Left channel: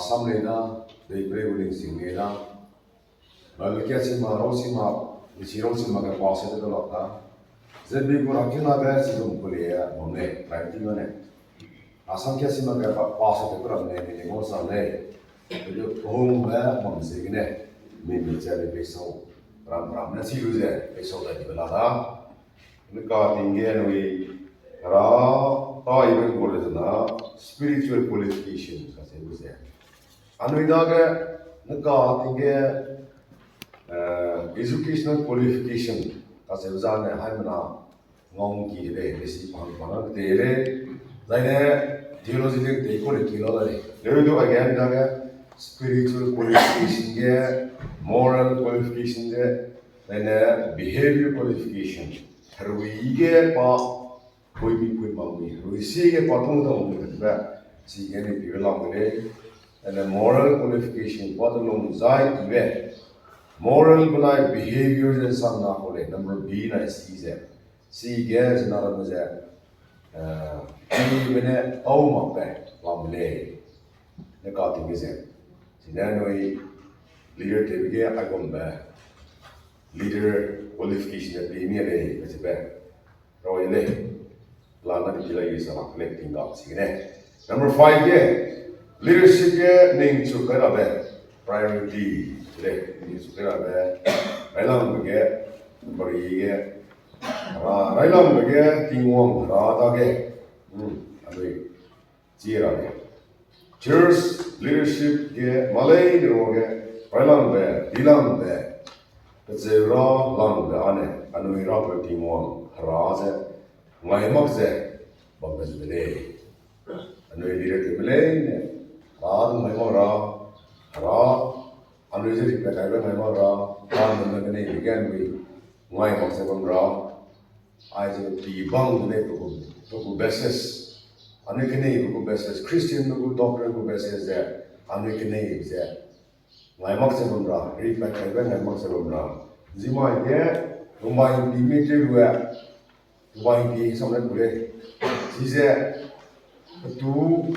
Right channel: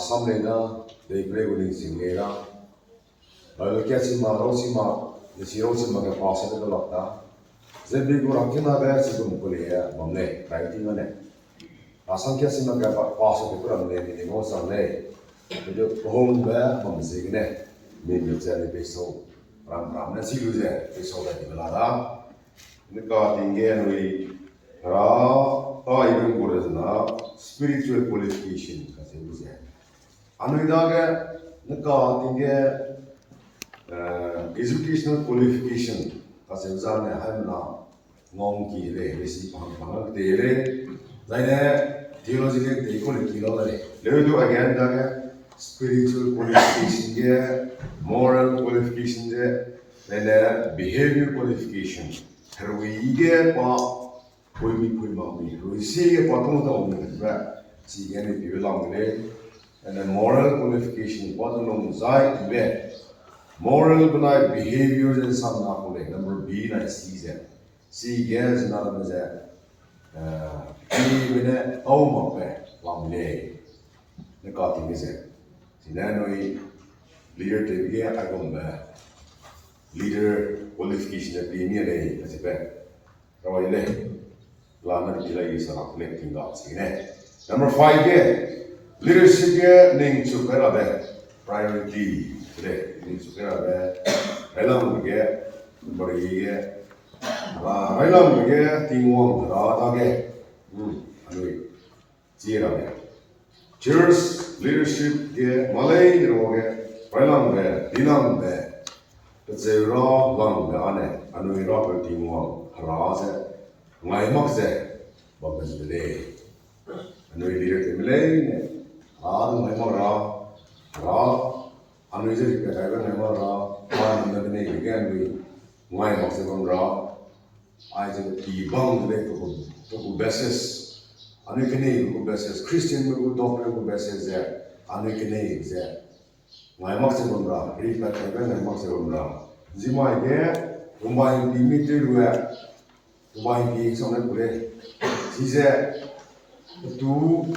some later, they play with in later. But the Cassima, Rosima, the Chirosima can pass it to the lockdown. The big Rakina guys in Korea, Monday, writing on it. Some Cassima can pass it to the name in the most on day. The home where Monsigne, maybe it's a peso. Ram, and see you there, peso that you lada. The car in Genui, Ra, even good as now, spiritual qualification, as it was there. Anuidaga, the car in educational qualification, as it was on the Hamana, Nongi, receive Pangpana, theological, they call it Kilari. Let me do again, Daga, spiritual qualification, moral qualification, then behavior qualification. We get कोई भी कोई मांगी इसी के पातों तो हमने कितना सीखने में भी लाऊंगे and the moral qualification पातों लोग जाए इवे moral बनाए behavior जैसे सब ना बोले number B ना C गैस ना रमज़े ये मैंने आओ मापे लाऊंगे ने काटी में से जिन्हें नोई leader टेबल आगम में leader qualification है प्रीमियर है ऐसे पे रोयले Lana Gila is collecting dots. Number 5, leadership name to Karabe, priority. Needs to Karabe, Railam get, Bari, Railam get, Tingwong, Radage, Zira. Church leadership get Malay, Railam be, Dilam be, Zera, Lang be, Ane, Anui Tingwong, Raze. My moxe, but was the day. And we did it Malay, my mora, and we did it at my mora, and the name again. We, my moxe from raw. I said, the bound to besses, and we can name who besses, Christian who doctor who besses there, and we can name there. My moxe from raw, read like I went and moxe from raw. Zima, whom I limited where. Why be something good? She said, "To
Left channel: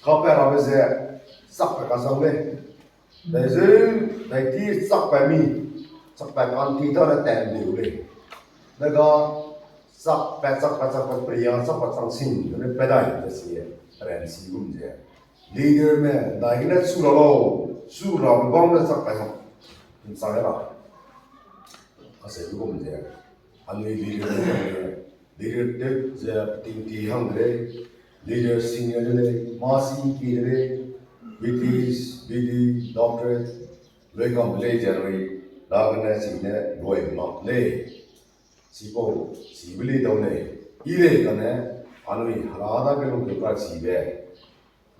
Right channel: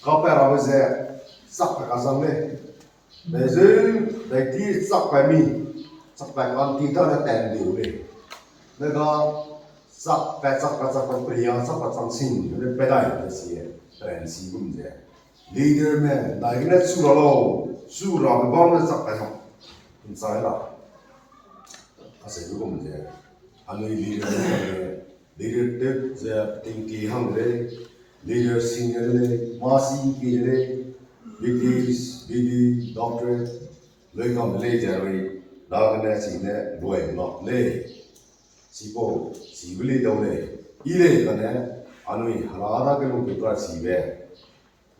copper of the suck a castle. There's a like this suck by me, suck by one teeth on a ten day. The girl suck by prayer, suck by something, and a pedal this year, and see whom there. Leader man, like that Sura, bomb the suck by him inside out. I said, whom there. And we leader the Tinky Hungry, leader senior, Marcy Kiri, BD, doctor, Lacom later, darkness in the going not lay. Sipo, Sibili don't lay. Ile Gane, and we Harada can look at Sibe.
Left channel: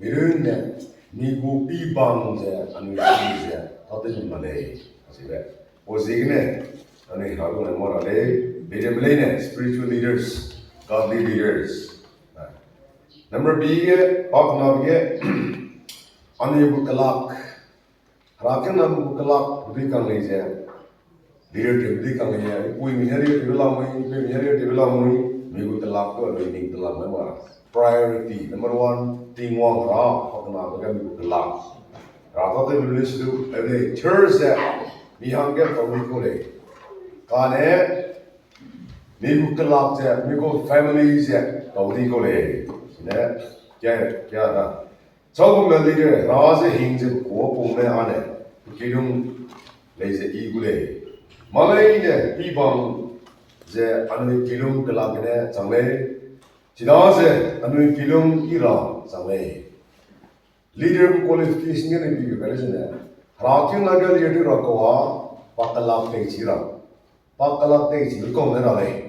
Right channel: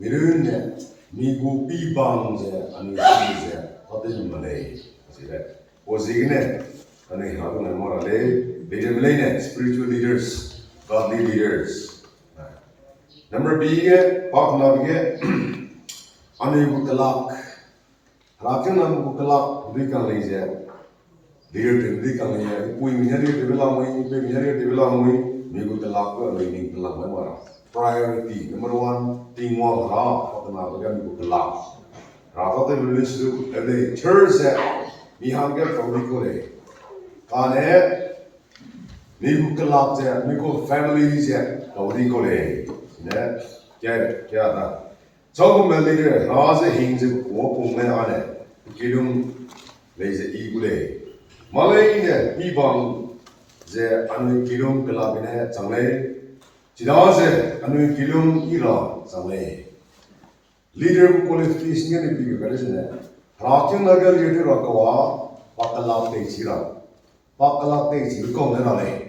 Mirun, Nigu P bounds and we see there, not in Malay. Was ignorant, and we have a morale. Spiritual leaders, godly leaders. Number B, Paknavge, Anu Bukalak. Rakan Bukalak, Rikang Leja, leader Rikang Leja, we marry development, we marry development, Mibukalak, we need the Lamara. Priority, number 1, Ting Wang Ra, Paknavga Bukalak. Raka will listen to every church that Mihanga from Nikole. Kane. Miku kelak je, miku family je, kau di kolej, ne, क्या था? Cakap meli je, rasa hingga kuat pun ane, kidung leze igule. Malay je, ibang je anu kidung kelak ne, sangle, cina je anu kidung ira sangle. Leader qualification ni biar kali je, rakyat naga leader rakawa, pakalak tejira, pakalak tejira kau ne nalai.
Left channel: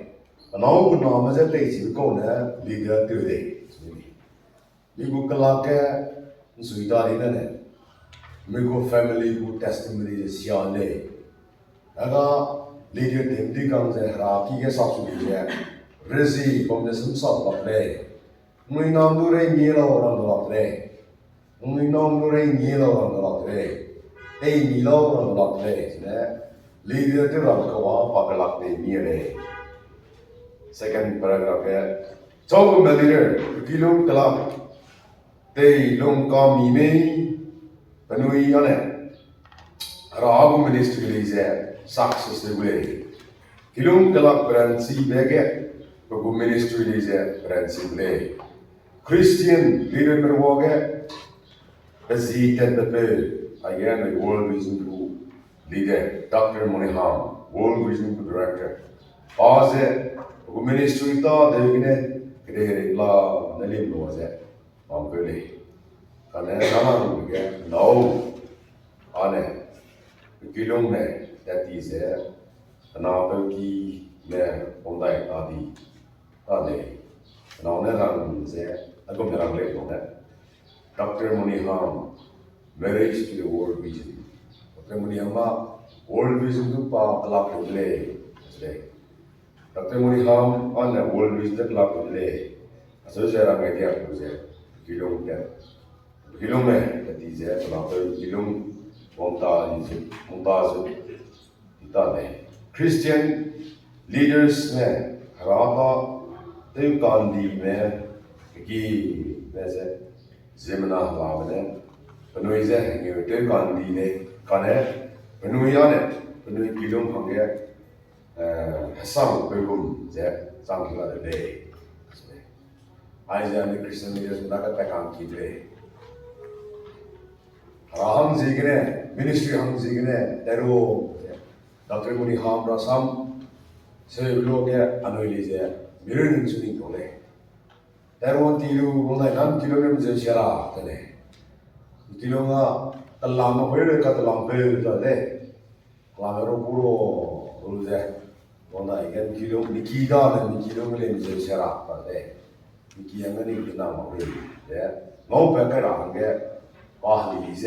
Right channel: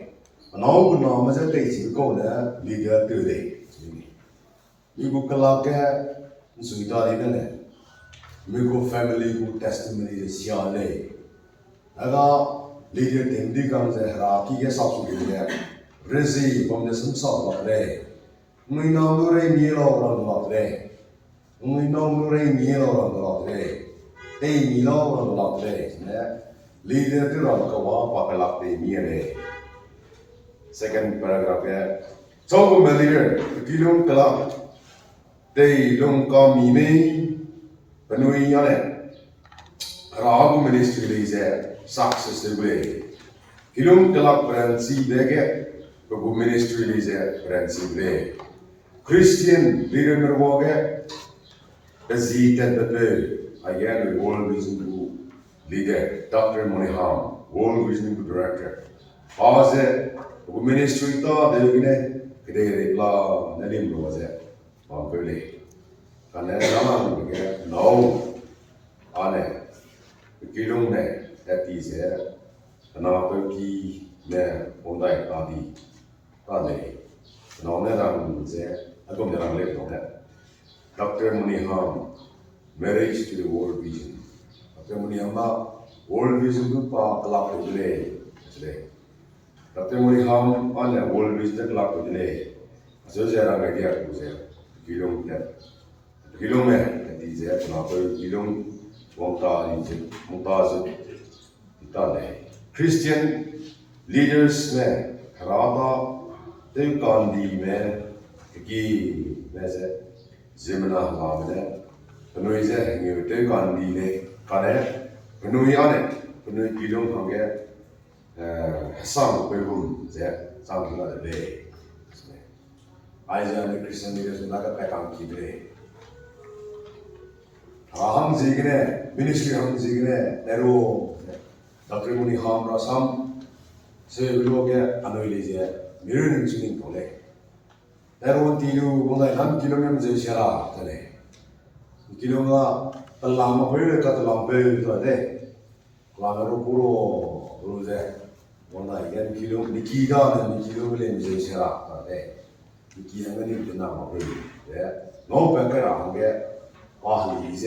Now, good now, as a day, you go there, leader today. You go Kalaka, Suita in it. Miko family, good testimony is Yane. Naga, leader Timdi comes a Haki gets up to get Rizzi from the Simpson of day. We know the rain yellow on the lot day. We know the rain yellow on the lot day. A Milo on the lot day. Leader to Rakawa, Pakalak day, near Second paragraph here. So, leader, Kilum Kalak, They long come me, Penui Yane, Rabu ministry is a success way. Kilung Talak Prancy Bege, Babu ministry is a Prancy way. Christian leader Merwoge, the Zit and the Bill, again the World Vision Group leader, Dr. Moniham, World Vision Group director. Pause it, ministry thought they were la Nalim was it. On Billy. Can I come again? No. Ane. Kilong ne. That is it. And now Billy ne. Ondai Adi. Adi. Now Neran there. I go there late on that. Dr. Moniham. Marriage to the World Vision. Dr. Moniham. World Vision to Pa Kalak Lay. Dr. Moniham on the World Vision to Kalak Lay. So there are ideas to say. Kilong that. Kilong that is it. Now Kilong Montaz Itade. Christian leaders ne Harada they Gandhi me Gi Mese Zimna Lamene Penuize New they Gandhi ne Kane Penuyane Penui Kilong Hange Sam Pegum Ze something like the day. Isaiah Christian leaders naga pekam kidre. Raham zigne, ministry ham zigne, ero. Dr. Moniham rasam, se loge anoilize, mirunin suning kole. Ero tilu kole nam kilogam ze shara tane. Kilonga talam pere katalam pere tane. Lamero puro ruze. Wanda again kilong nikida ne kilong le ze shara tane. Kiangani dinama we yeah no pekara hange pahli is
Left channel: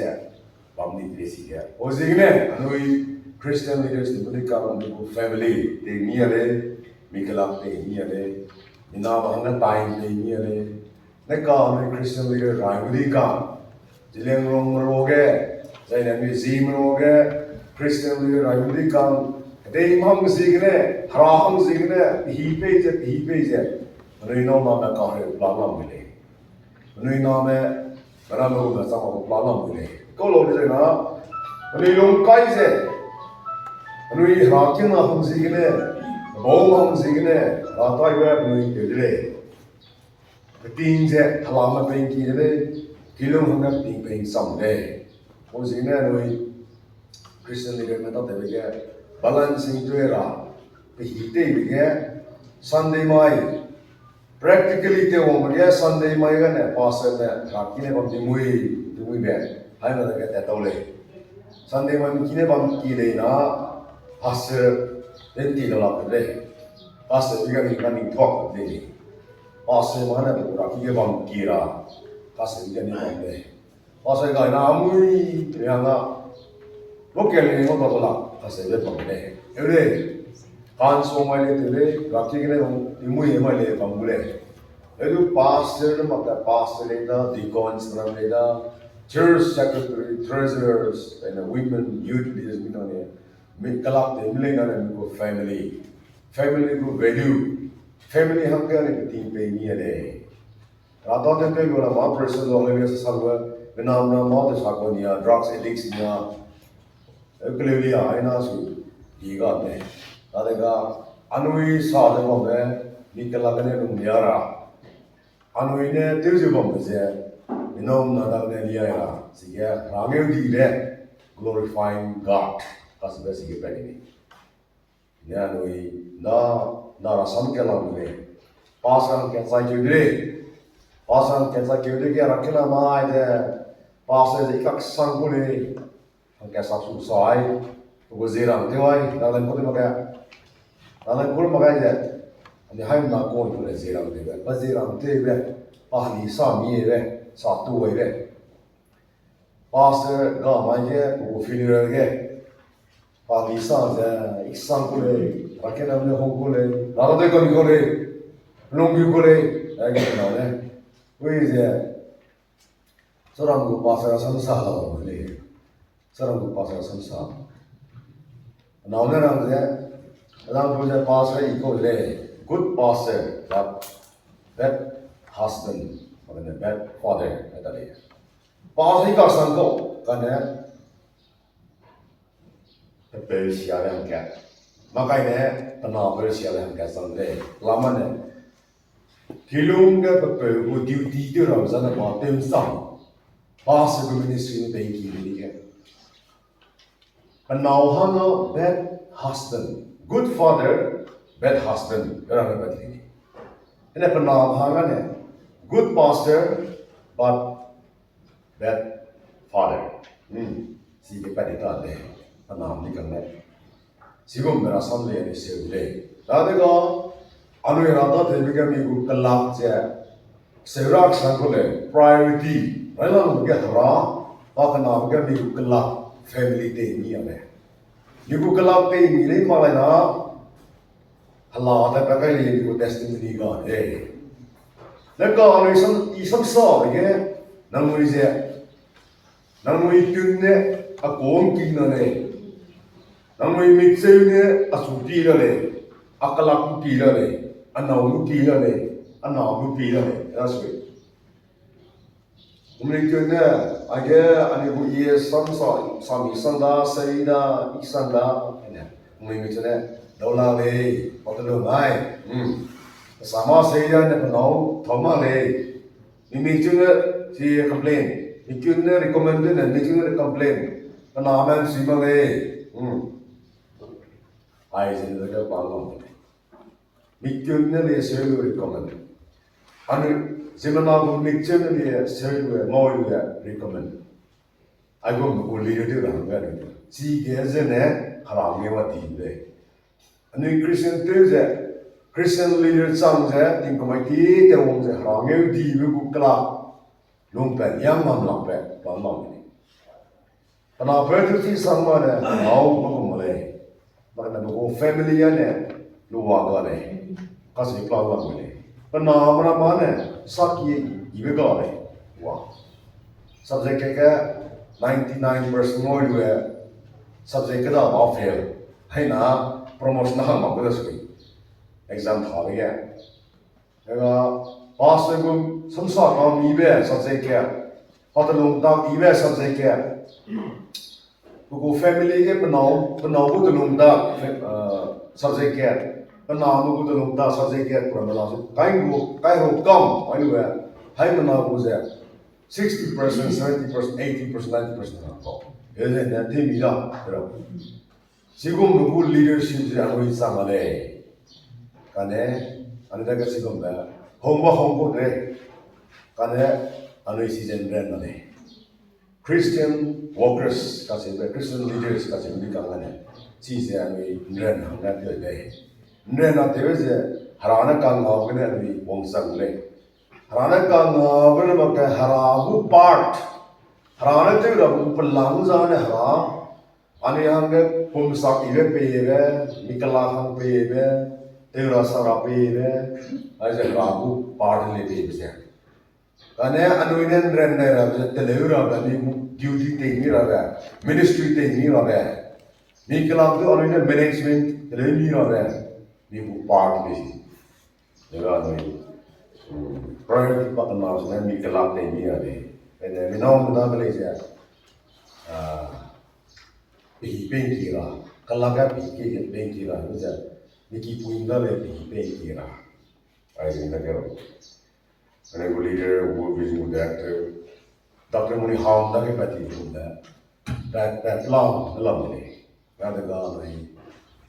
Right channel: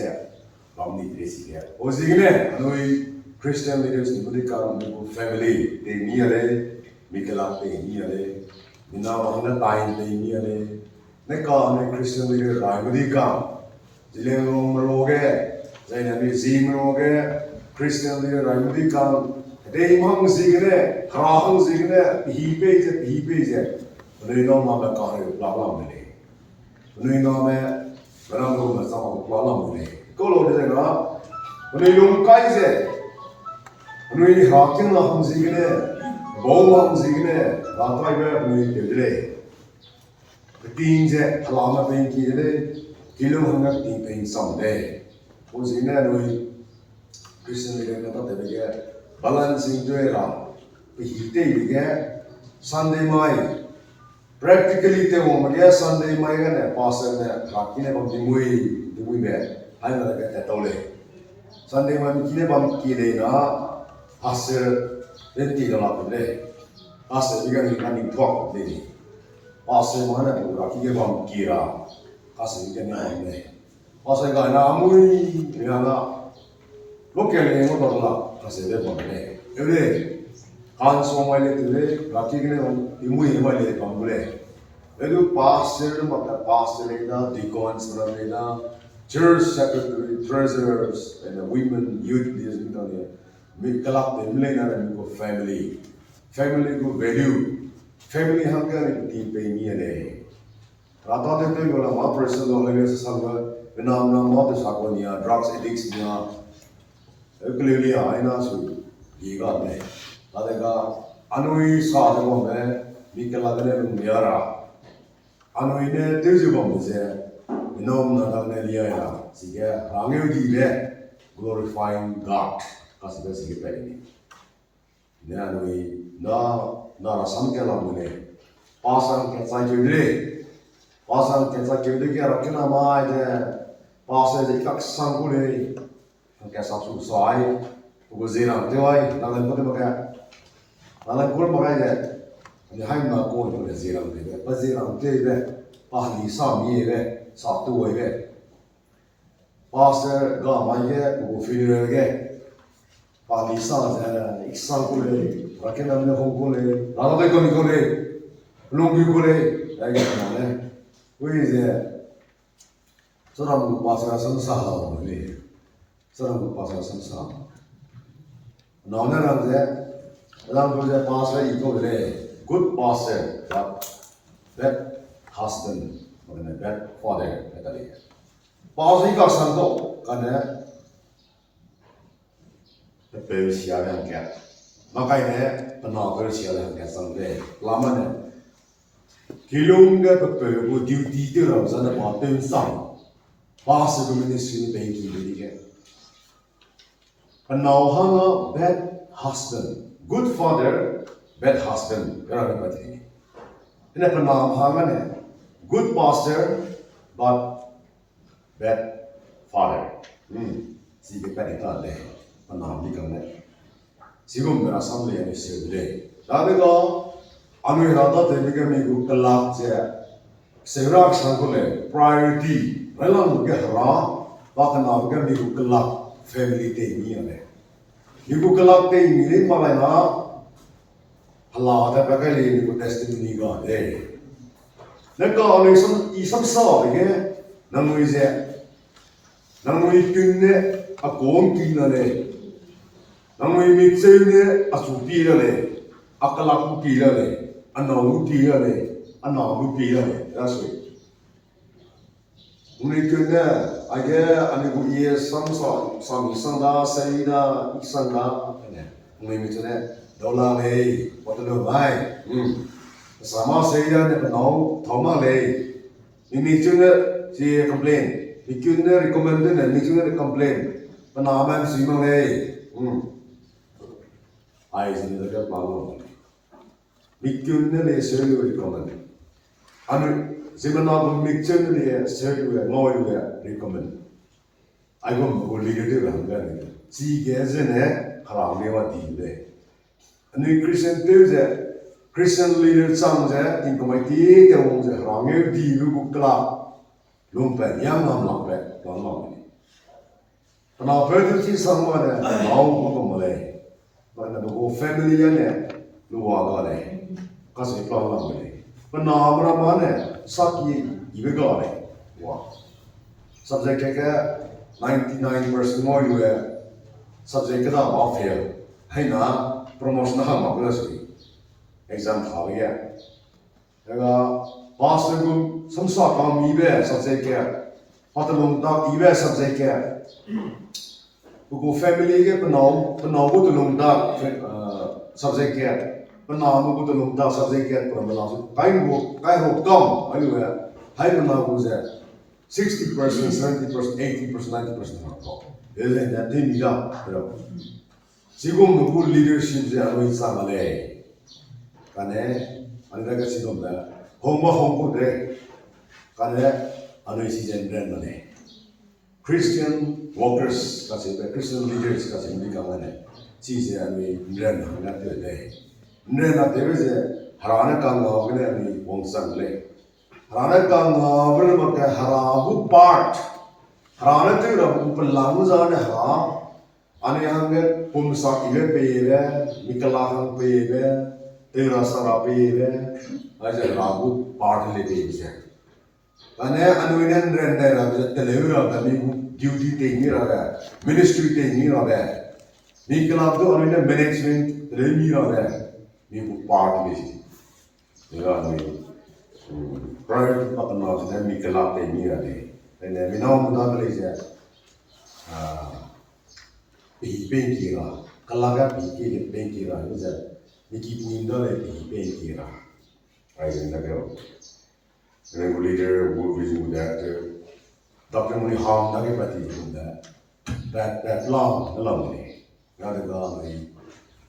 lamni presi ke ozigne anoi Christian leaders in Budikaram family they neare Mikala they neare minama hanga time they neare neka ne Christian leader Raimudika Jileng Rong Roge Zainami Zim Roge Christian leader Raimudika they mang zigne harahang zigne hipe Nui no name kahre plana mile. Nui name beramo na sama plana mile. Kalau dia na, nui long kai se. Nui hakin na ham sigine, bau ham sigine, rata iba nui kedre. Ting se halama peng kire, kilong hanga ting peng samde. O sigine nui Christian leader na tahu bege balancing tu era. Pihite bege Sunday mai. Practically, they won't get Sunday. My gonna pass and Rakine from the Mui bed. I know that at all. Sunday, my Kine Bam Kilena, Pastor, then $10 per day. Pastor, you're going to talk daily. Pastor, Mana, Raki Bam Kira, Pastor, you're going to Pastor, Mui, Yana, look at me, what about Pastor, every day. Every day. Can't so my today, Rakine, Mui, my lady Bambule. Edu pastor, the pastor later, deacons, later, church secretary, treasurers, and the women, youth leaders, we collect the millionaire and family. Family good value. Family hunger and team pay me a day. Rather than pay one person or maybe as a server, when I'm not more the Sakonia, drugs addicts, clearly I know you got me. Tadega Anui saw the woman, Nicolagane Yara. Anuine Tuzubom is there. We know Nadalia, Siga, Ramil glorifying God, Casabesi Penny. Nanui, Nara Samkalamune, Passan Katsaki, Passan Katsaki, Rakina Mai, Passes the Kaksangule, and Kasasu Sai, who was there on Joy, Nalan Putamaga, Nalan Purmaga. And the high not going to the zero, but zero, Pahli, some year, Satu away. Pastor, God, my year, who funeral again. Pahli sons, Exankule, Rakanam Hongule, Rada Gongole, Lungule, again. Who is there? Soram Passer Samsa, Soram Passer Samsa. Now, none of that, now to the pastor, he goes there. Good pastor, that husband, makanya bad father kata dia. Pasal kau sangkau karena bersiap yang kaya, makanya penawar bersiap yang kaya sampai lama ni. Kilung ke berperlu duty tu orang sana patut sang, pasal ministry ni bagi beri ke. Penawar bad husband, good father, bad husband, orang berarti ini. Ini penawar ni good pastor, but bad father. Si kita dah leh, penawar ni kan leh. Sigum berasam leh ni sendiri. Jadi kau anu yang ada tu mereka minggu kelak je, serak sangkule priority. Kalau mereka hara, bahkan mereka minggu kelak family ni ada. Minggu kelak ni malah na halat apa kali minggu testimoni kan. Mereka anu isam sah ke, namun kunne akon kina le, namun mixer asupi le, akalak pila le. Anau pila le, that's it. Mungkin ada ane buat sami sanda, saida, isanda, mungkin dolar le, patut mai, sama saida ne penau, thoma le, mungkin si complain, mungkin recommend ne, mungkin complain, penaman simang le, ay sini dekat palong. Mikirnya dia selalu recommend. Anu sebenarnya mikirnya dia selalu mau juga recommend. Aku boleh dia orang kan. Si kerana haramnya mati deh. Anu Christian leader sama tinggal mati tewong haramnya di buku kelak. Lumpet yang mamlak mamlak. Kenapa tu si sama ada mau mulai. Mana buku family ane luar galai. Kasih pelan ni. Penamara mana? Sakit ibu galai. Wah. Subjek ke 99% more juga. Subjek ke dah fail. Hai na promotion hang apa sih? Exam thal ya. Jaga pass legun semsa kami ibe subjek ke. Patalong tak ibe subjek ke. Buku family ke penau butalong tak subjek ke. Penau tu lom dah subjek ke perempuan. Kain kam, ayu hai penau tu 60%, 70%, 80%, 90% kam. Jadi nanti mila terus. Sigum buku leadership je aku insama le. Karena anda kesigum dah. Hongko deh. Karena anu isi jenderal mana. Christian workers kasih, Christian leaders kasih mereka mana. Ciri anu jenderal hanggat tu deh. Nena terus harana kangau kena ni wangsang le. Harana kangau kena makan harabu part. Harana tu rabu pelang zaman haram. Ane hangga pumsak ibe pebe, mikalang pebe, terasa pebe, aja harabu part le pebe je. Karena anu ini render rabu telur rabu ni duty tinggi rabu, ministry tinggi rabu. Mikalang tu anu ini management tinggi rabu. Ni part ni, jadi ni priority pakai macam ni kelak ni ada. Jadi minum muda kali je, pengkira, kelakar pengkira, ni je, ni kipuin dah le pengkira. Aje ni tak kau. Kalau leader, vision director, tapi muni ham tak kepati muda. That long ni, ada dah ni.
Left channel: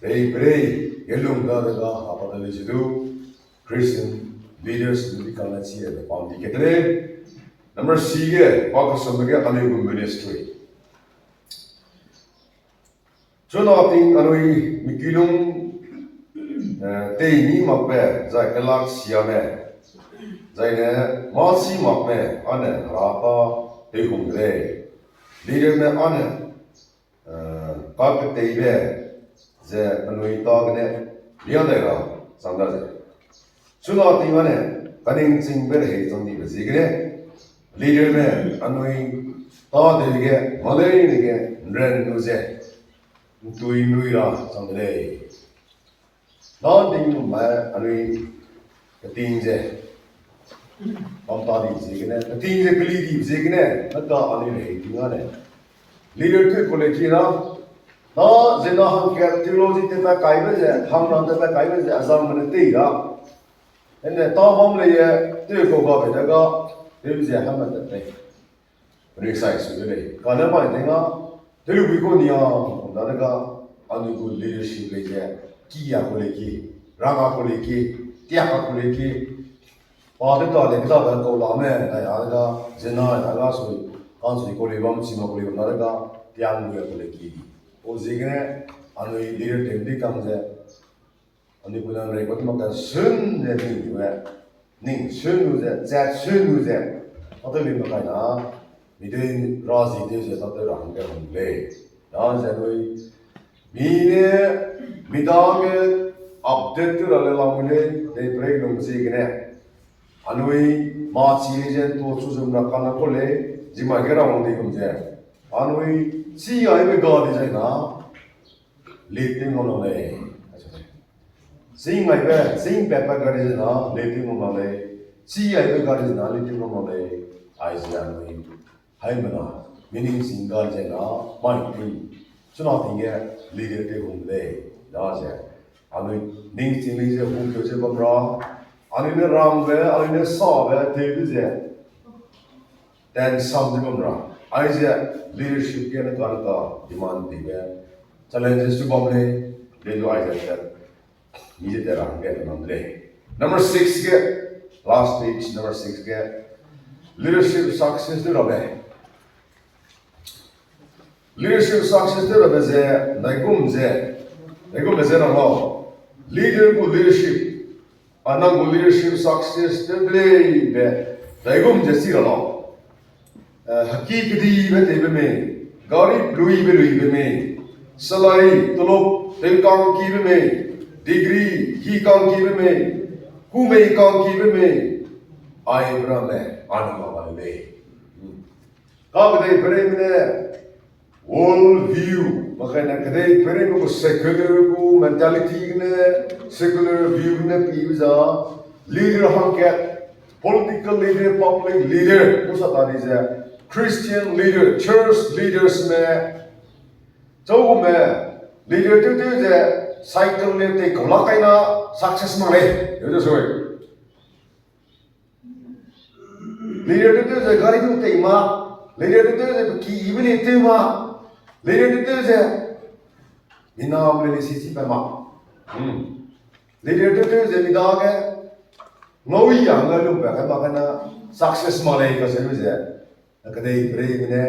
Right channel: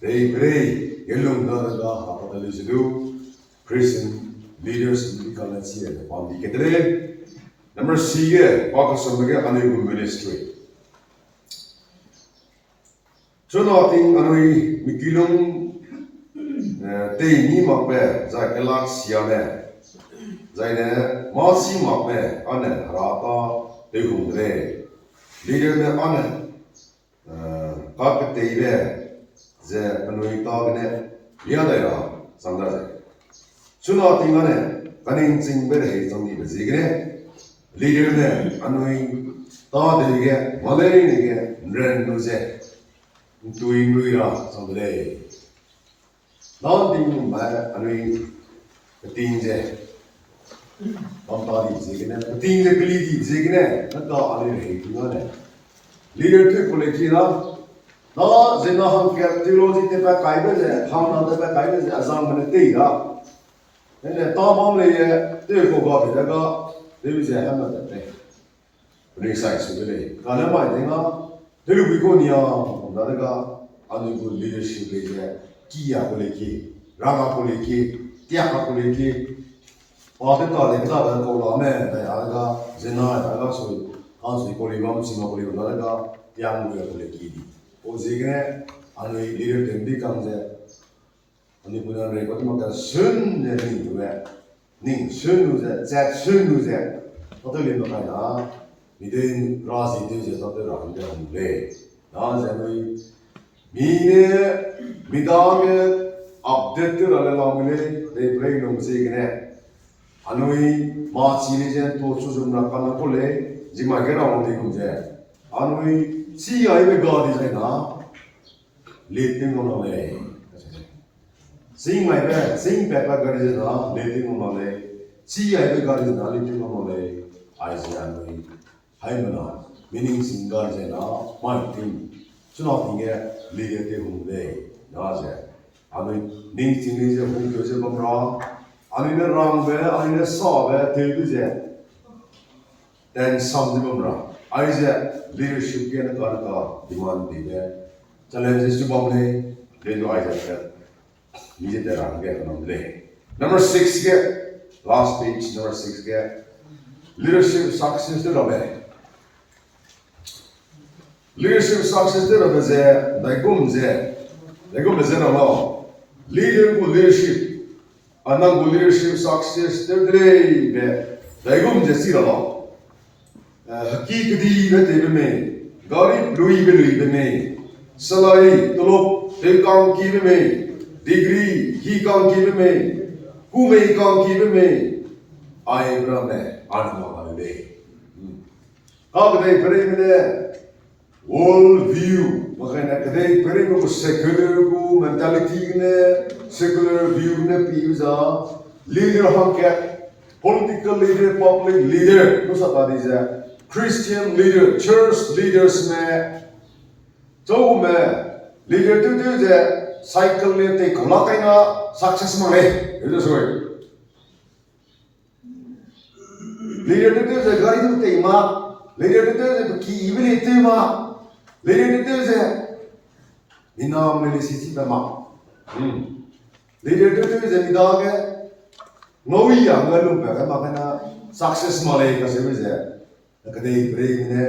Jadi Elung dah apa tadi itu Christian leaders di kalangan siapa paham dikit deh. Nomor tiga, fokus sebagai anu ministry. So nating anu mikilung tei makbe zai kelak siapa, zai ne masih makbe ane rata tehung deh. Leader ne ane kak tei deh. Je anu itu kene dia dah sandar je. Sudah tinggal ne, paling singber hei jom di besi kene leader ne anu itu tahu deh ke malai ni ke brand tu je, tu lah sandar. Lawan tinggal mai anu itu keting je. Pantadi zikne, ting je kli di zikne, naka ali rei tingane. Leader tu kolekira, na zina ham ke theology te pa kaibe je, ham na te pa kaibe je azam mane te ra. Ene ta ham le ye te ko ga be daga, te bi je ham na te. Bri sai su le. Kana ma denga, te lu bi ko niya, na daga anu ko leadership le je, kiya koleki, raga koleki, tiaka koleki. Pada kali kita akan kau lama, dayaga zina, dayaga sui, kan sui kau libat sima kau libat, dayaga tiang gua kau lekidi. O zikne, anu leader temdi kang je, anu punya rekod makan sun je ning juga, ning sun je, zat sun je, atau lima kali na, midin razi dia je, atau rahang dia humble, dah je anu, mine midang update tu rale lamune, deh break dong zikne. Anui maci je to susum rakana kole jima kera onti kumje anui si ai be gadi je na leting ono le sing mai be sing pepa gadi je na leting ono le si ai be gadi je na leting ono le ai je anui hai mana meaning single je na mai tin chuna tinge leader te hum le da je anui ning tin je hum je bamra Anine rambe, anine sabe, tebbize. Den samdibumra. Aise leadership ke na kana demand dibe. Challenges to bamle, le do aise ke. Nije terang ke namle. Number 6 ke, last page, number 6 ke. Leadership success to rabe. Leadership success to rabe ze, naigum ze ramo. Leader ko leadership. Anang leadership success today be daigum jesi ralo hakikati be tebe me garib lui be me salai tolop te kam ki be me degree ki kam ki be me ku me kam ki be me ai bra me anama be ka be pere me world view makanya kadai pere ko secular ko mentality ne secular view ne piuza leader ham ke political leader public leader ko sata dise Christian leader church leaders me to me leader tu je cycle le te ko la kai na success ma le yo so leader tu je gari tu te ma leader tu je ki ibile te ma leader tu je inam le sisi pe ma leader tu je midang ke ngoi yang ngalu pe ka makana success ma le ka se je ka dei break ne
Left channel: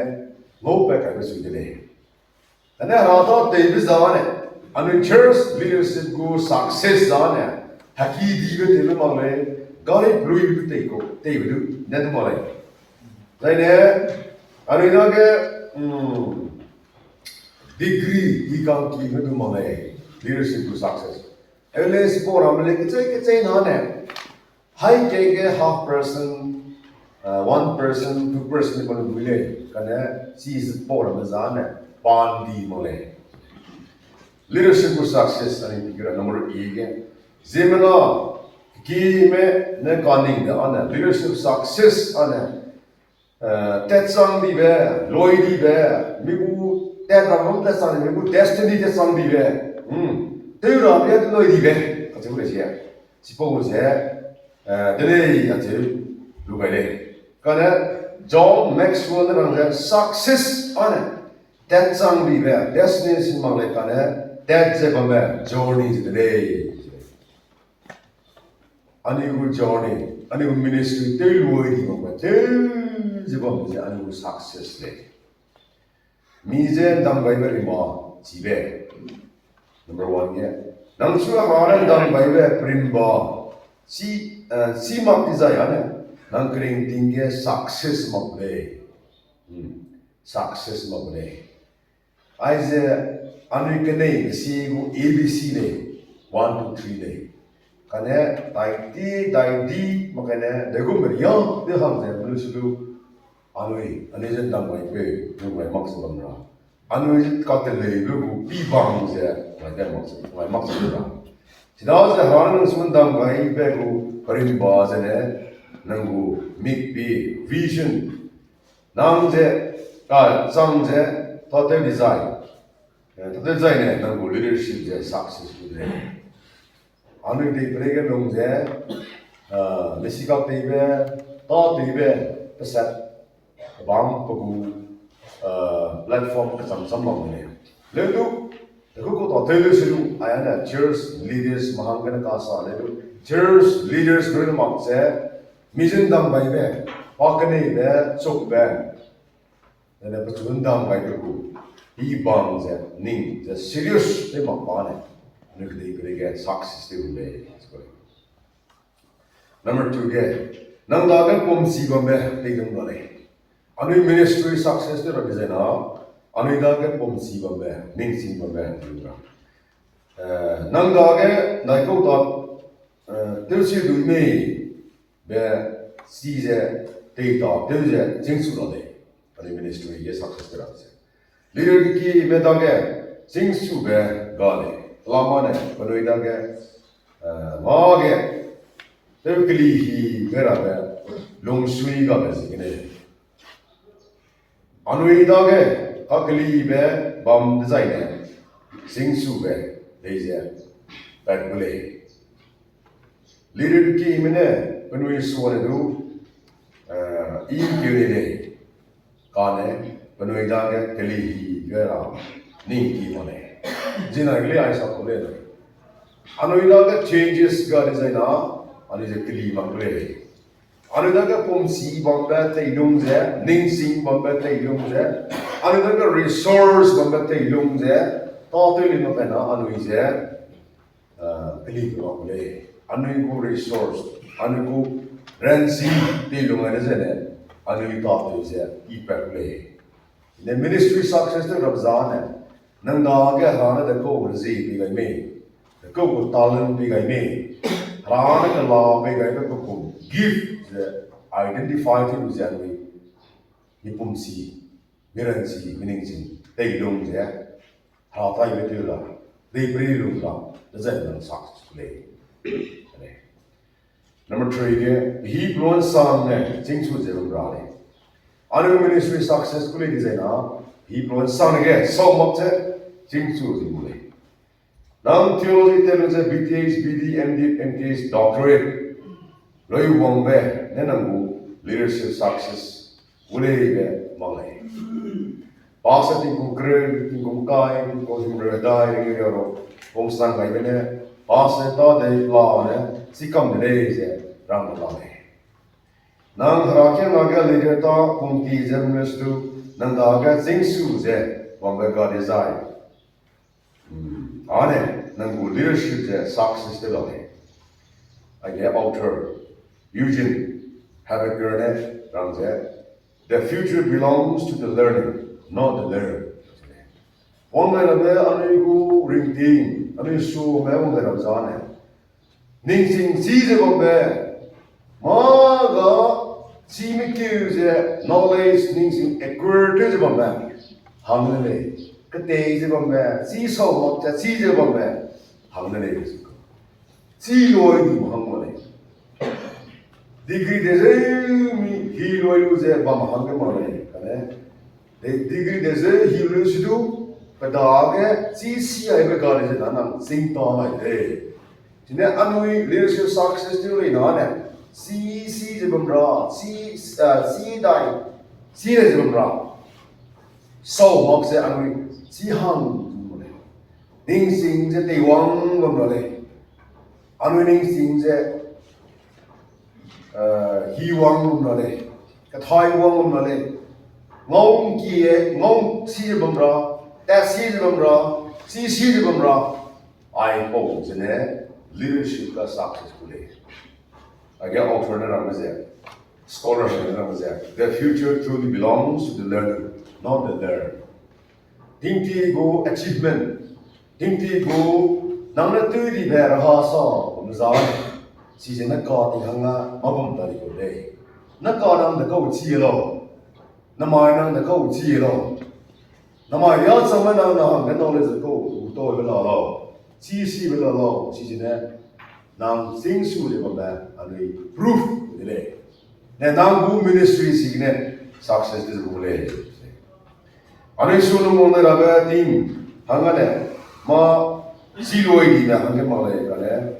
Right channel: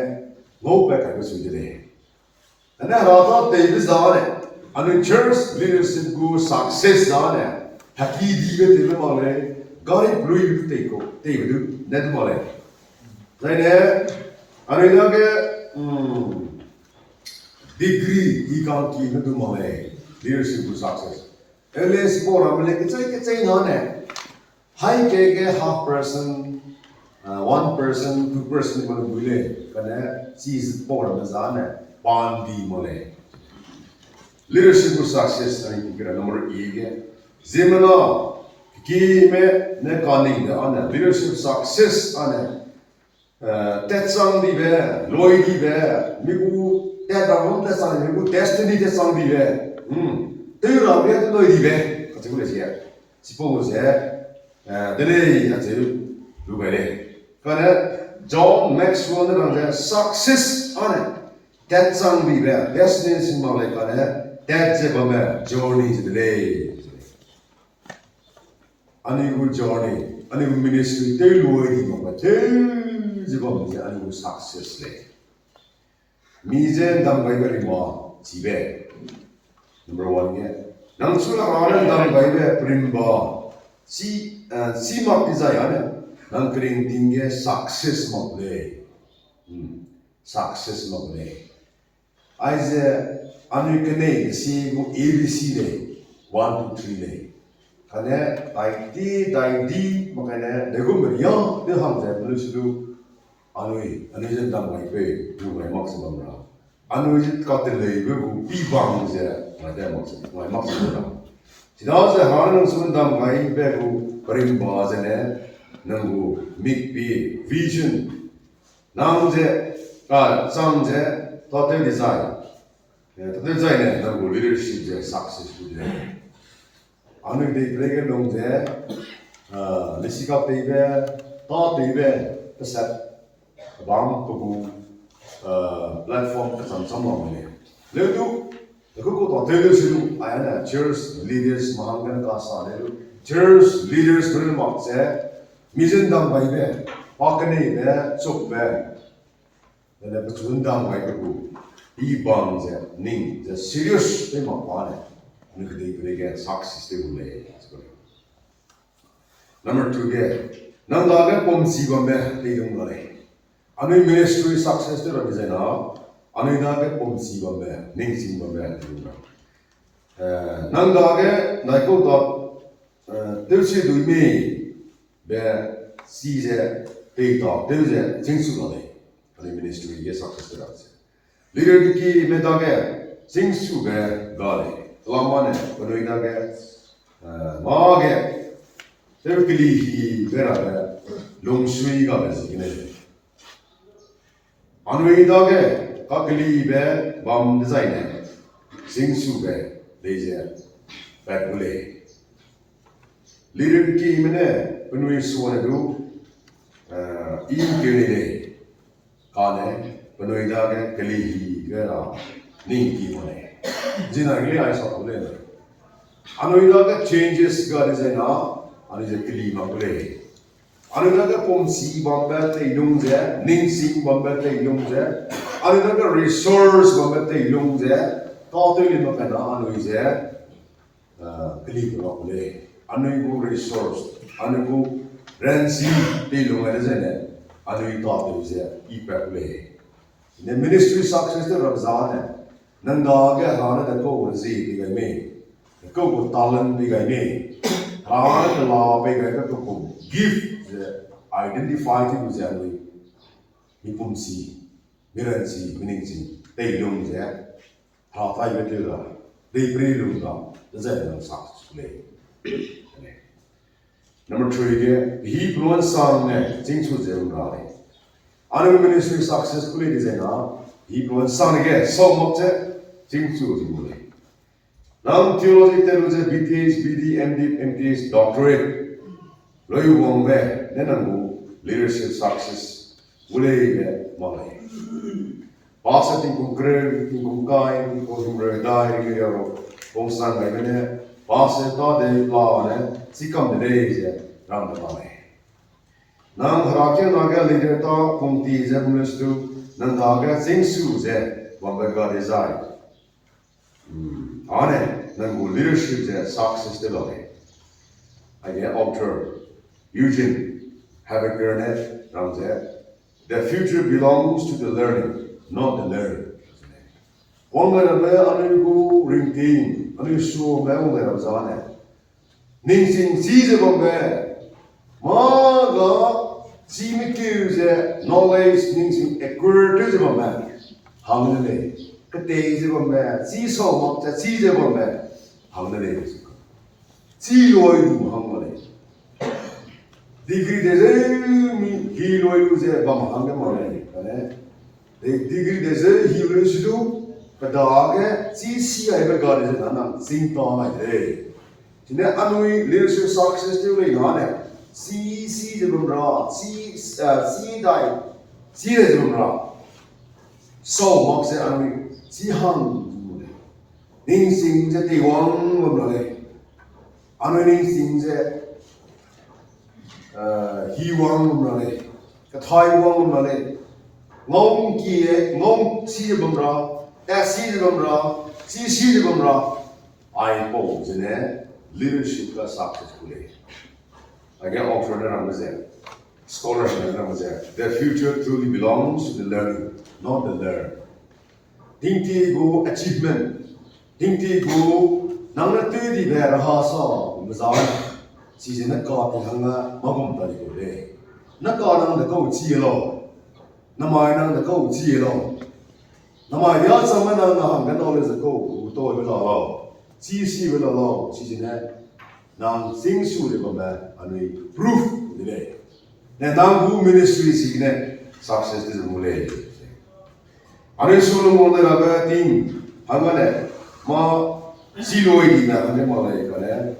ngau pe ka su de le ana ra ta te bi zane anu church leadership go success zane hakidi ge te ma le gari blui bi te ko te bi du ne ma le zai ne anu ida ke degree ही काम की में तो माने leadership to success एले spore हमले के चाहिए ना ने हाई के half person 1% 2% को बुले कने चीज स्पोर में जाने बांधी मोले leadership to success अनि की करा नंबर 1 के जिमना की में ने कॉनिंग द अन leadership success अन तेचंग दी बे लोई दी बे मिगु that ramon that sang me destiny that sang di be te ra be lo di be ka chu le che si po che de le ya che lu be le ka ne John Maxwell ne bang success on that sang di be destiny sin ma le ka ne that je ba be journey de le ani gu journey ani gu ministry te lu di ba te je ba me ani gu success le Mizen dam bai bari ma jibe number 1 ye nang sura raran dam bai be primba si ma pizza ya ne nang kring dinge success ma ble success ma ble aize anikene si go abc le 1 2 3 le kane dai makane degum riya de ham je blu anui anizen dam bai pe lu bai max bamra anui ka te le bu pi bang je ma de max bamra sida se hanan sun dam bai pe ku parim ba je ne nangu mikpi vision namje ka samje total design total design ne nangu leadership je successful le anu de brege longje nisika tebe ta tebe set bang ko platform ka sam le le tu ko total leadership ayana church leaders mahangana ka sa le church leaders gren mak se mission dang bai be pakane be chok be ne ba chun dang bai ko hi bang se ning the serious le mak pa ne ne get success de le number 2 de nang la ga pom si ba me de dong no le anu ministry success de represent na anu da ga pom si ba me ning si ba me nang da ga nai ko da tiêu chí đối với về si sẽ tây tàu tiêu chí chính phủ đó đấy, anh ministry ये success được rồi. Leader की में तो के chính phủ về đó đấy, làm mà này, còn người ta cái mà cái tiêu cái gì cái là cái long suy cái về gì này, anh người ta cái gì về bom design này, chính phủ về đây sẽ bác bule leader ki mene penui suara du kiri kane penui da ke keli gara ni ki mone jina gele ai sa ole na anoi da ke changes ga design na ani je keli mangle ani da ke pom si bamba te ilung je ning sing bamba te ilung je ani da ke resource bamba te ilung je to te li no na anoi je keli ko ole Anu resource, anu ransi dilungan aja ne, anu itu aja impact le. Ne ministry success tu rabzan ne, nanda ke hana deko urzi digai me, deko talent digai me, hana ke law digai ke deko give identify tu jangan ni pumsi, miransi, miningsi, dilung je, hafai betul lah, diberi lah, jadi success le. Number 3 ke he blown sang ne jingchu je ro le anu ministry successfully design na he blown sang ke so mok je jingchu je le nam theology theology BTH BD MD MTH doctorate loi wong be ne nangu leadership success ule be male pastor ting kum gre ting kum kai ko him re dai ni ro bong sang bai be ne pastor to de la ne sikam de je rang da le nang harakia naga leader to kumti je mustu nang da ga sing su je wang ba ga desire ane nang go leadership je success de le age author Eugene Habergernet rang je the future belongs to the learning not the learner wang ba me anu go ring ting anu su me wang ba za ne ning sing si je wang ba maga si me kuse knowledge ning sing acquire je wang ba hang le ke te je wang ba si so mo cha si je wang ba hang le si loi du hang mo le degree de je mi hi loi lu je ba hang ke mo le kane degree de je hi lu su du pa da ke si ai ba ga de na na sing to mai de jine anui leadership success tu le na ne si je bam ra si dai si je bam ra so mok se anui si hang ning sing je te wang bam ra le anui ning sing je hi wang bam ra le ka thai wang bam ra le ngong ki ngong si je bam ra ta si je bam ra si je bam ra ai po jine leadership ka successful hai again alternate ramazan scholarship ramazan the future truly belongs to the learner not the learner dingti go achievement dingti go nangna tu di bher ha sa mzai si je na ka ti hanga magum ta ko le na ka nang da ko chi lo na mai nang da ko chi lo na mai ya sama nang na hang ga knowledge ko to be lo chi si be lo chi je na nang sing su de ba anui proof de le 네, 남구 미니스트리 시기네 success is 몰래. 아니 솔로몬이라가 팀 한간에 마 지로이나 한게 말이니까네.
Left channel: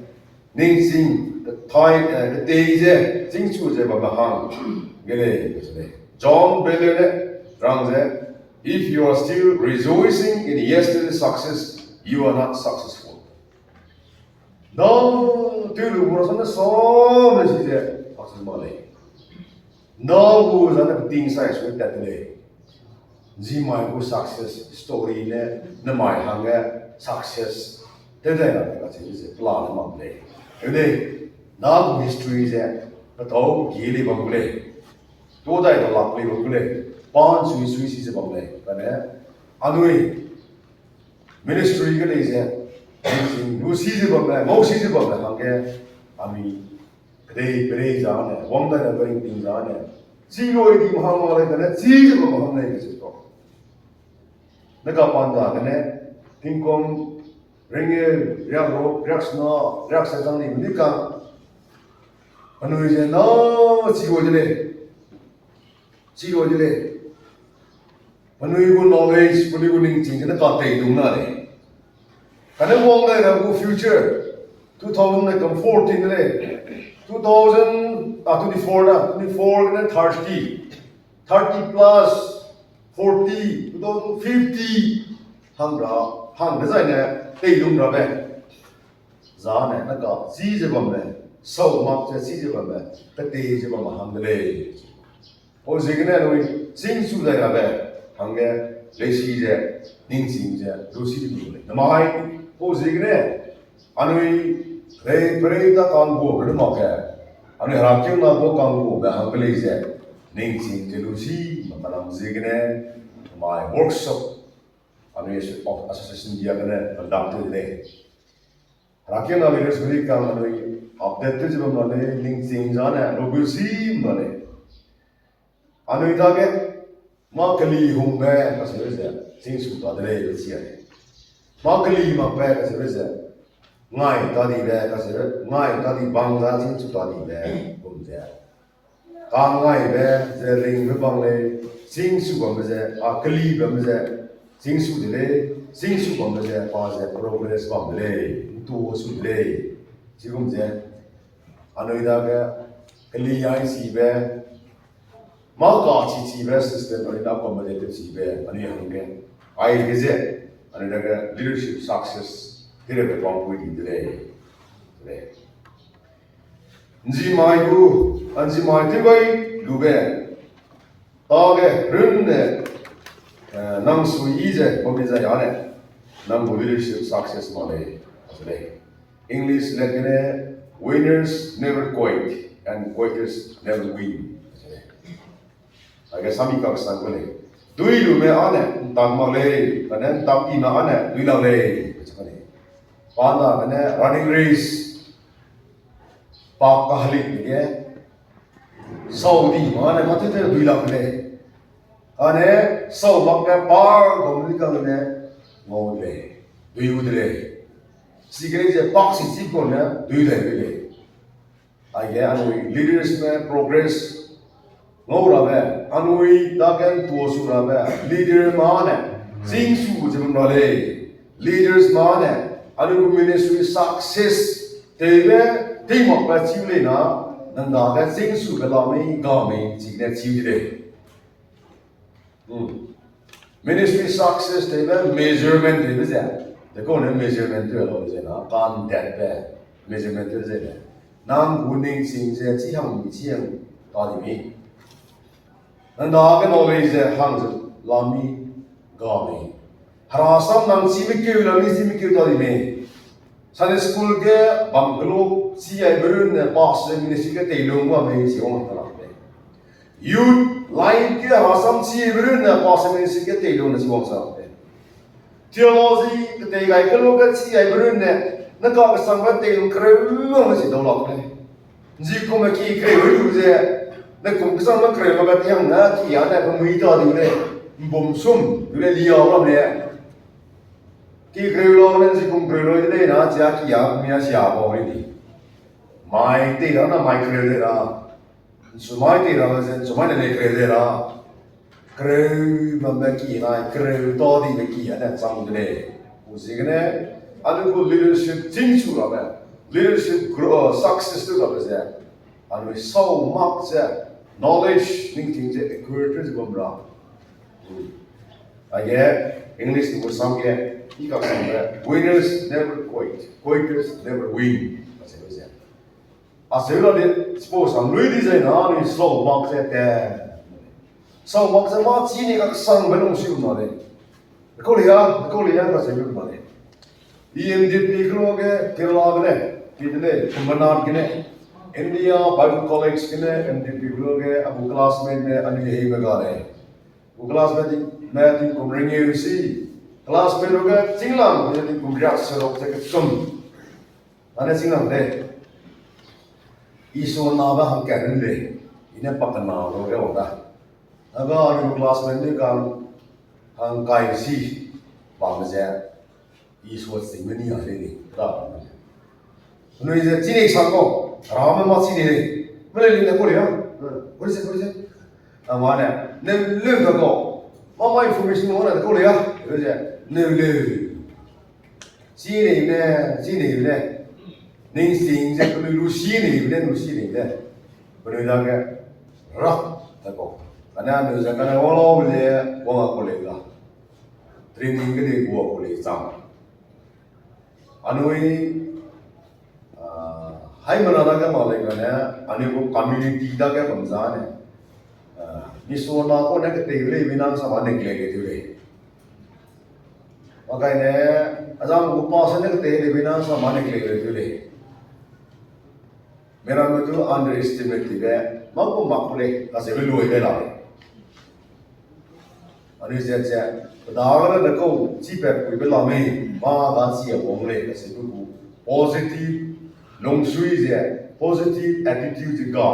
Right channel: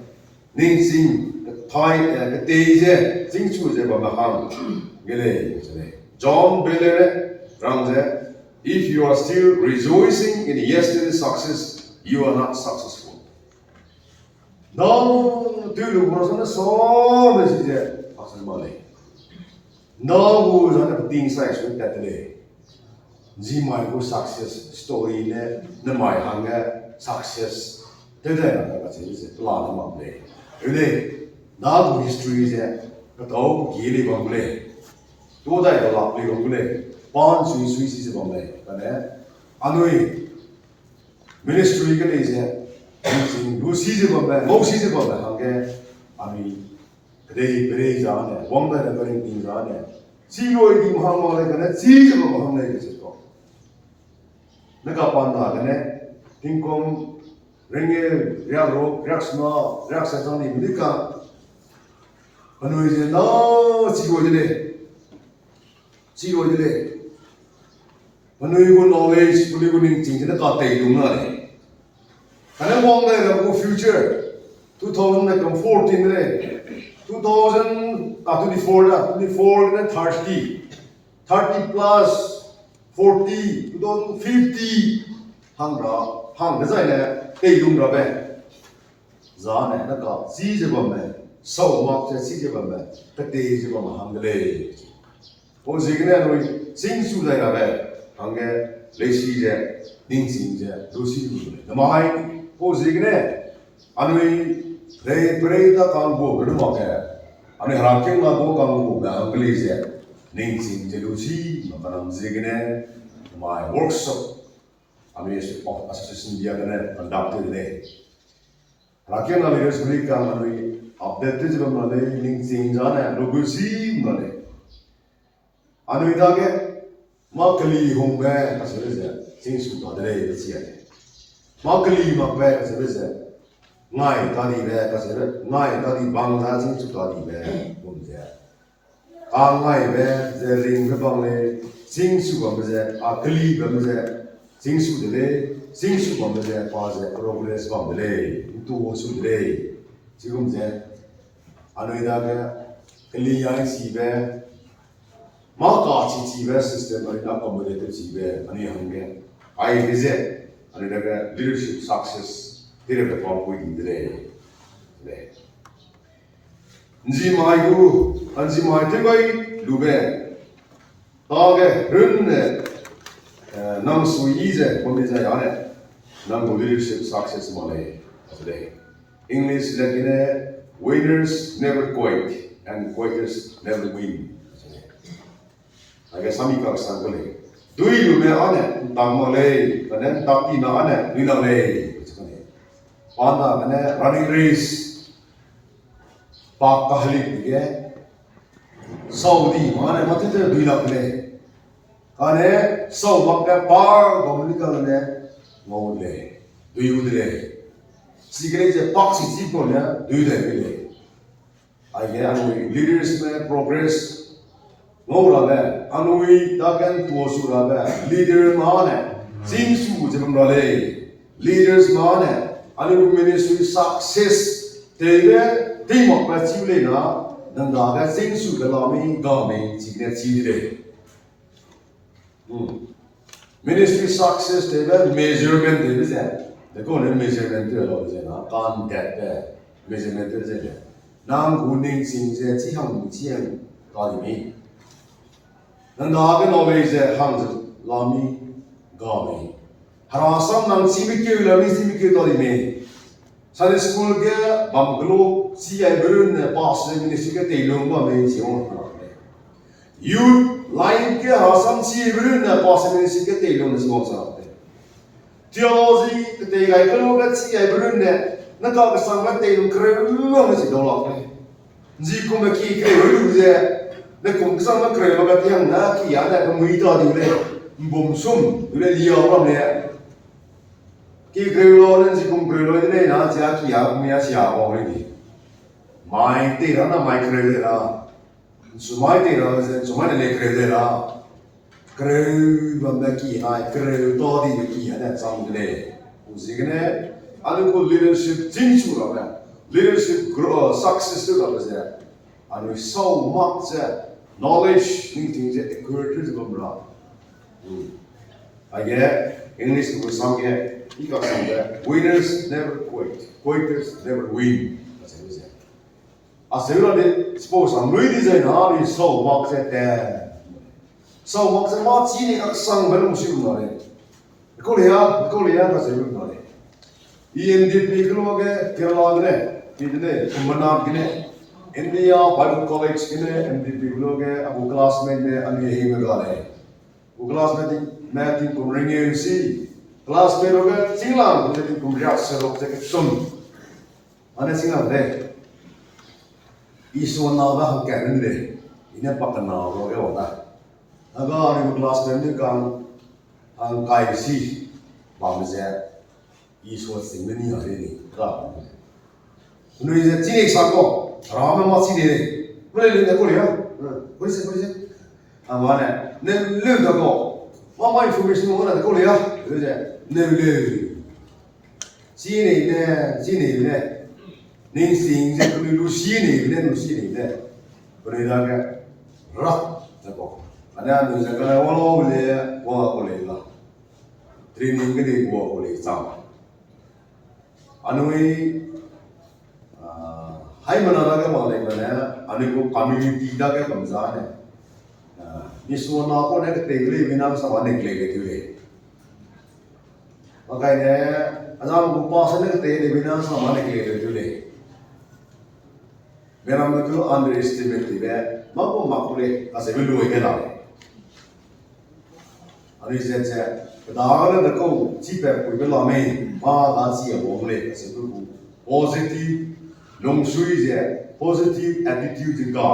닝싱 타이 그때이제 징추제 바마항 게래 그래. 존 벨레네 랑제 if you are still rejoicing in yesterday's success, you are not successful. 너무 들으고서는 소리 이제 박수 말해. 너무 저는 띵사에 소리 때문에 지마이고 success story네 너마이 한게 success 대대라는 것이 이제 플랜을 만들래. 근데 나도 history에 더 길이 만들래. 또다이가 라플이 만들래. 반 수이 시즈 만들래. 그러네. 아누이 ministry가 이제 루 시즈 만들래. 뭐 시즈 만들래 한게 아미 그래 자네. 원다는 거인 띵자네. 지로이 dim 항말에 그네 시즈 만들래 그죠 또. 내가 반다 그네 띵콤 랭게 리아로 리악스나 리악세상이 뭐니까 어느 이제 너 지고들래 어느 이고 knowledge 그리고 닝징는 까대 이동나네 가는 뭔가라고 future 2014에 24는 30 plus 40 2050 항 그자이네 대동라베 자네 나가 지제범에 서막제 지제범에 그때제범 항들레 오지그네 노이 징수다야베 항게 레시제 닝징제 로시리블레 나마이 오지그네 아누이 브레이다 간고 그르마게 아누이 하락경나고 간고 항글레제 닝징제 로시 마마람지그네 마이 workshop 아누이 association 비아그네 conducted today 하락경나 레스 그리까 아누이 update 제범나네 닝징자네 로부시 마네 아누이다게 마클리 홍베 가서르제 징수다들에 지야네 마클리 막베 가서르제 나이 다디베 가서르 나이 다디 방자 징수다디베 봄제 강나이베 제링 베방레 징수범제 아클리 범제 징수들레 징수범제 바제 프로그레스 범들레 투오수들레 지금제 아누이다게 클리야이 시베 마가 지지베 시스템 어디다 accommodative 지베 아니 한게 아이 그제 아니다가 leadership success 데레베 방고이들레 그래 인지마이고 안지마이티바이 루베 따게 른네 남수이제 거기자 야네 남고 leadership success 말에 그래 English 레기네 winners never quit and quitters never win 아게 삼이가 상고네 두이루메 안에 땅말레 그네 땅이나 안에 두이라레 그거네 반다 그네 running race 박가할리게 사우디 마네 마테테 두이라레 안에 사우박가 바 domli가 그네 모레 두이우드레 시그레제 박시 집고네 두이레레 아게 아노 leadership progress ngorame anui daken tuosurabe leader mane jingsu jemrale leaders mane anu ministry success tebe teamwork ba chiule na nanda ga jingsu galami game jigne chidire ministry success tebe measurement tebe ja the kone measurement tebe lo je na kan that be measurement tebe je nang guning sing je chi hang mi chiang ta ni 나게 knowledge 항즈 라미 가미 하라삼 남 지미케 라미 지미케 도리메 산에 스쿨게 밤글로 시에 버르네 파스 미니시게 테일롱과 메 지옹 하나데 유 라인게 하라삼 시에 버르네 파스 미니시게 테일롱 지옹 사데 theology 그때가 이끌로가 시에 버르네 나가 상가 테일롱 크레롱 지 돌아네 지코메 키 크레르제 내 공부상만 그래 뭐가 그냥 나 기야나 그 무이도 되네 몸숨 그래 리어라네 기 그래로는 지금 그래로네 나 지야 기야 미야 시야 뭐니 마이 때라나 마이 그래라 Sumai ra sumai le kre ra kre ma me ki na kre to di me ki ana sam ne usigne anu ko leadership team chu ra ba leadership grow success to ra ba anu so much knowledge ning ting je equators bom ra again English ko sam ke ika sam winners never quit quitters never win Asero de suppose am lui design ha ni so box at so box at ma chi ni ka sang ba no shi no le ko le ya ka se lu no le EMDP ko ge Kerala ge idne Kumbanat ge India Bible College ge MDP ko ge abu classmate me ani hi me ga le bu classmate me ti ko ring you see classmate ge singlang ge ti ko ria se ro te ke sum ane singlang de Iso na ba hang kan le ina pakana ro ge oda aga ni classmate ni kan hang kai si ba me je iso sing ni ya le ni ra no is a teenage sako rama ma si ni le le ko le ya ko se amana ne le to ko ma information mo na ko le ya le je ne le si ni ne Ning sing je kuni lu si ni le kuni da ke ra ta ko ana nu ja ka wa lo le wa ko le la training ke de ko le sa anu hai mana da ke ma le ka na anu ko community da ke bam za ne ni so na ko ne ke te le bi na sa wa ne ke le le wa kai ne azam ko pa sa ne ke te le bi na sa ma ne ke le मेरा मतलब underestimate है माको माकुले कासे भी लोग हैं लाले अनुजन से दागना नको चीपे कोई भी लामे माँ दांसी है बोंगले कासे भी को positive लंगसुई से positive attitude जिनका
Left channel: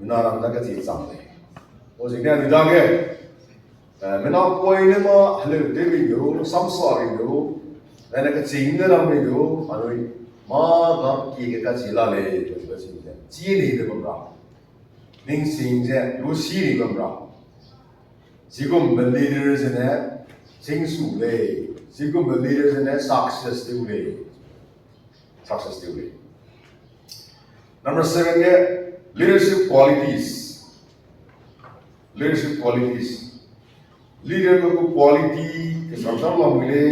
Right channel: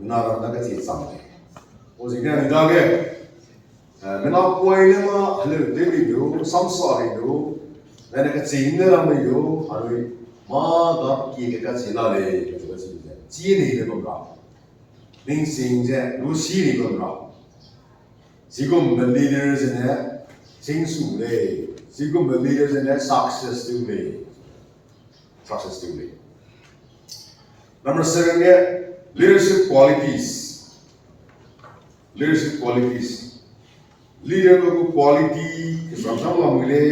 मिनारा नका चीज सामने वो जिन्हें निदागे मिना कोई ने माँ हले देवी जो समसारी जो मैंने का चीज़ रामे जो अनुई मागा की के का चिला ले जो जी नहीं ले बमरा लिंग सिंग जे लूसी नहीं बमरा जिगुम leaders ने सिंग सु ले जिगुम leaders ने success ले number 7 है leadership qualities leader को quality के संसार में मिले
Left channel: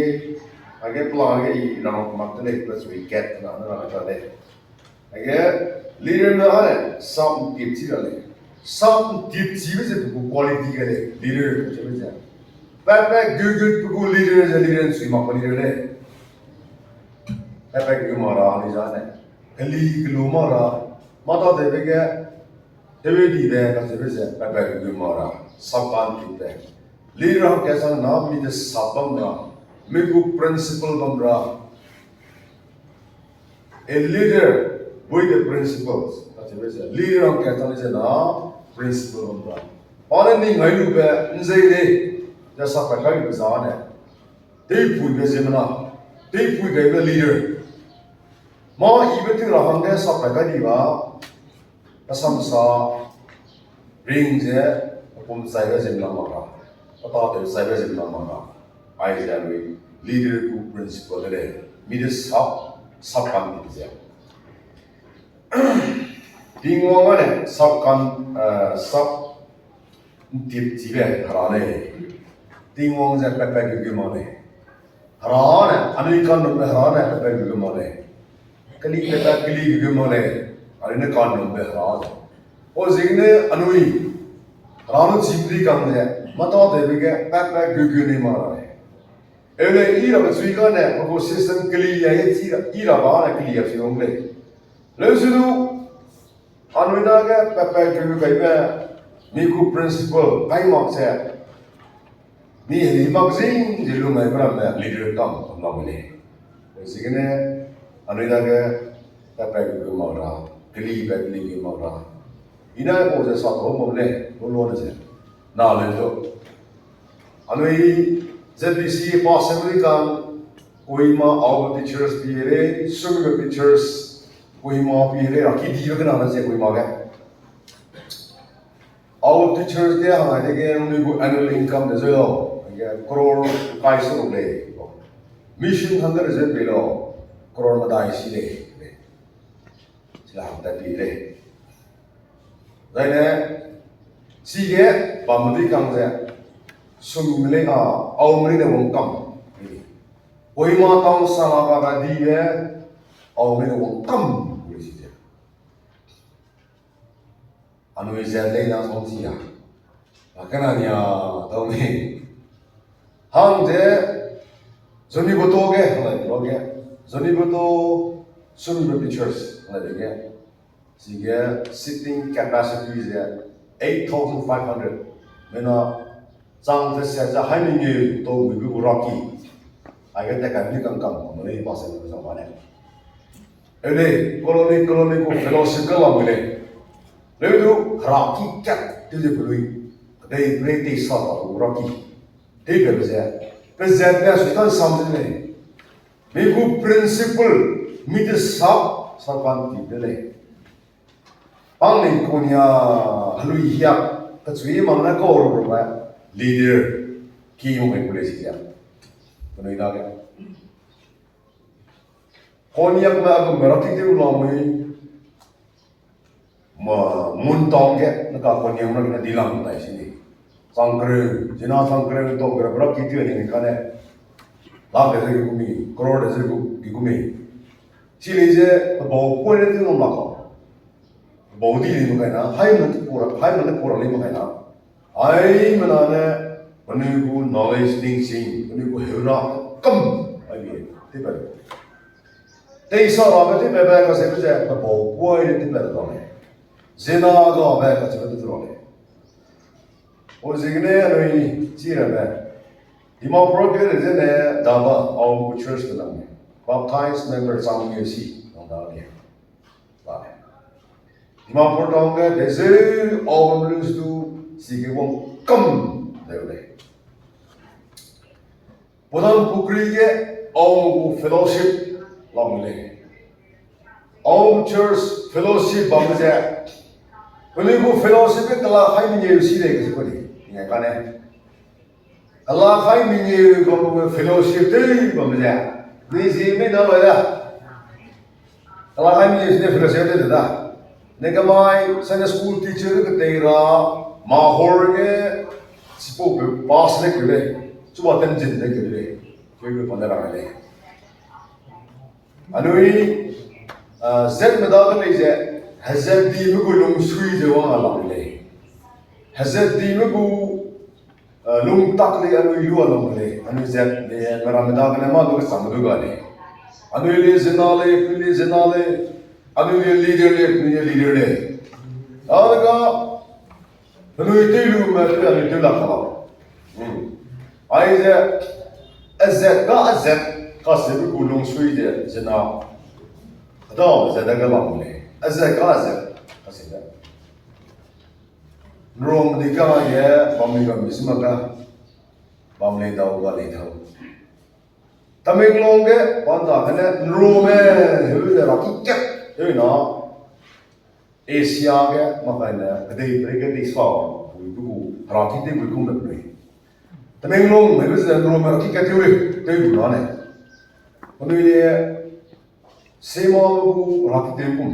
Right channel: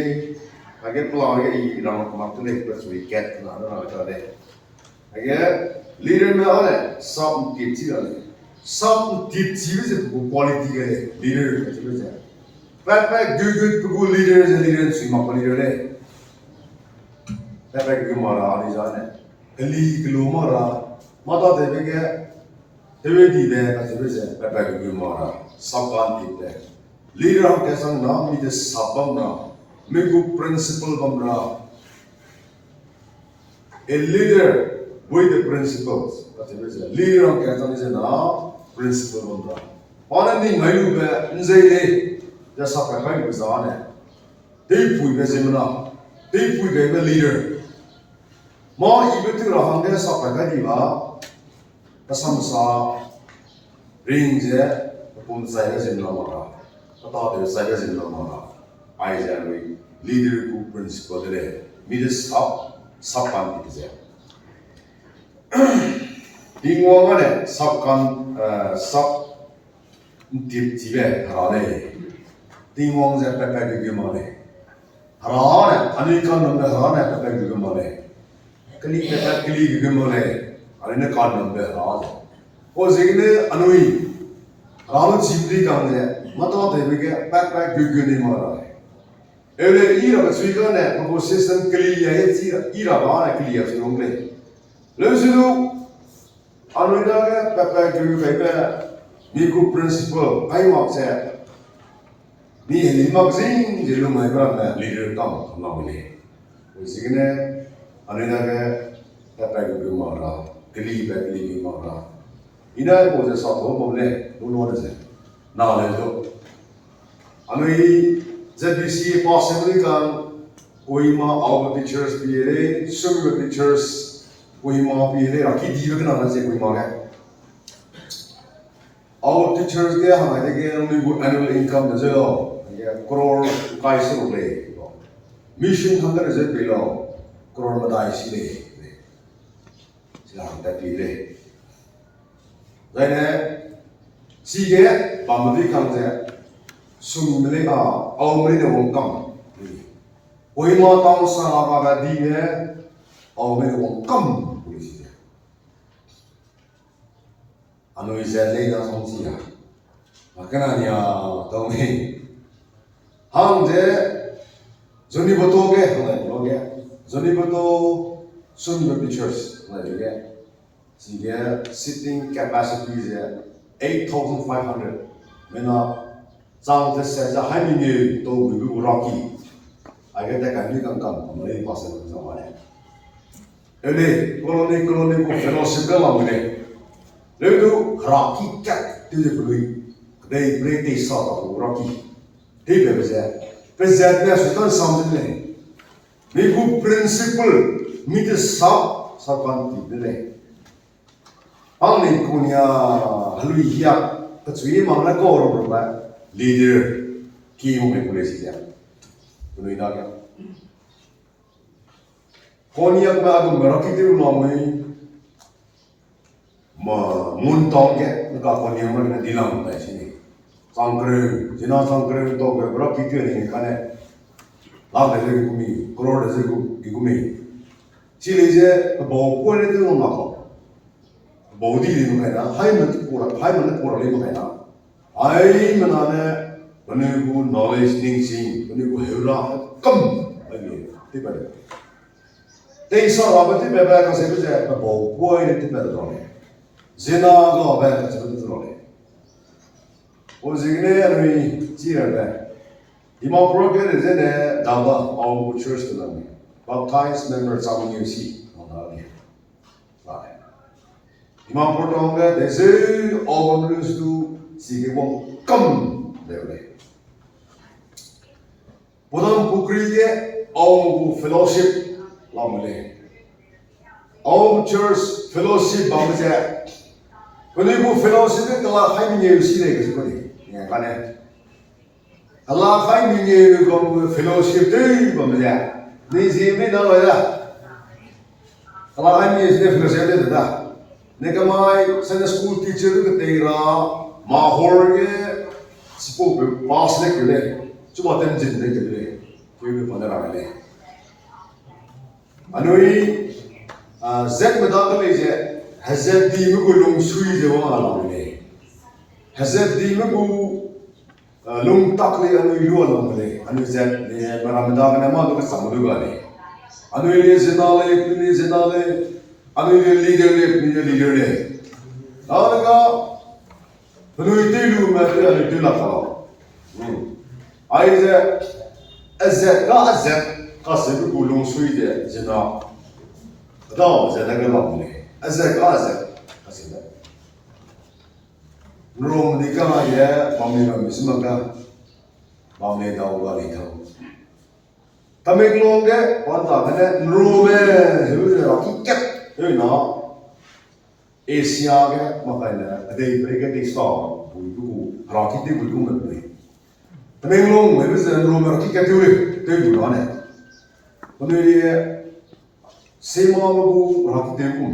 आगे प्लान के ये राउंड मार्क्स ने प्लस विकेट ना ना ना चले आगे लीडर में है सब टिप्स से क्वालिटी के लीडर चलो जा back good leader swim up leader है बैक मारा आने जाने गली किलो मारा माता देवे के देवे दी है कैसे से बैक मारा सब काम टिप है लीडर हम कैसा नाम भी जो सबम ना Migu principle bamra. A leader with the principles. That's a leader on Katan is na principle bamra. Only Mayu be Nzele, just up a kind of Zane. Deep with the Zemina, deep with the leader. Ma even to Rahanga Sapagadiva, the Samsa brings upon the Cyrus in Lamara. I thought there was Cyrus in Lamara. I am leader को principle है मेरे सब काम दिखे दिंगो वाले सब जीवे हराने दिंगो से पेपर के माने हराने अनेक नंबर हराने पेपर के माने कली पेपर कली के माने अनेक कान नंबर हराने और जिन्हें अनुई हराने जीवरी काम है मतलब देवी के पेपर के नहीं मारा है एवले इरा बच्चीका ने वो सिस्टम क्लियर है इरा बाना क्लियर से होंगे लेकिन अनुइना के पेपर क्यों कहीं पे मीकु प्रिंसिपल कहीं वहाँ से नी हिमागजिन जिलो में बड़ा लीडर काम हम लोग ने उसी के ने अनुइना के पेपर क्यों मारा क्लियर मारा इन्हें वो जो साथ हो बोले वो लोग से ना ले जो अनुई ZBC possibly can we ma our teachers be swimming teachers कोई माँ पी ले राखी दी के नाम से कोई माँ के our teachers के हमारे के उन्हीं को annual income दे जो करोड़ काइस रुपए mission थंगर जे बेलो करोड़ मदाई सी ले सिला हम तक ले जाने सीगे बामदी कांगे सुमिले का औमरी ने वो कम कोई माँ ताऊ साला का दी है औमरी ने वो कम पुलिस है अनुइज़े ले ना सोचिया अकेला निया तो नहीं हम जे जोनी बतोगे हमें लोगे जोनी बतो सुन pictures हमें सीगे sitting capacity is 8,500 मैंने चांग से सेजा हाई मिंगे तो भी रॉकी आगे तक अभी कम हमारे पास है ज़माने एले कॉलोनी को फेलोशिप का वांगले लेकिन तो रॉकी क्या तुझे बोलूँ दे ब्रेटी साथ हो रॉकी ठीक है वैसे ने सुल्तान सामने ने को प्रिंसिपल मिट सब कांति ले ang ni kunya halui hiya kacui mangna ko ro ba leader ki mo me police ya kuno ina ga konya ba ga marati de lo mai ma mun tong ge na ka konya mo na dilang ba sini sangkre jina sangkre to ga bra ki de ni ka ne la de ge ku mi crore de ge ku mi chi le je bo ko ne de no ma ko body ni mo na hai man pura le mo na ai mana ne banu ku knowledge ding sing banu ku hewla kam ai ye ti ba te sa ba ba ti ba ba ka se ba ja ba bo ko ni ti ba do ne zina ga ba ka se ba do ne o zigne ani ji ra ba ima program is ne da ba au ku church na me baptized members on you see on da ne ba Imam Portonga, there's a always do see won't come there. Podam Pukrige, all fellowship, Longly. All church fellowship, Bamaja. When you go fellowship, the last time you see the Allah time you go fellowship, Bamaja. This evening, no like that. Allah time is different that. Negamai Sunday school teacher के तेरा माहौल के सिपो पास ले करे चुमा तन जिंदे करे क्यों पंद्रह वाले अनुई ज़ेक में दाखल ले जाए हज़रत दी में को लोग सुई जवान लाऊंगे हज़रत दी में को लोग तक ले अनुई लुआ लाऊंगे अनुई ज़ेक ले मेरा में दाखल ने मां तो के समझो गाने अनुई ले जिनाले अनुई leader le alaga अनुई तेलु में अनुई तेला खाओ आइज़े अज़्ज़त का सिर्फ गुलों सुई दे जना दाव ज़्यादा का लाऊंगे अज़्ज़त का सिर्फ रोम दिखा माये बामी का मिस्म का बामी दाव वाली था तमिल लोगे पंता कने रोमे हिवज़े राकी क्या you know, Asia ke makanya ada mereka di Islam, itu rakyat itu bukan mereka. Tapi orang mereka sebelum rakyat itu itu bukan. Kalau ini semua buku rakyat itu,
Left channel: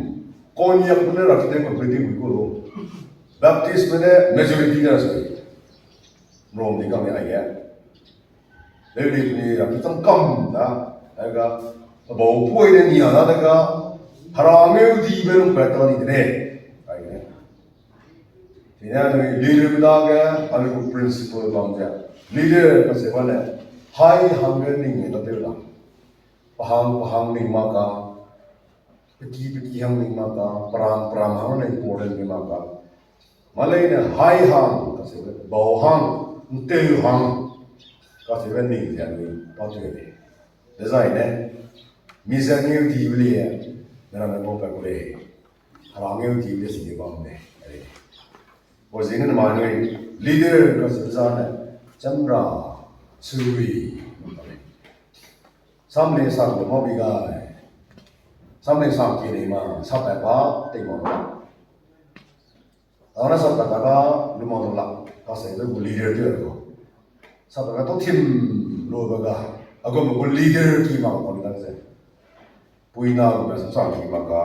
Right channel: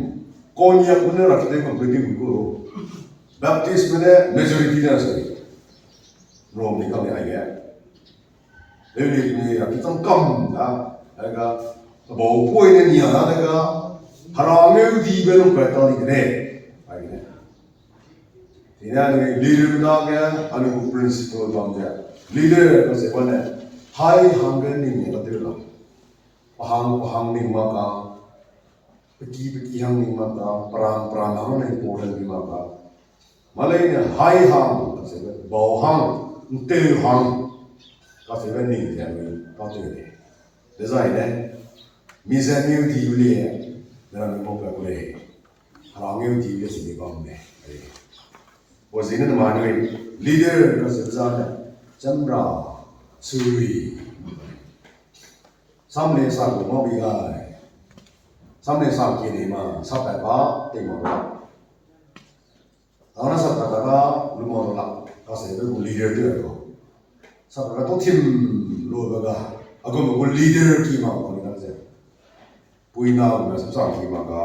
konya pun rakyat itu berarti buku. Baptis mana majority nya sahaja. Orang ni kami ayah. Lalu ini rakyat itu kam dah, agak bawa poin ni ada agak हरामे दी बेलों पैता नहीं देने आगे इन्हें अनु leader बना गया अनु को principal बन गया लीडर कैसे बने हाई हंगर नहीं है तो तेरा पहांग नहीं माका पिकी हंग नहीं माका पराम हम नहीं पोड़े नहीं माका माले ने हाई हंग कैसे बने बाव हंग तेल हंग कैसे बने नहीं जाने पाते हैं डिजाइन है मिज़ानियों दी हुई है मेरा नंबर पे कोई हरांगे उठी ले सीधे काम में वो जिन्हें माने लीडर का सिर्फ चंद्रा सुरी सामने sago मोबिगा something something ma sabba ba te mo la ana sabba ba lu mo la ka se de leader de ko sabba to tim lo ba ga agom ko leader ki ma ko ni ka se puina ko sa ki ma ka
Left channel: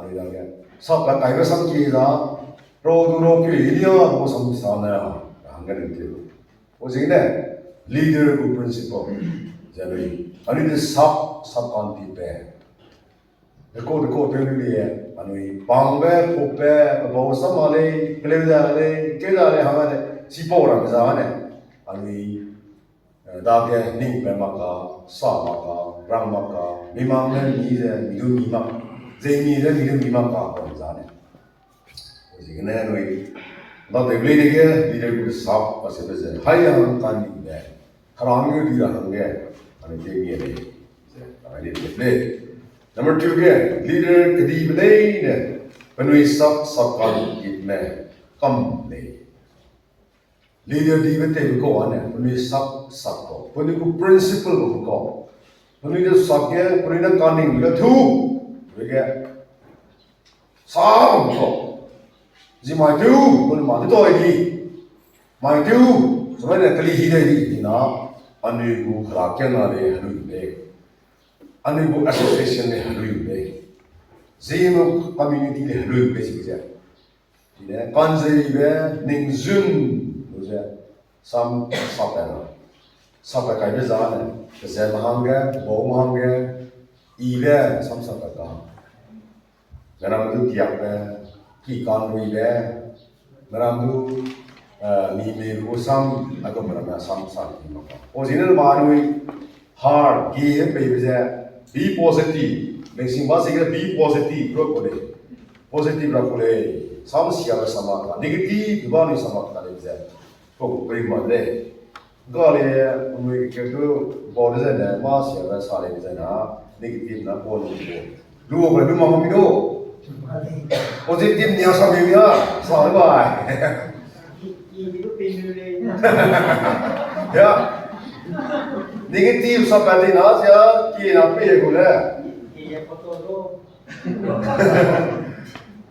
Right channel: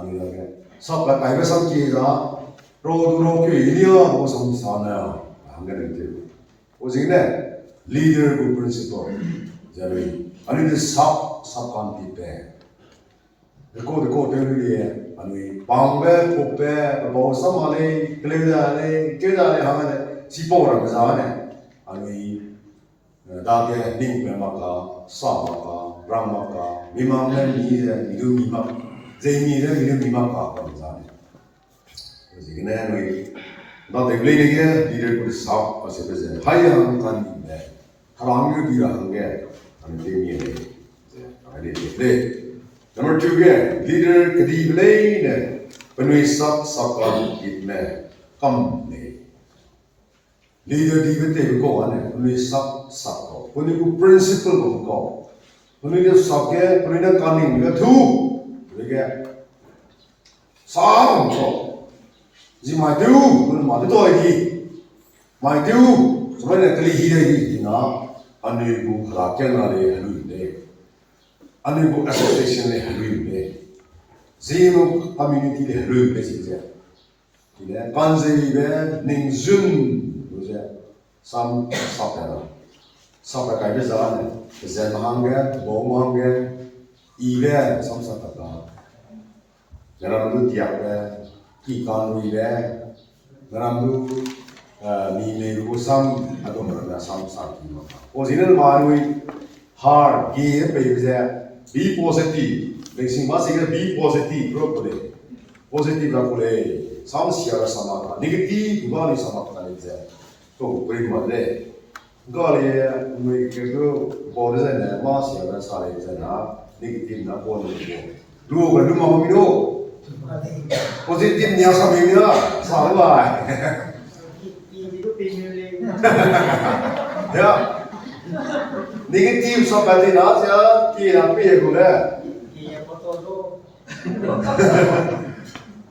ani da ke sabba ka ga sam ki da ro du ro ki iliya ko sam sa na ang ga de o jing ne leader ko principle jari ani de sab kan pi pe ko pe ni ye ani bang be ko pe bo sam ha le kle da le ke da le ha ne si po ra za ne ani da pe ning pe ma ka sa ma ka ram ma ka mi ma ne mi de mi du mi ma ze mi de mi du mi ma ka ko za ne o ji ne ani da de ble ni ke leader ko sa pa se de hai han kan ni ne harang yu di ra hang ge ani de mi ne ani de Number 2 ke leader kadi belai ne penui sak kan it ne kam ne leader di bete ko ane penui sak ko penui ku principle ko penui de sak ke penui na kaning ga thu ke sa ko ji mai tu kun ma de toi di mai tu sebenarnya kali hidai di na ane ku khra ke na le hanu ne Anibu association le halu le, zeno community le halu le sih je. Tidak, kanzi be ningzun, tu je. Sam sapera, sapera kaya zaman, kezat mahangga, bau mahangga, ibe sam sapera. Dalam tu tiap be, kikan ibe, dalam tu ni meru sam, aku berapa sam maka. Oh sini baru hard, gay be je. Be positive. Basic masih be positive, bro boleh. Positive bro boleh. Sama siapa sama kan. Negatif juga ni sama kan ni je. Kau beri mana? Kau le, mereka tu boleh je. Mas siapa sahaja je na. Negatif na boleh je. Lu kalau lu mahu minum. Positif ni asal ni ya. Sahaja baik. Ya. Negatif sampai di nas ya, kira apa ya gula? Iya foto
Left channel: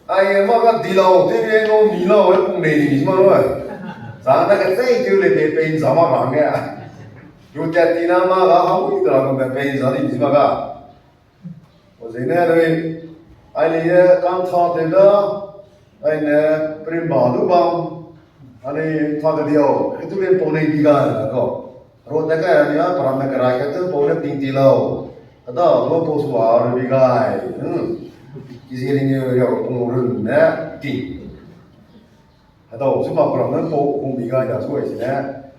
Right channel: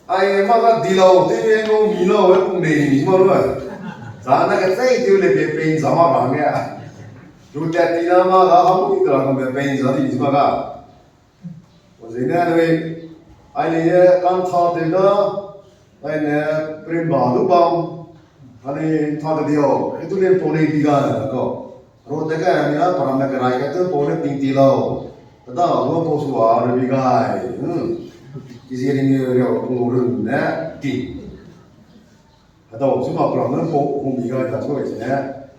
Ay maka dilau, tiada yang milau, pun ni semua. Sana kita itu lebih pen sama kami ya. Juta tina maka kamu itu lah kami pen jadi semua ka. Jadi ni ada ya kan thah tiada, ada perimbalu bang, ada thah dia, itu dia poni tiga kau. Road dekat ni lah, param nak kerai kata boleh tinggi lau. Kata, lo bos war lebih gay. Kisi ni dia pengurus ni tinggi. Kata, cuma param nak pung biga jas kau isi ni.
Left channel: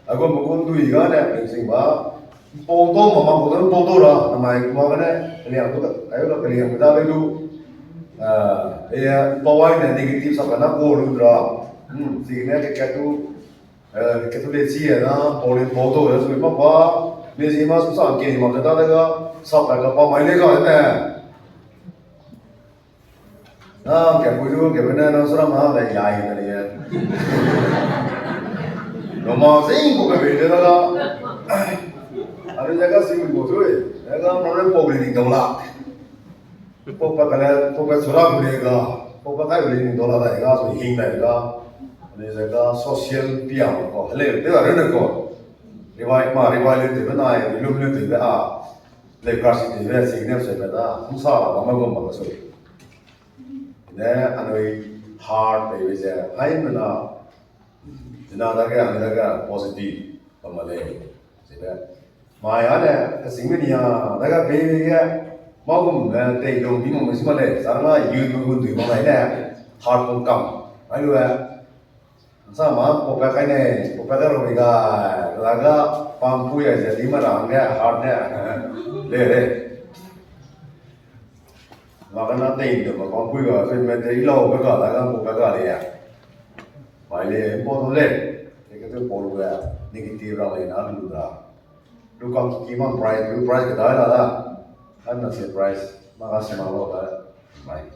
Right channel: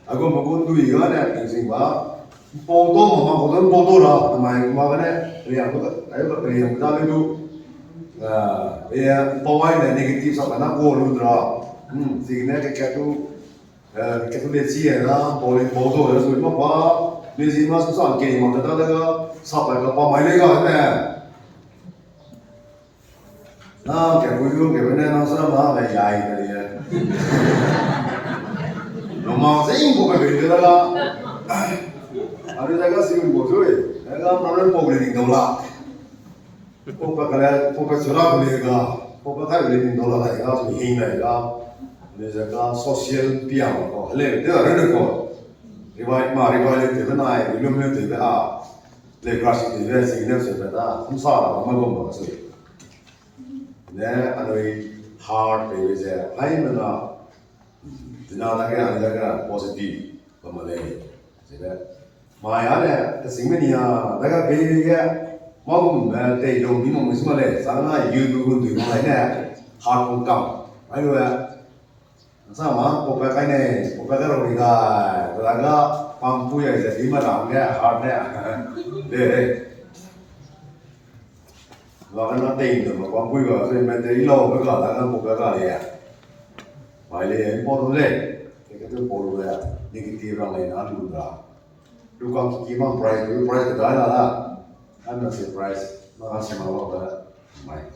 Aku mungkin tu biga ni, prinsip bah. Foto mama foto foto lah. Namai mama ni, lihat tu, ayo kita lihat kita betul. Ya, bawah ni negatif sampai nak boleh lah. Sini kita tu. Kita lihat sih na, boleh foto ya, so apa? Ni sih mas susah kini mak kata lega, sampai ke apa main lega ni. Nah, kaya bujuk, kaya mana nasra mah dah jai tadi ya. Nomor sih bukan beda lega. Ada jaga sih bujuk, lega mana boleh ni dola. Pokok surah boleh lega, pokok tak boleh ni dola lega, so hing lega. Ni jaga sosial piang ko le de ara ko riwayat le de na ai ilum le de a le klasi de signal se beda musa la ma ko ma so ne anoi hard de je ai mana dina daga positive pa ma le se be ma ya ne singmenia daga be ge ma ko me te lo bi mo ma le sa ma yu nu du ma lai ne hard ko kam ai lo sama popek ini, popek itu laga pampu ya jadi marahnya, hardnya, le, makanya nanti itu pampu itu, so menteri lau begal, laga popek kali ya, maile import le, itu polu ya, negatif orang lain alu dah, lu kan kiman price kita ada, kan nasi price, makasih malu dah, baik,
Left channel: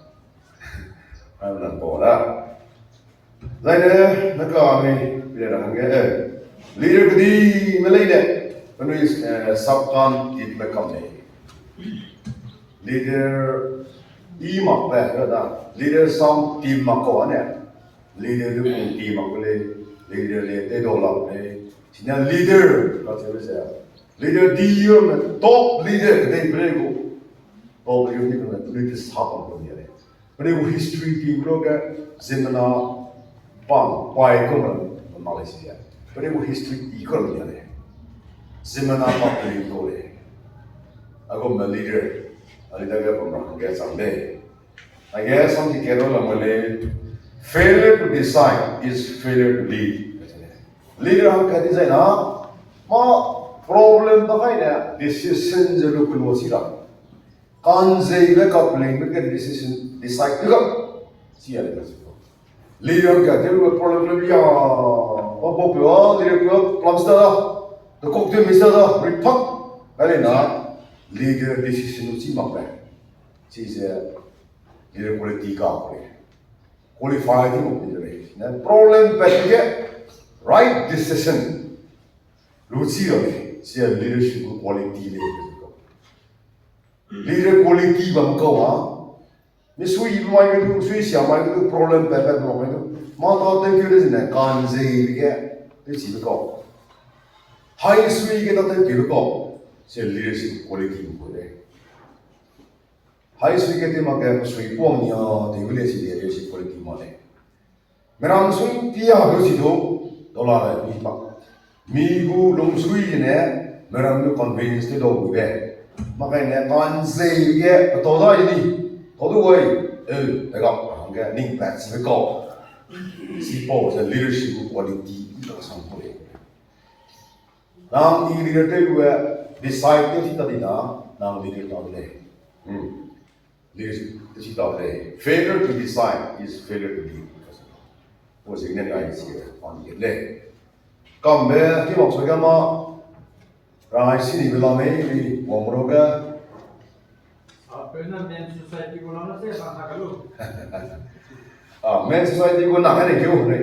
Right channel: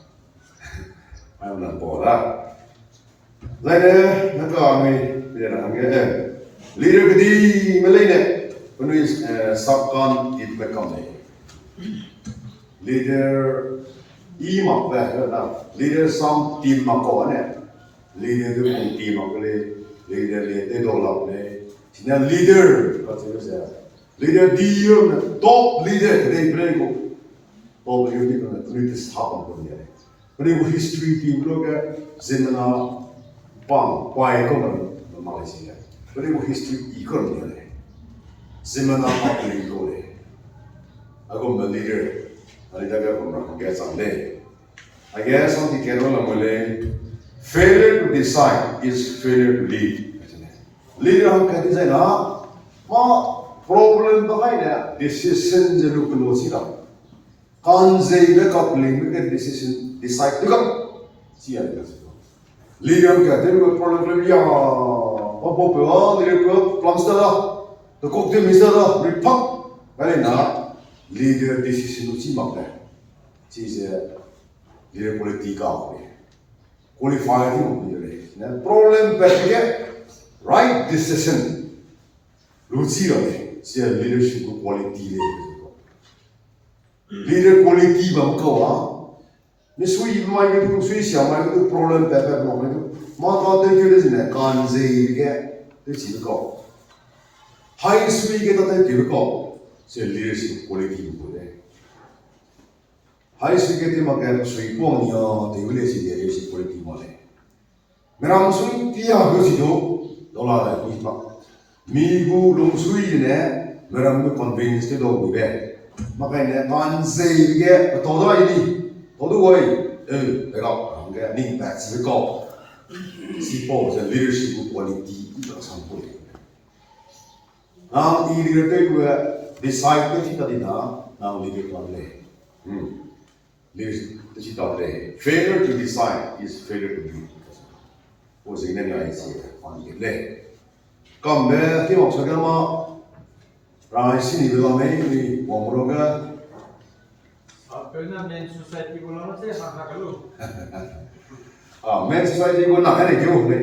aku nak pola. Lain nak kami biar orang ke leader kedi Malay penulis subcon it become leader E mặc về đó là leader xong team mặc có nè leader được cùng team mặc cái leader để đồ lòng này chỉ là leader có thể bây giờ leader đi mà top leader cái này cái này top leader thì cái này stop bằng cái này cái này history team đó cái zemana bang quay công mình Malaysia cái này history economy này zemana bang leader này aku leader ada cái cũng cái sang đây I guess something cái đó là failure to decide is failure to lead. Leader हम कहते हैं ना माँ problem तो है ना decision जरूर कुछ नहीं होता कौन से इले coupling में के decision decide तो कब सिया नहीं करते leader हम कहते हैं वो problem या वो पे leader को plumster तो कोकते मिस्टर रिपक है ना leader decision उसी मत है चीज़ leader politika qualified leader problem पे right decision luci rồi sẽ leadership quality leader quality bằng câu à nếu suy mai cái suy xả mai cái problem pe pe problem mà nó tên cái gì này can gì cái chỉ biết câu hay suy cái đó tên chỉ biết câu sẽ leadership quality của đấy hay suy cái thì mà cái suy quang nhiều thì cái leadership quality mà đấy mình suy pia cái gì đó đó là cái gì mà migu long suy này mình được convince cái đó của bé mà cái này can gì cái tôi đó đi tôi đâu vậy cái đó cái này là chỉ biết câu chỉ bảo là leadership quality đó là sản phẩm nang i leader te ku decide te chi ta di na nang leader ta le leader te chi ta le failure to decide is failure to lead wo sing ne ngai chi on ye le kam be ti mok sa ga ma rai si ni bela me ni wo mo ga Pernah main society bola na saya bangka kalau. men society ko na ka ne kyo le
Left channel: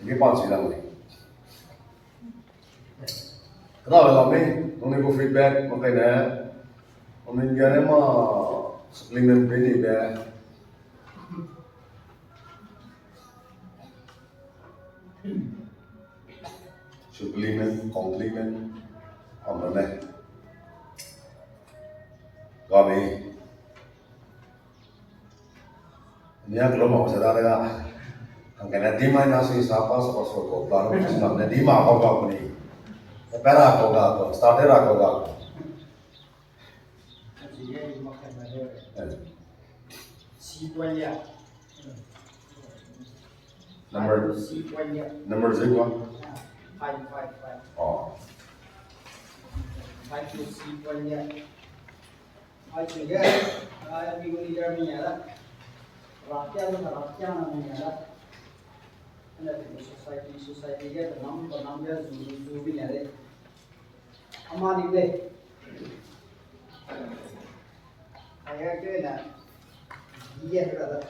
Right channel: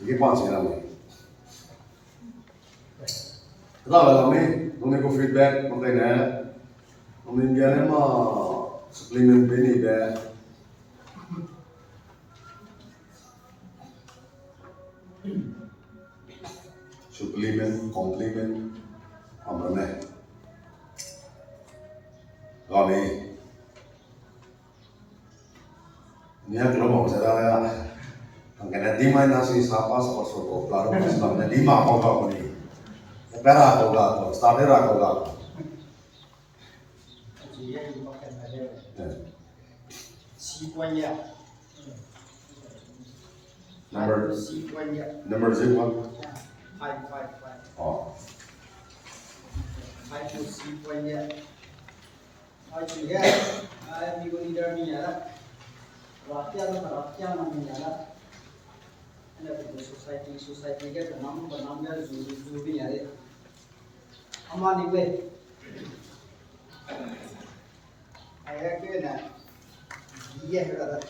sige pa chi la me đó là mình có feedback một cái này mình giờ này mà supplement bên này về supplement complement làm này rồi mình nhớ cái lúc mà sẽ ra đây thằng cái này đi mai nó sẽ sao pas pas số plan nó sẽ làm đi mà không có cái gì Pera koga, startera koga. Number 0. Five. Oh. Five to see one year. I should get we go to Germany. Rakyat namanya. And society get the number Zubi yare. Amani way. I have given that. Yeah, brother.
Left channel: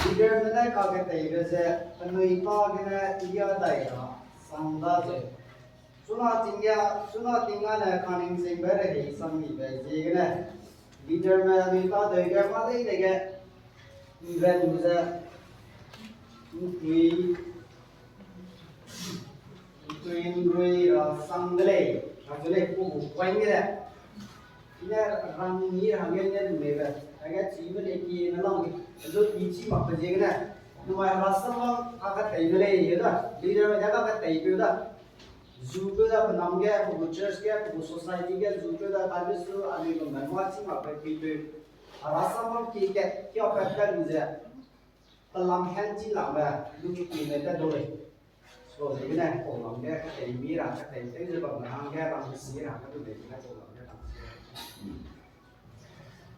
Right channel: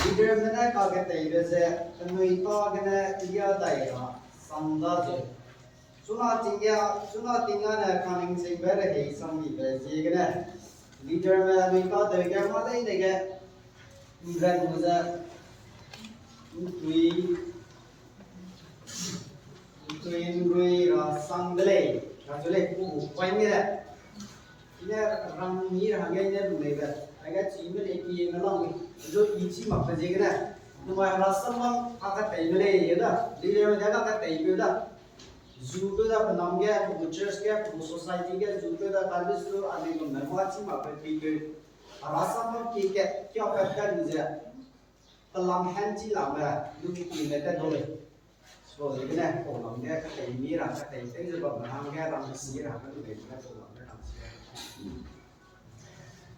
Leader में ना कागज तैयार से तनुई कागज ने इया तैयार संदा से सुना तिंगा ना खानिंग से बेरे है संगी बेचे के leader में तनुई का तैयार माले ही देखे इंग्लैंड मुझे तुई संगले राजुले को पाएंगे ना इन्हें रंगी रंगे ने लेगा अगर चीज़ में लेके ये ना लोगे जो इसी मक्खन जेगा ना नुमाया रास्ता में आकर तैयार ले ये ना लीडर में जगह का तैयार ना जूको दा बनाम गया वो चर्च गया वो सोसाइटी गया जूको दा काबिज तो आने को मैं माची मक्खन पीपे रास्ता में क्या करता है मुझे तलाम हैंची लामा दुखी की लेते डोले so ini nih kalau dia kata ini rasa kata itu juga benar dia orang sih rasa tu dia kalau dia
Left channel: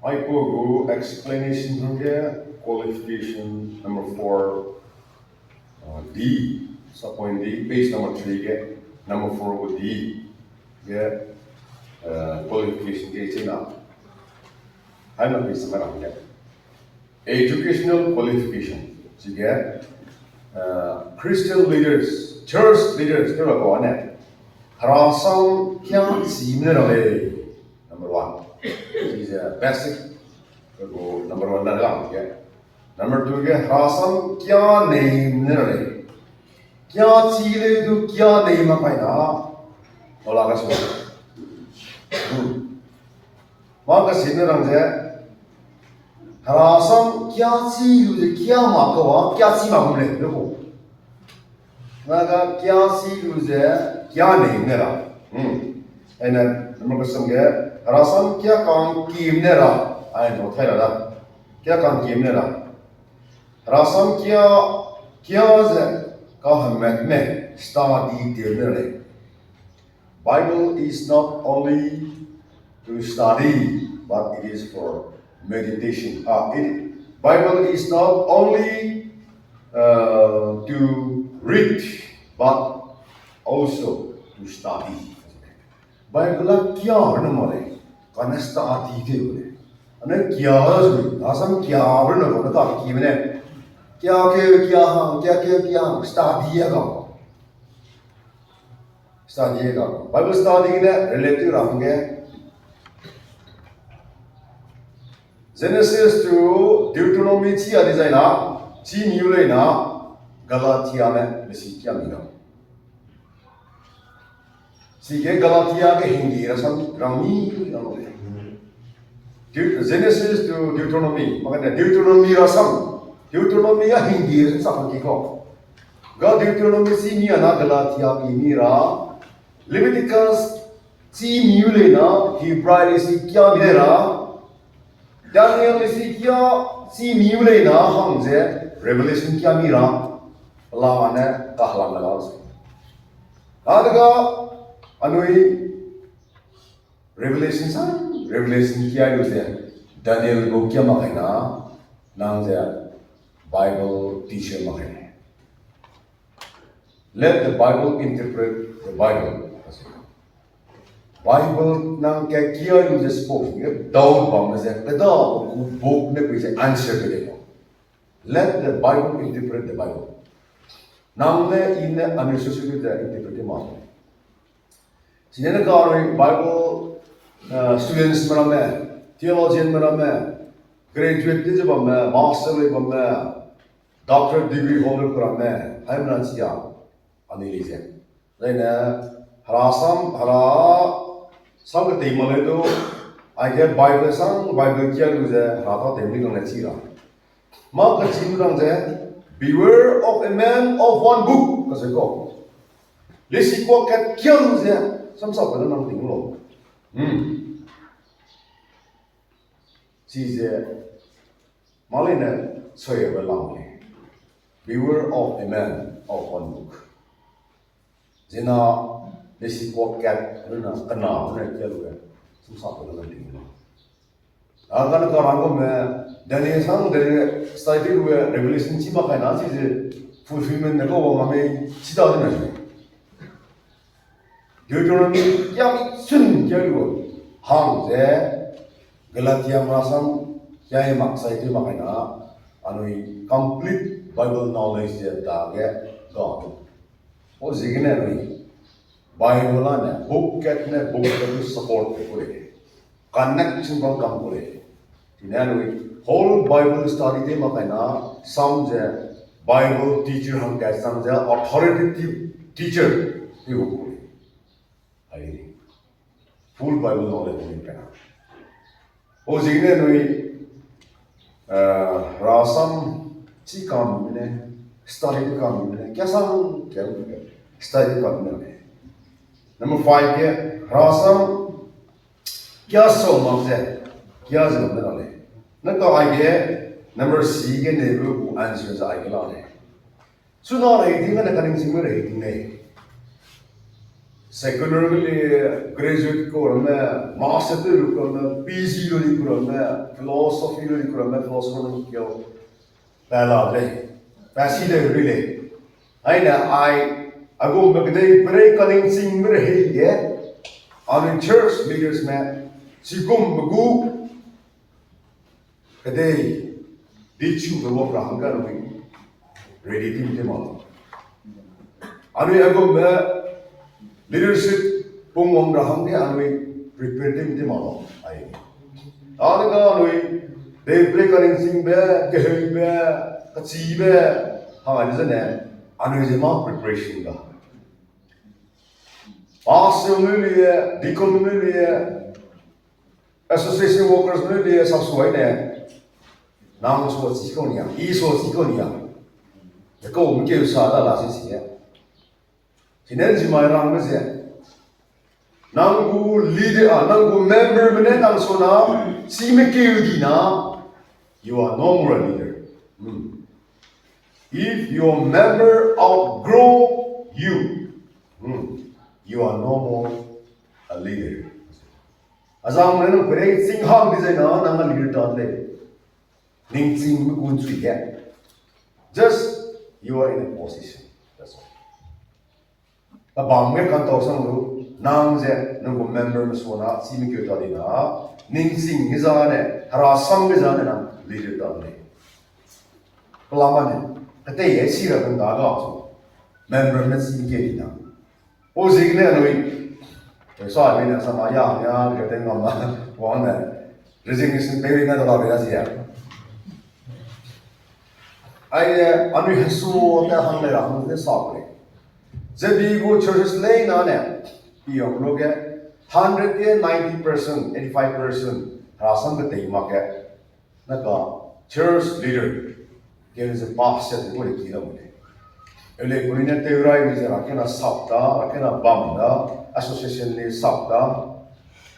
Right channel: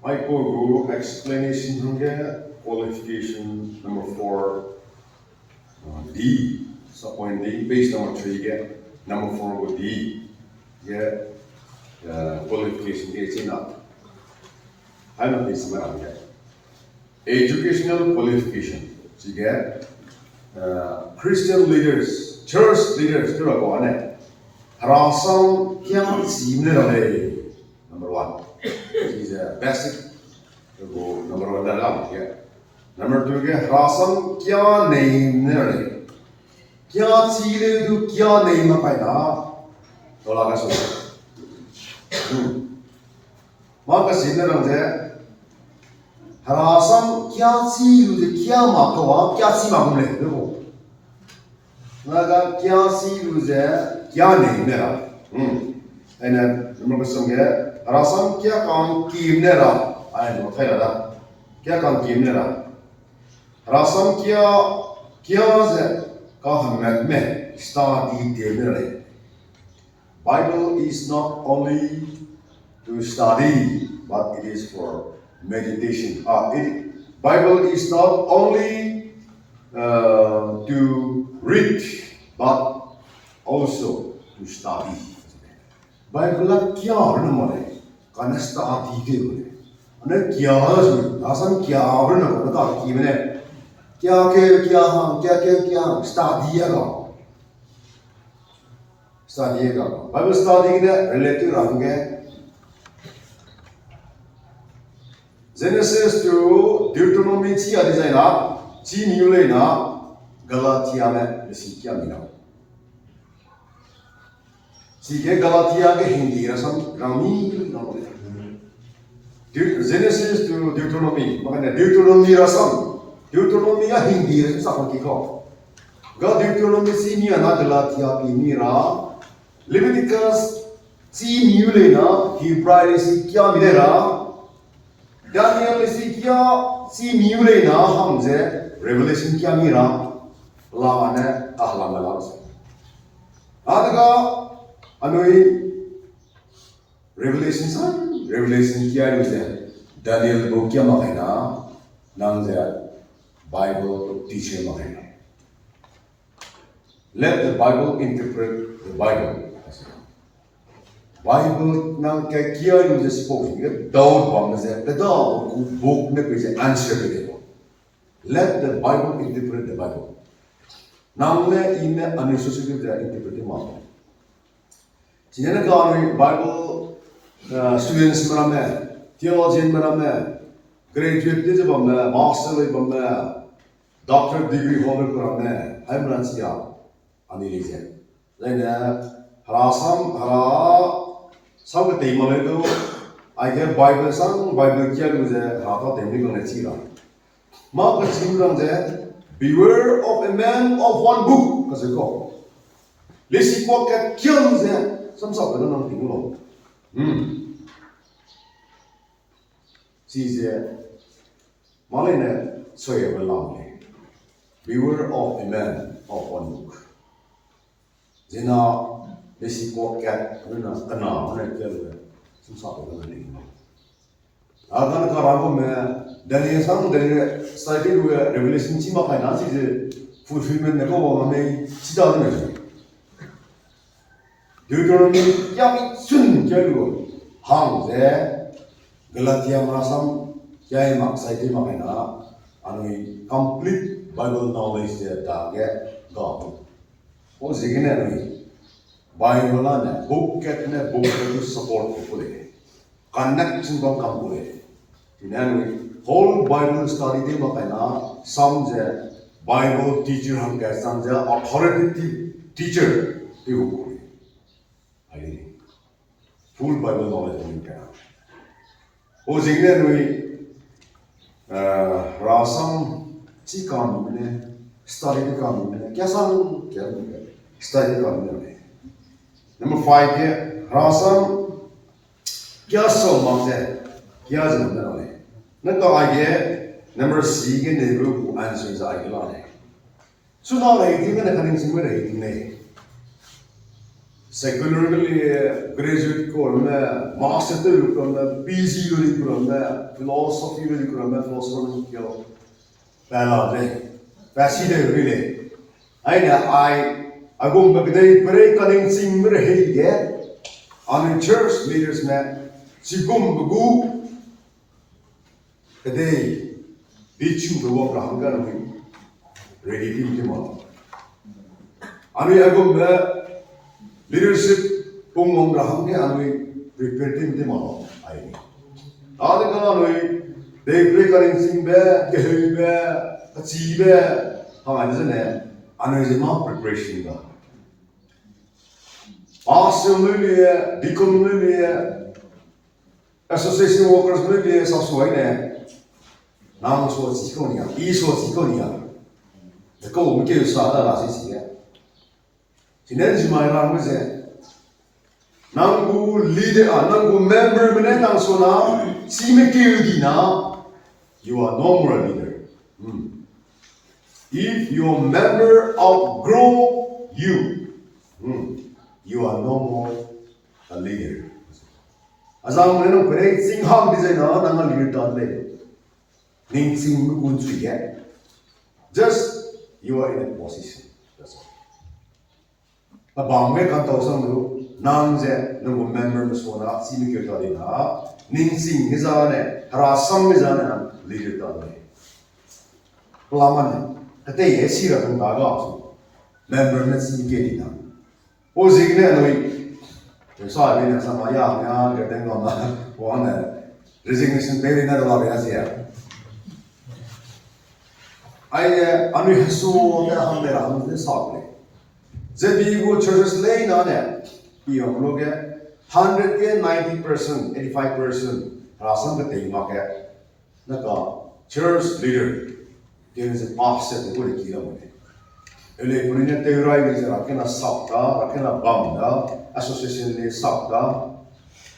I go explanation here qualification number 4 D so point D page number 3 get number 4 go D get qualification ke china hai na page mein aa gaya educational qualification to get Christian leaders church leaders cái là có này harasam kya sim ne rahe number 1 is a basic go number 1 dalam ya. Number 2 ke rasam kya nahi ne kya chile tu kya nahi ma pai na tola ka so. Maka sini rang je rasam kya chile tu kya ma ko kya chi ma mle देखो maka kya chile tu kya nahi ne la aina number ko samge rasam kya काम कीम ने ला aina thai la kya काम कीम ने ला rasam kya ze ka hamet me study de Bible is not only to study but it is for meditation. Bible is not only to read but also to study. Bible la kya arna mare kana study de bole ane kya rasam kya arna kana ta ki mene kya ham kya study ga study ga Bible study ne relative range Genesis to Deuteronomy chi adi jaina chi new le na Galatia में लिखी क्या मिला सीखे गलातिया के हिंदी रसम ग्रामी Genesis to Deuteronomy makanya Deuteronomy rasam Deuteronomy ya hindi rasam sakon kiko ga Deuteronomy si ni ana Galatia ki ni ra Leviticus si new le na Hebrew si kya milera Daniel si kya si new le na हम जे Revelation kya mira Allah ane tahlang lalas adega anoi Revelation kya है Daniel को क्या मायना नाम जे Bible teacher मायना Let the Bible interpret the Bible Bible nang kya kya you just spoke doubt bang je kada book ne pe answer de Let the Bible interpret the Bible namne in unnecessary interpret ma Sinena ka Bible students maname theologian maname graduate de bamma master le bamma doctorate degree holder kurame hai manasiya anilise lena harasam hara सब के मले तो I get Bible sang Bible क्या लुजे हाथा तेमनी करने चीरा माँ का चीमरंग जे beware of a man of one book कैसे को लेसी को क्या लुजे समझा पहले नाम टिंग लो चीज़े माले ने सोये बेलांगे beware of a man of one book जना लेसी को क्या ना कना उन्हें क्या लोगे समझा पहले नाम टिंग लो अगर का रागो में Daniel sang dari study हुए revelation चीमा का ना चीज़े fulfillment ने को वो हमें चिता देना चाहिए Deuteronomy क्या सुन क्या लो हम जे Galatia merasam क्या ये maksai itu makanya anui complete Bible knowledge je dah ke gau oh zegine anui Bible la ne book itu support boleh connection kau kam boleh ini anui whole Bible study de makanya some je Bible teacher हम कह some je authoritative teacher itu boleh ini full Bible knowledge नहीं करना वो जिगने नुई रासम ची काम में study के काम में क्या सांग क्या बोलते study काम में number 5 के रासम क्या सोमा से क्या जरूरत है न तो आगे number 6 के नेबरू को answer से आगे लाने सुना रही थी ना कहीं सिंह में रही थी नहीं secularly graduate ko में master ko में PG ko में philosophy ko में philosophy ko pehla de पैसी de rile aina I agum bagdai break calling sing mir he ye on church leaders में sigum bagu kadai bichu bawa prahangar में ready team de mal ami agum leadership pungom raham ke anui prepare team de malo ai 아니가 너희 내 브레이커링 싱베 게헤베 같이베 하면 이제네 아니지만 프리퍼레이션가 아스물리에 비컴물리에 association workers 물리에 sabsuai네 나무 소 지코니야 이소 지코니야 그거 우리게 사다 라시시야 지난주말랑 그제 nangu leader nangu member mene nang sona simekilgina you are no more a leader. If your member outgrow you, you are no more a leader. Azam nenu kure singham designer nang leader tadle. Ning sing kun suye. Just you are in a position. That's all. Abang me kan tau sang lu nang je nang member masona simekil tadina ning sing gizane harasam gizane nang leader tadle. Pelamane. Kata ye sira kan daga so member na simekil dina. O zigne noi sa bina sama ya ya ke tengok na wang na resignation pay na dalam ya sia. Ai anu hasu na hang na hang na sa ple. Jadi go churches lay na ne yang loge 190%, 85% rasam ke tema ke na ka church leader ke se pastor ko le kira mo. Ele kurina teorai ni jara kena sabda, kena bamda, association ni sabda.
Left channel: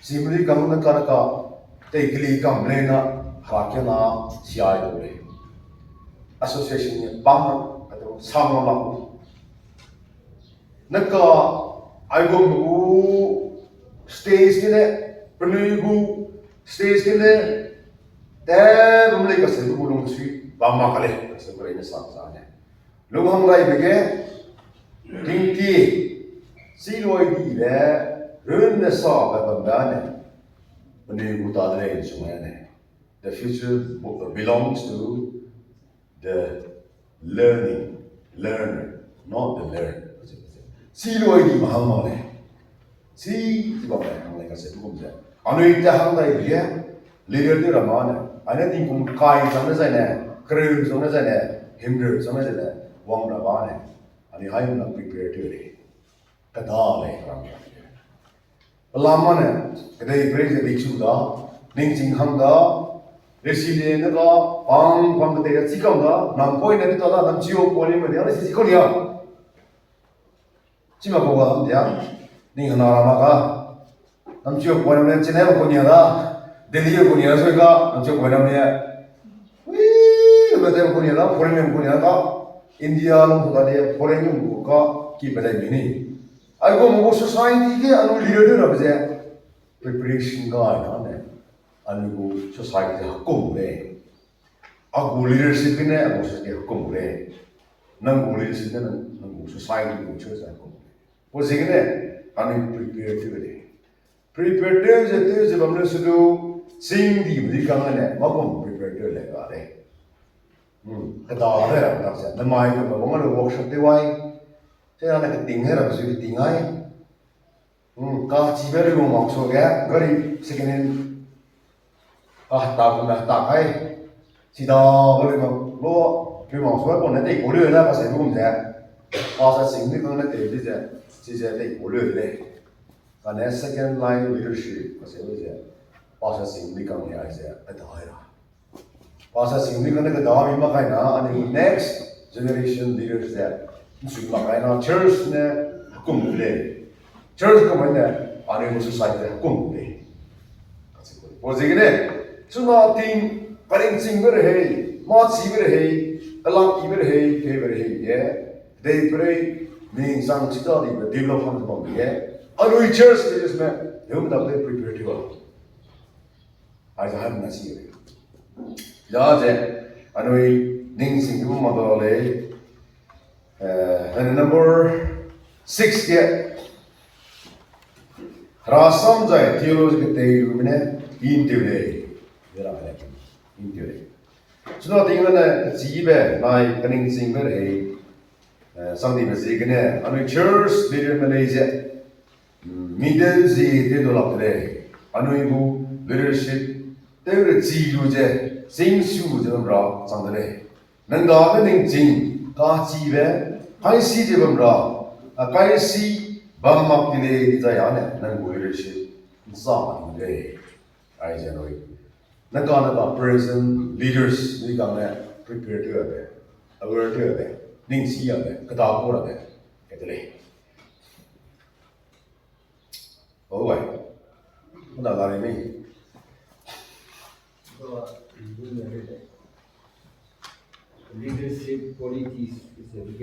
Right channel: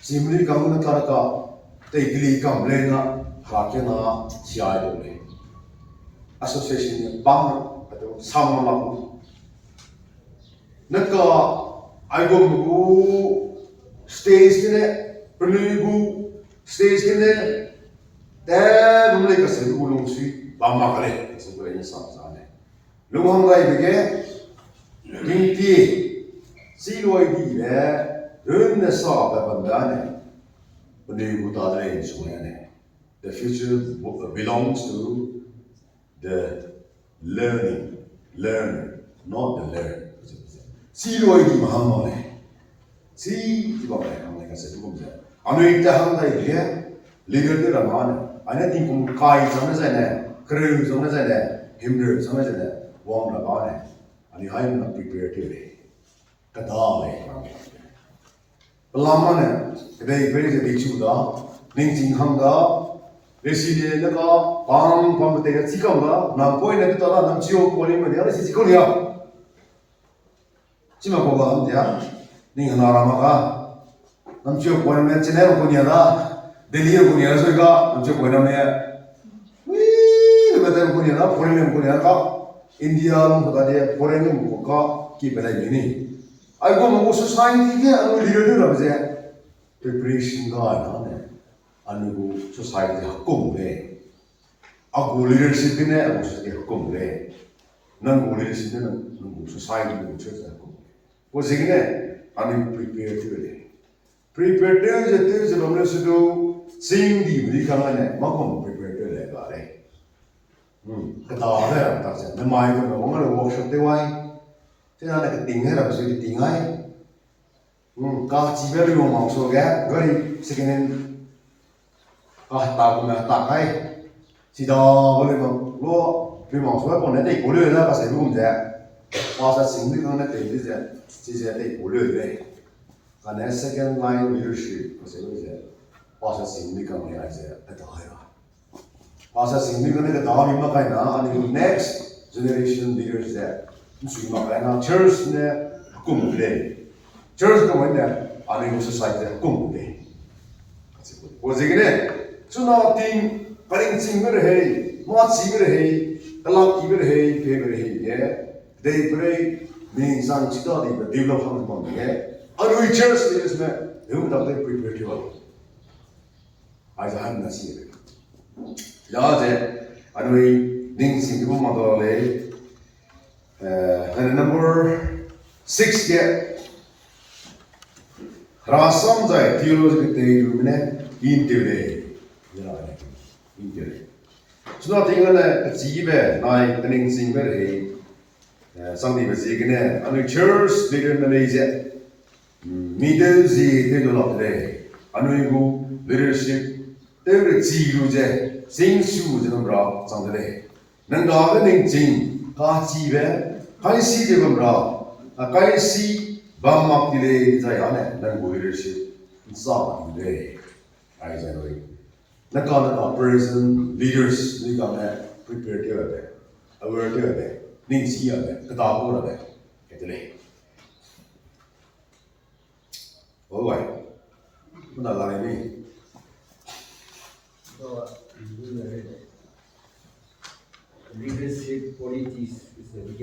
Simuli kamu na karaka teikli kam lena hakena siai dole. Association ni bam atau sama laku. Naka aigomu stage kene penuibu stage kene deh mulai kasih bulung sui bama kale sebenarnya sama-sama. Lung hang rai bege ringti siloi di le run na sa ba bandane bani buta dre sungane. The future belongs to the learner, not the learner. Siloi di mahamone si di ba hang rai kasih tu kumja anu ita hang rai bege leader tu ramane ane tingkum kai sana sana kru sana sana himder sana sana wang rabane ani hai na prepare tire kadale lamane kadai praise the chu da ning jing hang da resile na ka bang pam te chi ka da nam poi na to da nam chiu ko ni ma ya si ko ni ya chi ma ko ga am ya ning na ra ma ka nam chiu ko ni chen na ko ni da delhi ko ni so ga nam chiu ko na me wi ba de ko ni da ko ni ko ni da India nung tadi foreign nung buka ki pada ini. Aku mau society ke anu leader tu apa sih? Preparation ka ane. Anu society hukum le. Aku leadership ni aku society hukum le. Nang leadership ni nang society ni macam mana hukum. Posisi ni anu prepare tu le. Prepare tu je bamla sudu sing di beri kangan makom prepare tu le ba le. Kata ada tak sih, nama itu memang ada workshop tewai, saya nak ketinggai apa sih ketinggai, kah ciber lu maksud ya, gari sekinen, kah tak guna tak kai, sida boleh lo lu maksud apa nanti boleh lah pasal lu mungkin, pasal sini kan nanti dia nanti boleh deh, karena second line leadership pasal itu pasal sini kan dia aja ada hal. Pasal sini kan kita dah lima kali na, ani next generation leaders that mesti lima kali na church ne hukum boleh, church kan mana, ani society hukum boleh. Posisi ni, cuma ting paling sing berhei, mat si berhei, dalam ki berhei, pe berhei ye, day berhei, ming sang cita di develop hang bang ye, ani church leaders ne, yang tak ada prepare tu. Aja ham nasi. Ya je, anu ning sing tu mana le, and number 6 ke, rasam jai theology kita itu mana intelek, jadi apa intelek. Sudah tinggal na cibe, naik ning sing berhei, sambil bersikap anu church leader mana je, middle Z itu dolap le, anu ibu leadership 对着记录着，真书这么着，长得嘞，能搞个能真，搞记呗，看戏这么着，看戏，把马给嘞这样呢，能过日子，咋的嘞？哎，这类，那讲那个 present leaders，你讲呢，prepare 掉呗，aware 掉呗，认识了呗，个大过了呗，这嘞。好喂，我哪来的呢？Leadership politics is a big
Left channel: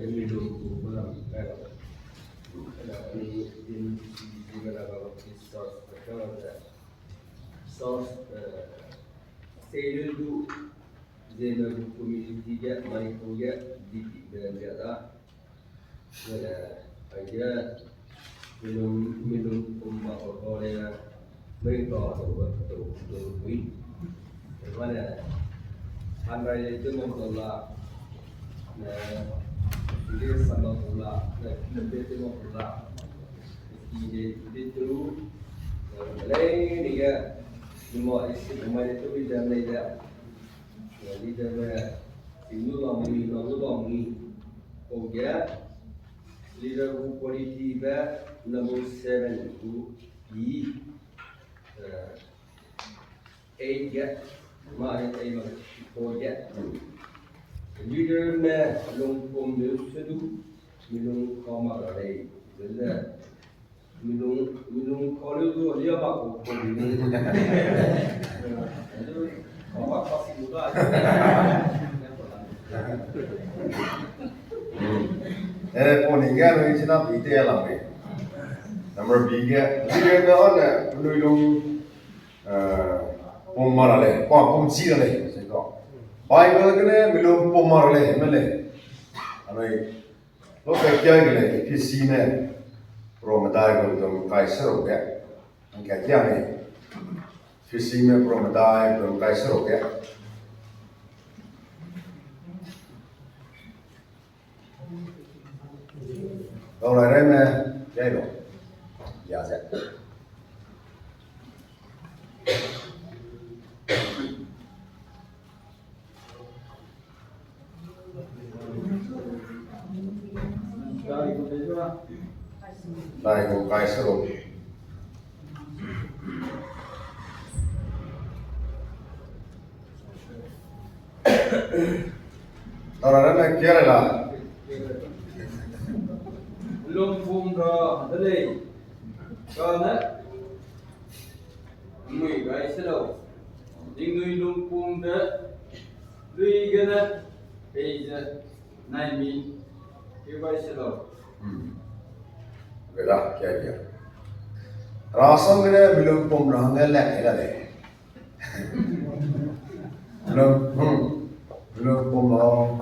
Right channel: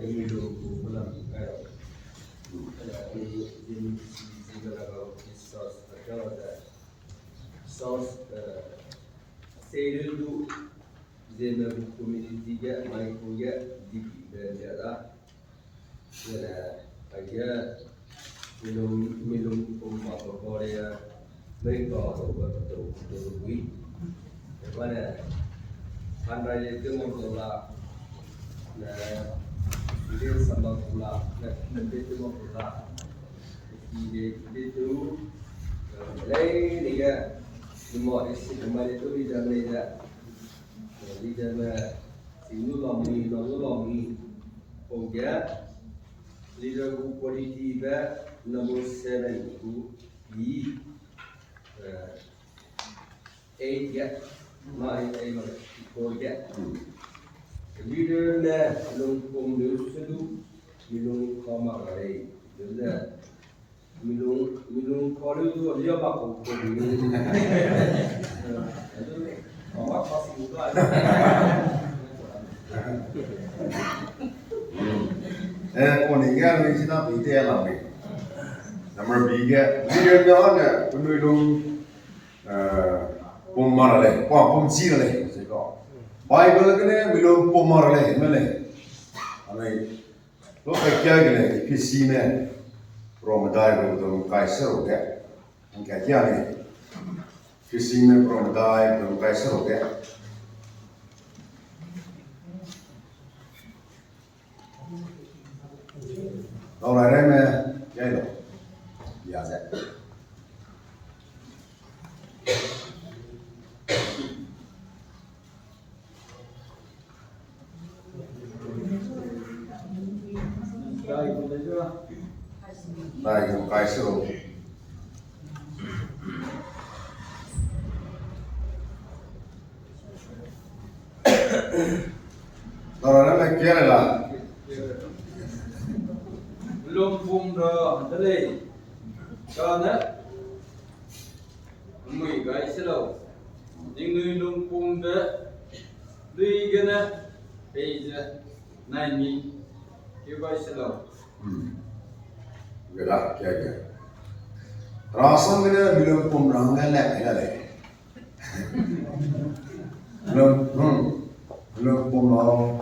ini dulu bulan kalau ada ini juga kalau source kalau ada source sale itu zona community ya mai punya di dan ada aja minum umma Korea mereka tu wih mana Andra itu memperlah, dia sama pula, lebih itu memperlah. Itu, lain dia, semua isi kemarin itu bisa belajar. Jadi dia singgung lami, pokoknya leader politik nomor 7 itu di 8 ya, mai Pokoknya, leader na lungkong dulu minum kamar ada, jadi minum kalau itu dia bakal ini, itu kamar pasti muda. Poninga ni cina bide alam ni, nomor 2 leader na ana penulung pemar le, pemci le. Bible के लिए मिलो पोमर ले मिले हमें लोग क्या किले किसी में प्रोमदाय को तो कैसे हो गया हम क्या नहीं किसी में प्रोमदाय को कैसे हो गया तो लड़े में क्या लो याद है Này cùng cái sơ đồ Đó là nó kia này là Lumpung dah tadi, kerana mui guys selalu, ini lumpung dah, dui kena, beja, naimi, you guys selalu. Vậy là kia kia Rasan cái belum pemrang cái lẹ belum pemrang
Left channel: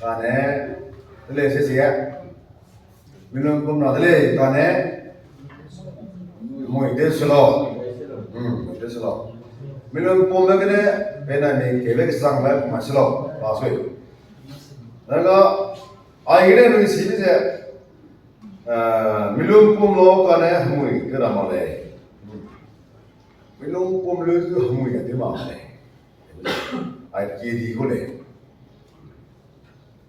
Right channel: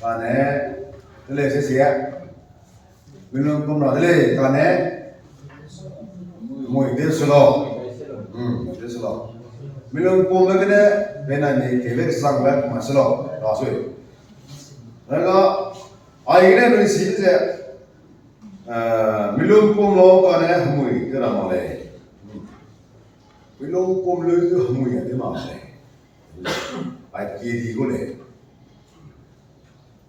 cái này cái này sẽ gì belum pemrang cái này cái này mui dia selo dia selo belum pemrang cái này bên này thì cái sang bên mà selo là suy nên có ai cái này nuôi xí thế milung pum lo ka ne mui ke ra ma le milung pum le ke mui ke ma le ai ke di ko le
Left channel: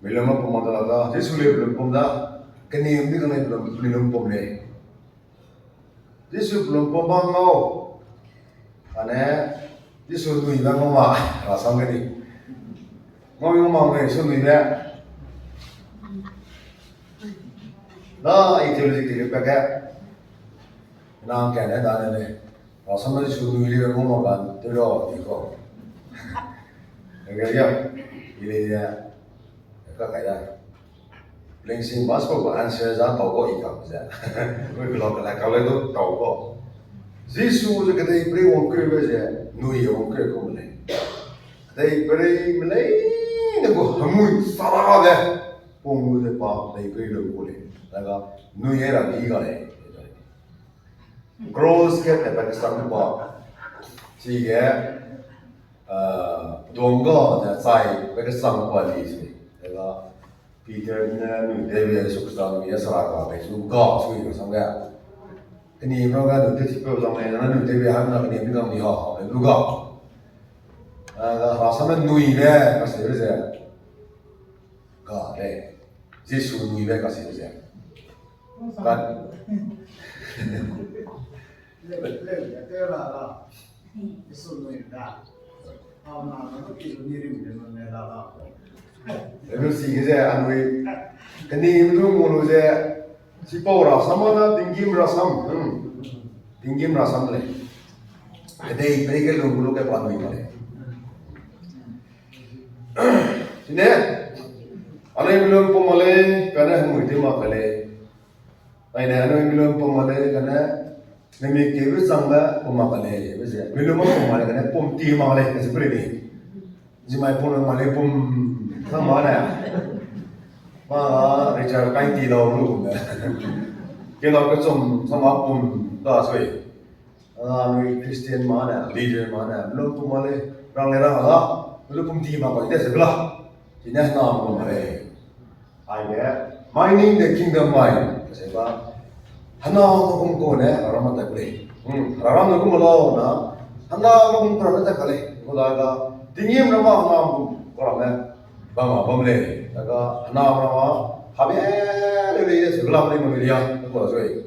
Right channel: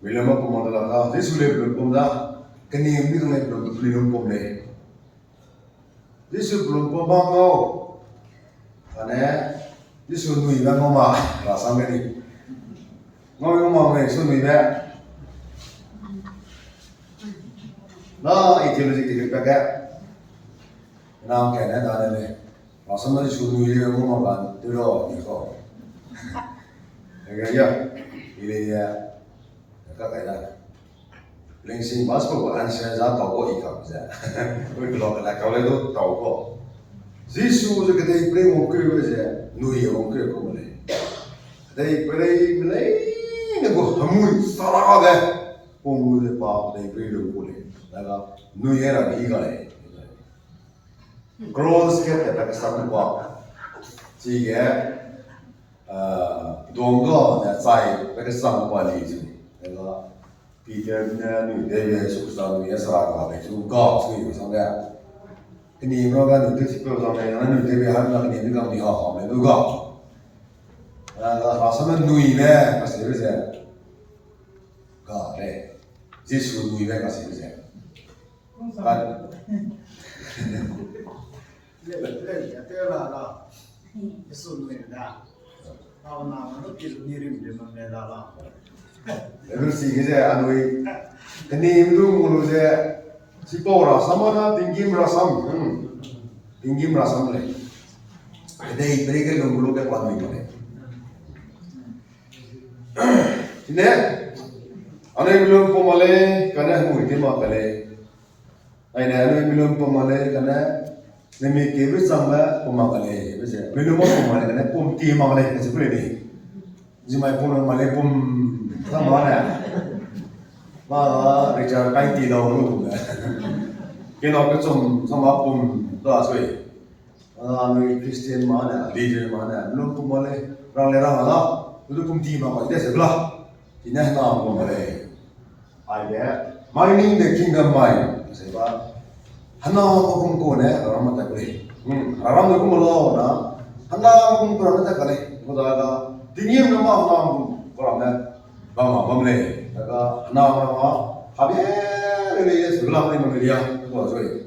milung ma pum ma da jesu le milung pum da ke ni ni ke ne milung pum le jesu milung pum ba ngau ane jesu nui ba ngau ma ra sa me ni ngau ma me su nui ba đó ideology cái cái nam cái này đó này và xong rồi chú nuôi liệu không mà bạn tôi rồi thì có cái gì thì cái đó linh sinh passport của anh sẽ ra tàu có ý không vậy với cái là cái đó tàu có Giêsu cái đấy bây giờ ông cười bây giờ nuôi ông cười không này đây bây giờ mình lấy nó có mùi sao cái phong mùi để bảo đây bây giờ cô này là nuôi ra cái cái này gross cái này là sao cũng chỉ cái đồng có là sai cái sao cũng lý gì là Peter nuôi để về súc sang nuôi sao cả vậy súc có suy cái sao cái นี่เราก็นึกถึงสิ่งต่างๆนั้นนึกถึงให้มันนี่มีความดีฮะเลยดูก็ราสมันนุยเนี่ยก็เสียเสียก็เลยเยซูนุยเนี่ยก็เสียเสียกัน ya te la la eso no es nada na no que lo ni rim de no ne la la รู้สึกเสียอันนี้อันนี้ไม่รู้มูลเสียสิปอราสมันนะติงกิมราสัมติงกิมราสัมเลยแต่อีกไม่ได้ก็ลงรูปได้ความมีมาเลยทีนี้อันนี้belum pemale karena mungkin makale ini anu belum pemale karena nemi kebis sama pemakale bisa belum pemale karena pom ti makale seperti ini jimai pun makale pom sama mana mà Richard cái tỷ đồng luôn cái nó cái trong sama pom đó rồi người Christian mà nè leader mà nè belum pemale orang lera lah belum pom ti makale itu sebelah ini nama pemale 아예 mining the kingdom mine 제가 하나 먹은 거네 라마다 그래 라람 먹은 거나 하나 먹은 거라다 그래 그러다가 딩임 넘어 하나 그러면 방아 범래 내가 하나 하나 하베를 이제 슬라브리 먹으리야 그거 저기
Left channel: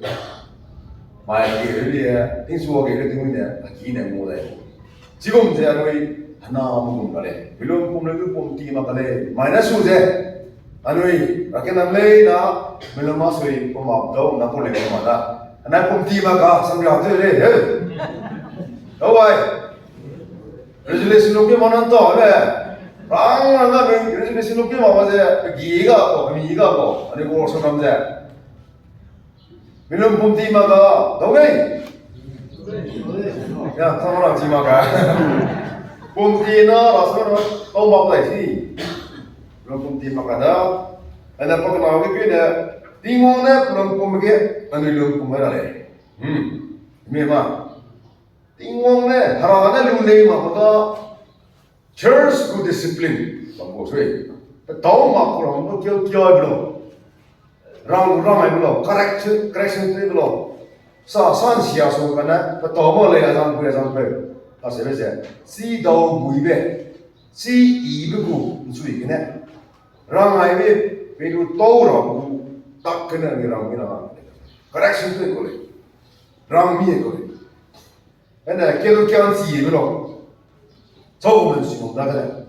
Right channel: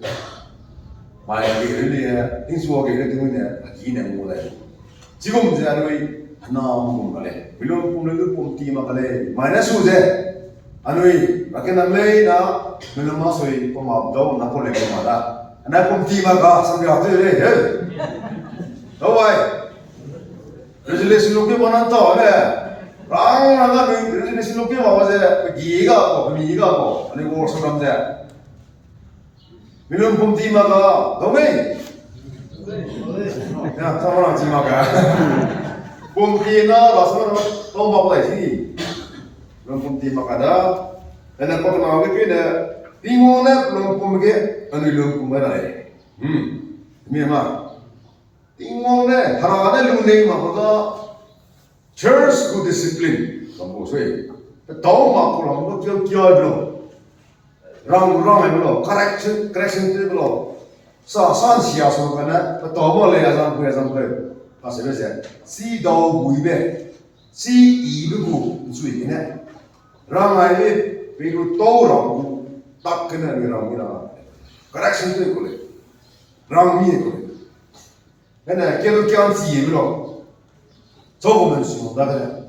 마이기 의리에 띵수하게 이렇게 되는데 기네 뭐래 지금 이제 너희 하나 먹은 거래 물론 봄을 그 봄띠 막래 마이너스 우제 anui raken amlei na meloma soi poma do na pole poma da ana pom ti ma ga samya de le he do bai resolution lo ke manan to le rang na ga resolution lo ke ma ba se gi ga ko mi ga ko ani ko so nam je melom pom ti ma ga do nei ya ta ma ji ma ga pom ti na rasan ma to ma ba si belum pun makada ada kau kenal lagi ni timona belum pun begitu anu belum pun berada memang timona harana lulai makada church good discipline kamu sih tahu mak orang tu kau kau belum rang belum correction tu belum san siasa kan tahu boleh sampai pasal macam si tahu buibe si ibu suai ni Ramai ni perlu tahu orang tak kena ni orang ni correction tu ikut le, ram ni ikut le. Ena kita kian sih belum, jauh mana sih muda kan?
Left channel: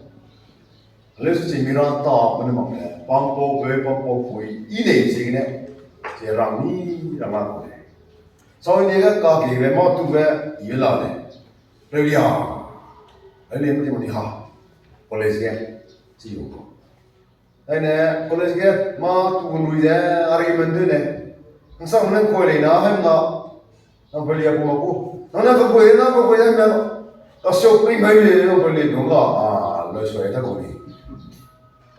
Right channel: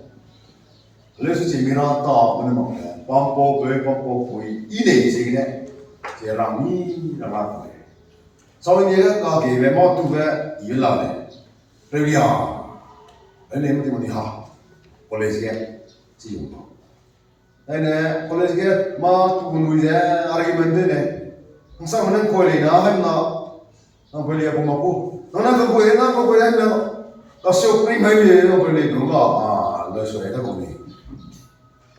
Lepas tu mira tak mana mana, pampo koi, ini sih ni, je ram ni ram aku le. Soalnya dia kaki memang tu be iyalah le, reviya, ini mesti ha, boleh sih sih tu. Ini college ke ma tu pun boleh argument tu ni. Masa mana kau ni na, hem na, nak beli apa maku? Nak kau ni hem na, tak shopping hai ni, nak beli tu enggak? Lalu saya tak kau ni.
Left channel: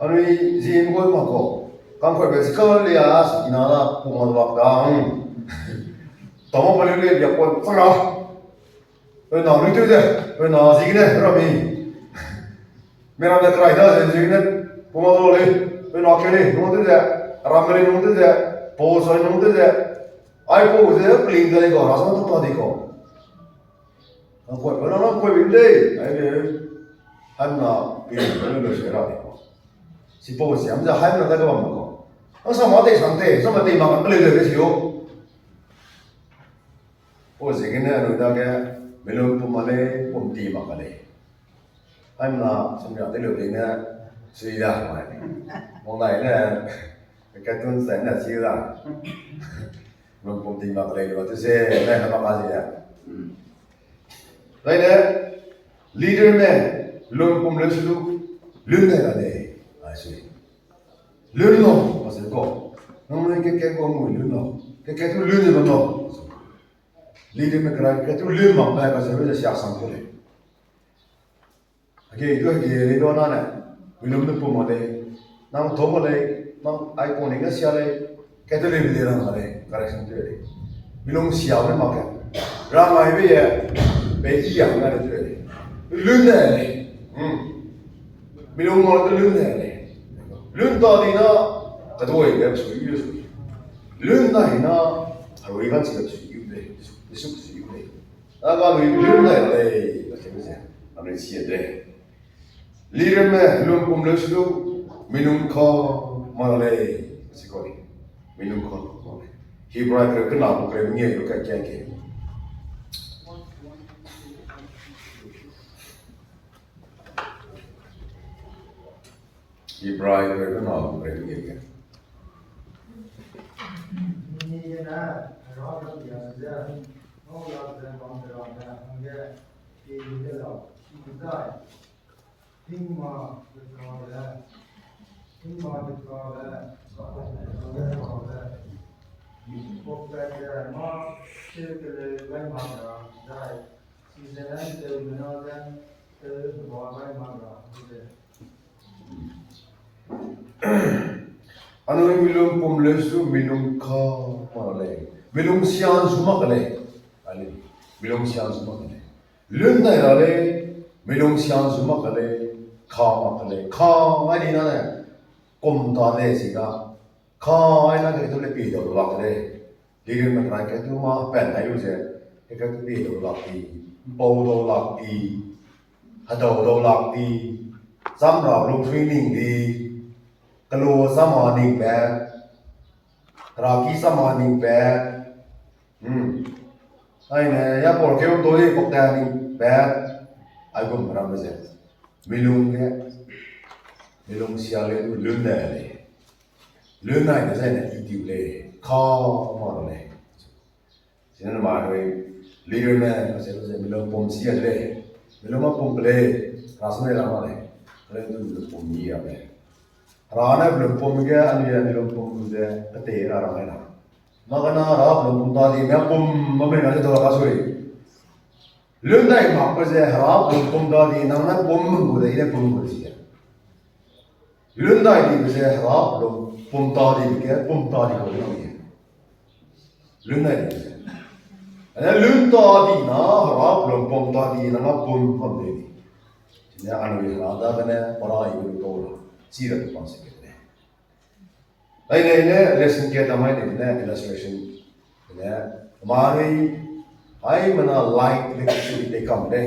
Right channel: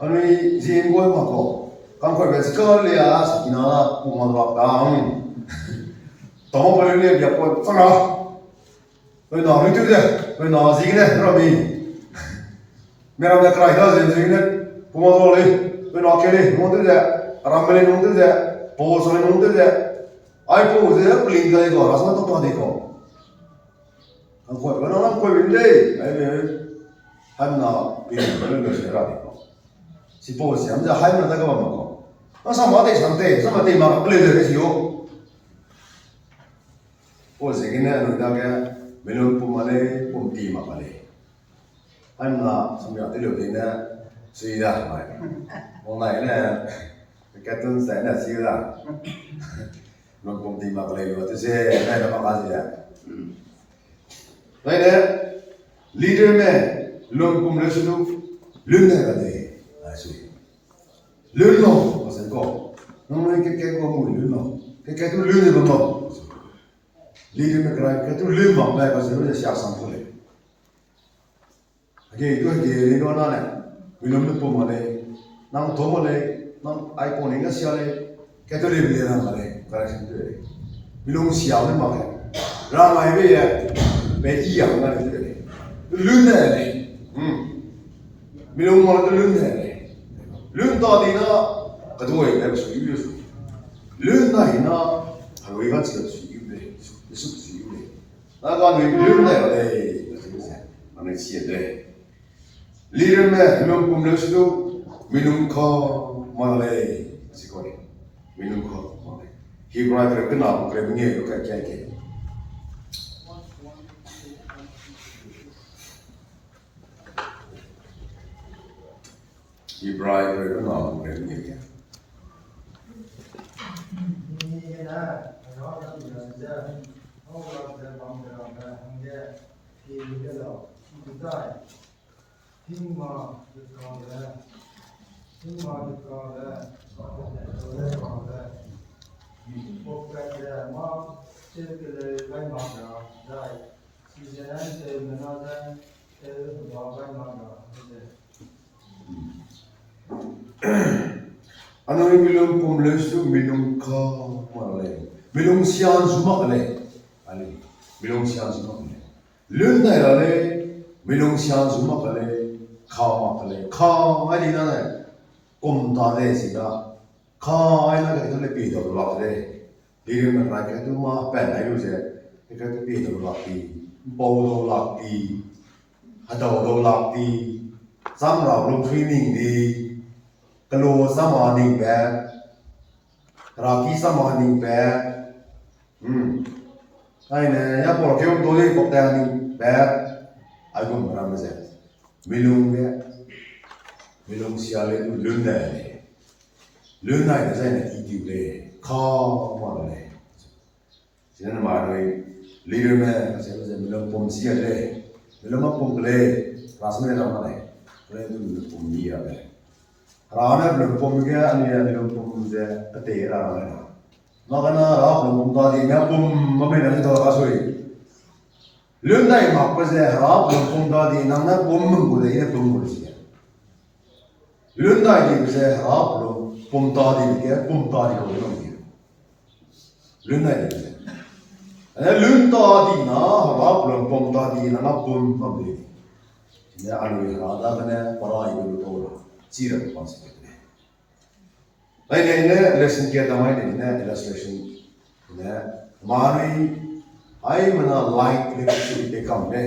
Ani zin kau maku, kan kau biasa lihat, ina la pun ada waktu. Tahu beli ni biar kau sangat. Kau nak ni tu je, kau nak zin ni, rabi. Mera dah kerai dah zin ni. Pemotong ni, penak ni, nonton je, ramai nonton je, pos ni nonton je, iPhone je, peling je ko, rasa tu tadi ko. Orang kau benda, ini, hamna peling, peling tu serat ko. Si pos, hamza hamna tak kau makan. Masa mati santai, sama ti makan peling tu siu. Pos ini anu dah ke, belum pemale, pun ti makan le. Hamna sambil tidur ini. Suy ra mày món này nè cái tuần sẽ là suy ra luôn công ty mặc lấy rồi tôi sẽ đây là mặc gì ạ đây nè leader nè luôn cùng lên xuống luôn này là để suy luôn luôn mà sẽ có nó mới cái con mùi luôn luôn cái tôi luôn rồi nó leader nè cái tôi luôn mặc này và sẽ bây giờ xả sang thôi cái cái đó nó này belum tu pun ada, nang thom ada, nang iPhone ni nggak siapa le, kita le beli orang ada, correction tu ada, belum siapa le makan, ramai be ya, be iya nggak ada tu ada, lun ada, belum mau tu lun ada, lun tadi na, kedua ini bersuyu bersuyu, lun tadi na, harus ikan siapa suyu be, Yesu Kristo le aga lui lum na le la se se ane si le lire me lum kum le su minum kho ma le si ko ni minum kho ma le Hebrew kre kana ko kre nge yo ka kya ke Hebrew kre kana ko kre nge ke Ni na rõ ràng giờ giờ nó là giờ bằng giờ là hàng giờ thì bây giờ chúng ta听嘛就搞的，听嘛就搞的，搞的搞的，我感觉嘛这个来嘛的，在现在这门那的我来嘛的，对不对？Ano milong pumlesu milong ka malay milong siyan sumakale ali milong siyan sumakale lun na ale milong siyan sumakale ka makale ka ali na na kum ta le siga ka ai na ke to le pi do lak le dirim na ra ke to ma pen ai lu se ke to pi do lak ti bo do lak ti ha do lak ti sam ra lu training di Kalau sama ning bag, raki sama ning bag, ai nè, ya por kêu tôi có tay ning bag, ai cũng làm cái gì, milung sial itu lun này là gì này itu le, kho mà le, cho nên mà rồi leader này là gì milung pom sial le, milung mà pom le, rasanya làm này, kalau itu milung pom dia le. Rana belum pom ke ani belum pom je kete rana na makana ra belum pom tadi me pom mame na to ka soi lundai ma ko je ra belum pom tadi nang na pom mu de ine pom mu ji lundai di je ra belum pom tadi ke pom tadi ko no ni lundai di ana lundai na ra belum pom tadi na pom pom de ni anu ra da kana para ibu to la chỉ là một sự kiện này. Đây này lesson kia tao nói này illustration này mà này ai mà nó like leadership để cầm đây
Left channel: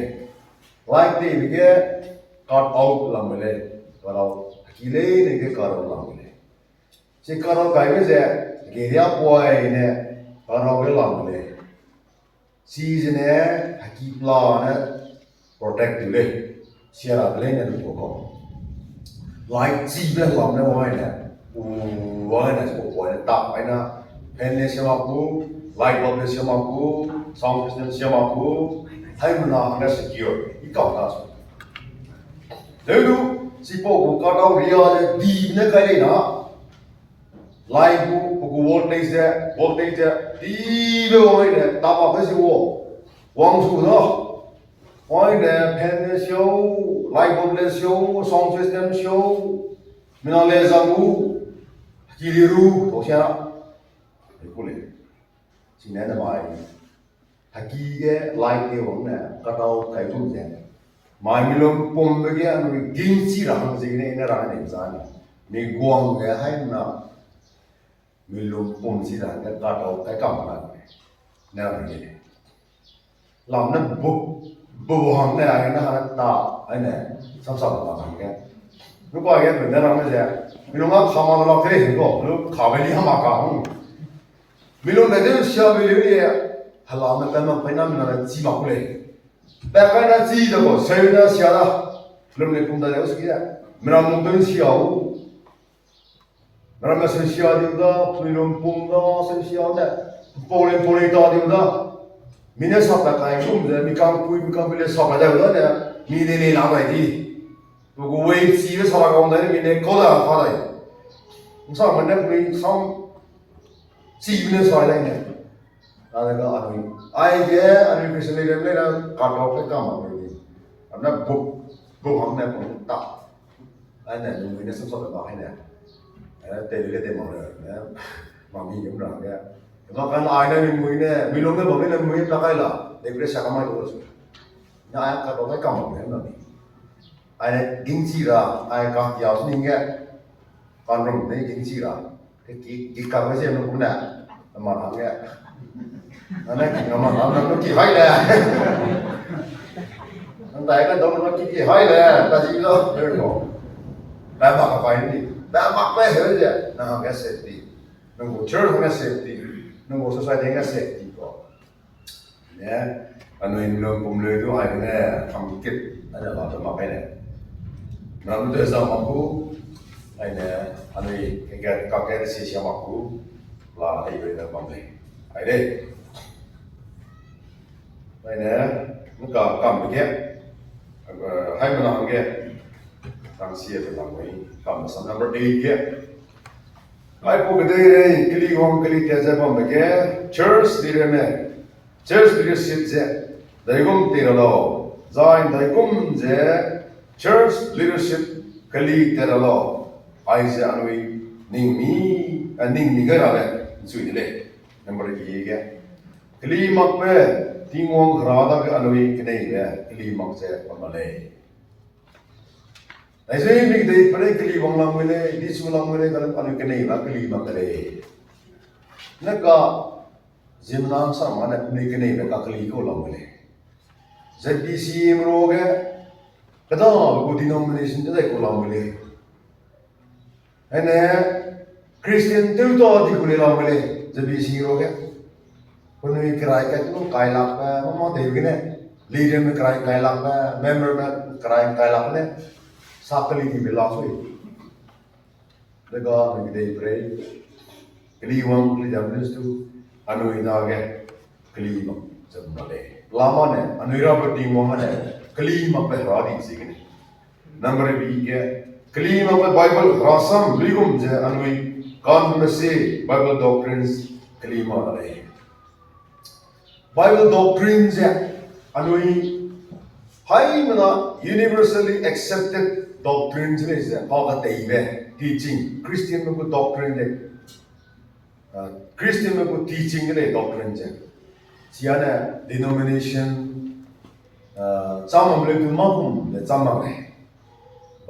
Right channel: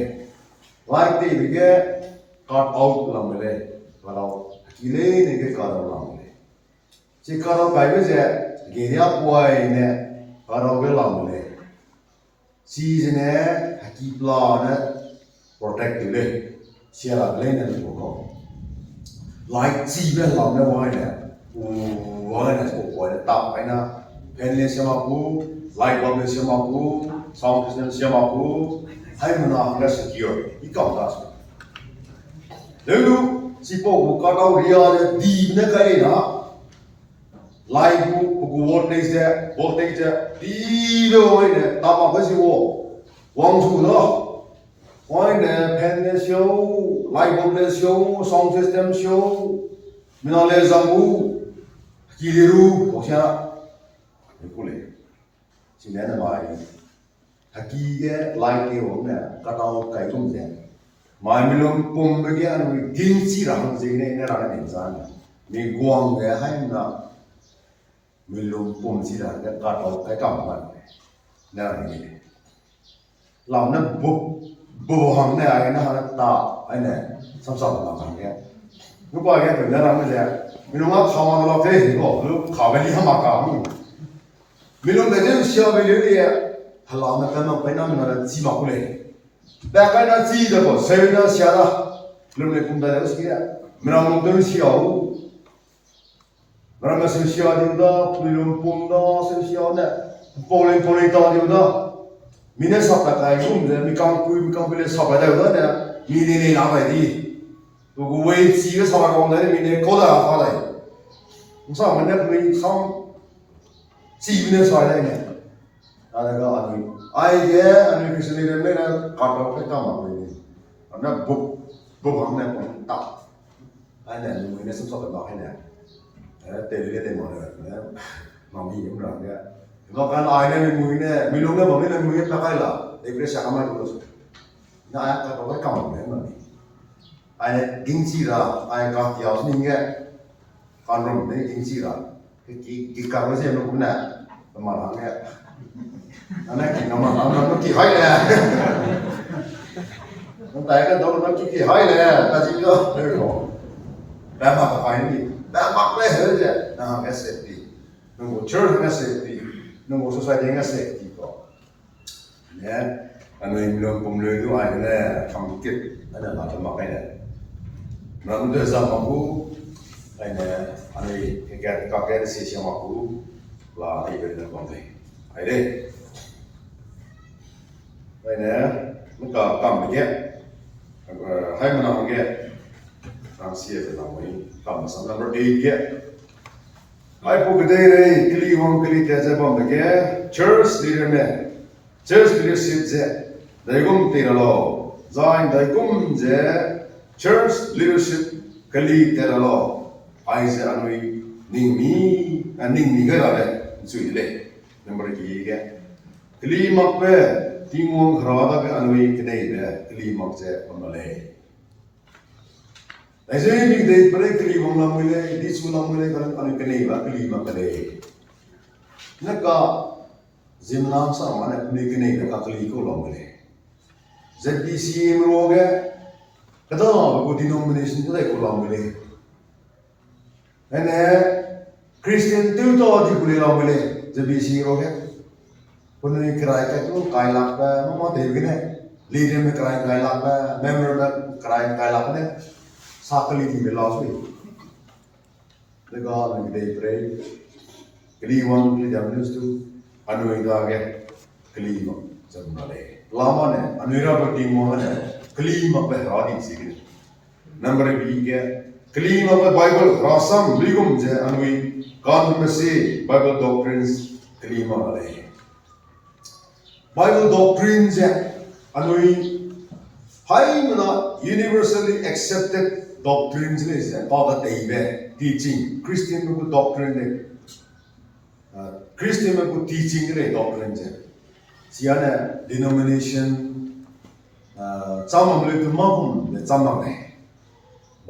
like thì bị cái cut out làm vậy và đâu kỳ lệ này cái cut out làm vậy chỉ cut out cái gì cái gì quay này cut out cái làm vậy season này kỳ plan này protective này share lại này được không like chi bên làm nó vậy nè, vậy nè, vậy nè, tập vậy nè, pen lên xem aku, light bulb lên xem aku, sound system xem aku, hay mà nó là secure, ít câu đó. Nếu như chỉ bộ cái đâu ria đi bên cái này nè, light bu voltage đi bên vậy nè, tập cái gì vậy, quang su đó. Why the pen show, light bulb show, sound system show, minale zambu, kiliru, tosya, ikule. Sini ada mai, haki ke light ke wong na, katau kai tu je. Mai milom pom bagi anu gingsi rang sini ini rang insan. Ni guang ke hai na, milom pom si rang ke katau kai kam na, na ini. Làm nó bù hàng này ai nó tạo ai này sắp sắp là hàng cái lúc qua cái phần đó làm cái gì mình lúc nào thao nó cái gì đó lúc khảo về đi ham mà cả mình lúc này đến xưa về đi hà lan nó cái mà phải nằm nó chỉ mặc lên đại cái nó chỉ được xây nó xưa đó lúc này cũng đã được xưa mình làm một xưa mình làm xưa điều đó mình làm bún đó xưa đó Polen đó điều đó mình sắp đặt cái chung rồi mình càng bây giờ sắp đặt được đó nè mình đi làm cái gì rồi quay chỉ cái sắp đặt cái này mình có được phải đấy sao mình xong chỉ mình sắp đặt này là cái ai anh cái này là cắt lọc cái cam mà mình nó bục hàng này cũng tạo anh này mình sắp đặt cái này tên mà rồi mà mình cũng làm cái Bahkan ada yang mungkin milongnya bagaimana mungkin pakai lah, depresi sama itu terus. Nah, ayat kata pakai kamu kan nanti. Ayat gengsi lah, ayat kaki harus ninggal, kanron ini gengsi lah. Kita sih yang nak guna, teman hangga, อันนั้นกินน้ำมันกี่ให้แหละตั้งแต่ก็โดนมันกี่ให้แหละแต่จริงแล้วเรื่องของแบบมักกับใครนี่แบบมักไม่เห็นเลยนะแค่เสพติน้องเชิญแค่เสพติน้องสุดท้ายแค่เสพติก็เนี่ยอันนี้ผมเลยด้วยเนี่ยทำกิจอันนี้เราจะมาไปเนี่ยเราต้องจะมาพูไอ้เนี่ยอันนี้แค่กับแค่เสียมาพูลาให้ไปเรื่องบางทีไอ้เด้ไอ้เนี่ยมันก็กำไปแค่ให้มันลองแค่ทางเสียไปลองไว้กำสัน number 8แค่ไอ้พวกเด็กเลยคลีวงคลีแค่จะบางไปแค่ church leader เนี่ย church leadership เจ้ได้กุมตีเราใจได้กุมเจ้ church leadership คลีตีเราไอ้เจ้าหนุ่ยนิ่งมีก็ได้สุดเลย number 8แค่คลีมักเป้ทีมวงคราดก็อนุญาตได้เลยคลีมักเจ้าคนละไอ้เจ้าบิ๊กเดย์ประเดี๋ยวคลีวงลำมือเลยดิสมุลำมือเลยก็อนุญาตได้ว่าคลีมักเลยนั่นก็จิมน้ำสามมันเนี่ยคลีเนี่ยก็คลีก็ลำมือเลยจะดีซีมโรเกะก็ต้องกูดิโนมิเนชันจะได้ก็ลำมือเลยไอ้เนี่ยคริสเตียนตัวต่อที่กูเลยลำมือเลยจะดีซีโรเกะคนนี้ใครกันก็ใครหลักแบบมั่งเดี๋ยวกันเนี่ยลีดเดอร์ไม่ใครหลักแบบเมมเบอร์ไม่ใครหลักเนี่ยสักคลีที่ไม่ลาสุดแล้วก็ไม่ได้เปรย์คลีวังคลีจำได้สุดอนุญาตแก่คลีมังจำนั่นเลยลามันเนี่ยอนุญาตปฏิวังเนี่ยคลีมังเป็นราดีสิกันนัมเบอร์บีแก่คลีมังเป็นไบเบิลราซัมลิกุมเจอนุญการไม่ใช่ไบเบิลด็อกทรินส์คลีมังอะไรBible doctrines anui hai mana universally accepted doctrines ne is called the teaching Christian me doctrine ne Christian me teaching ne doctrine je siana denomination chamam le tu mahum ne chamam ne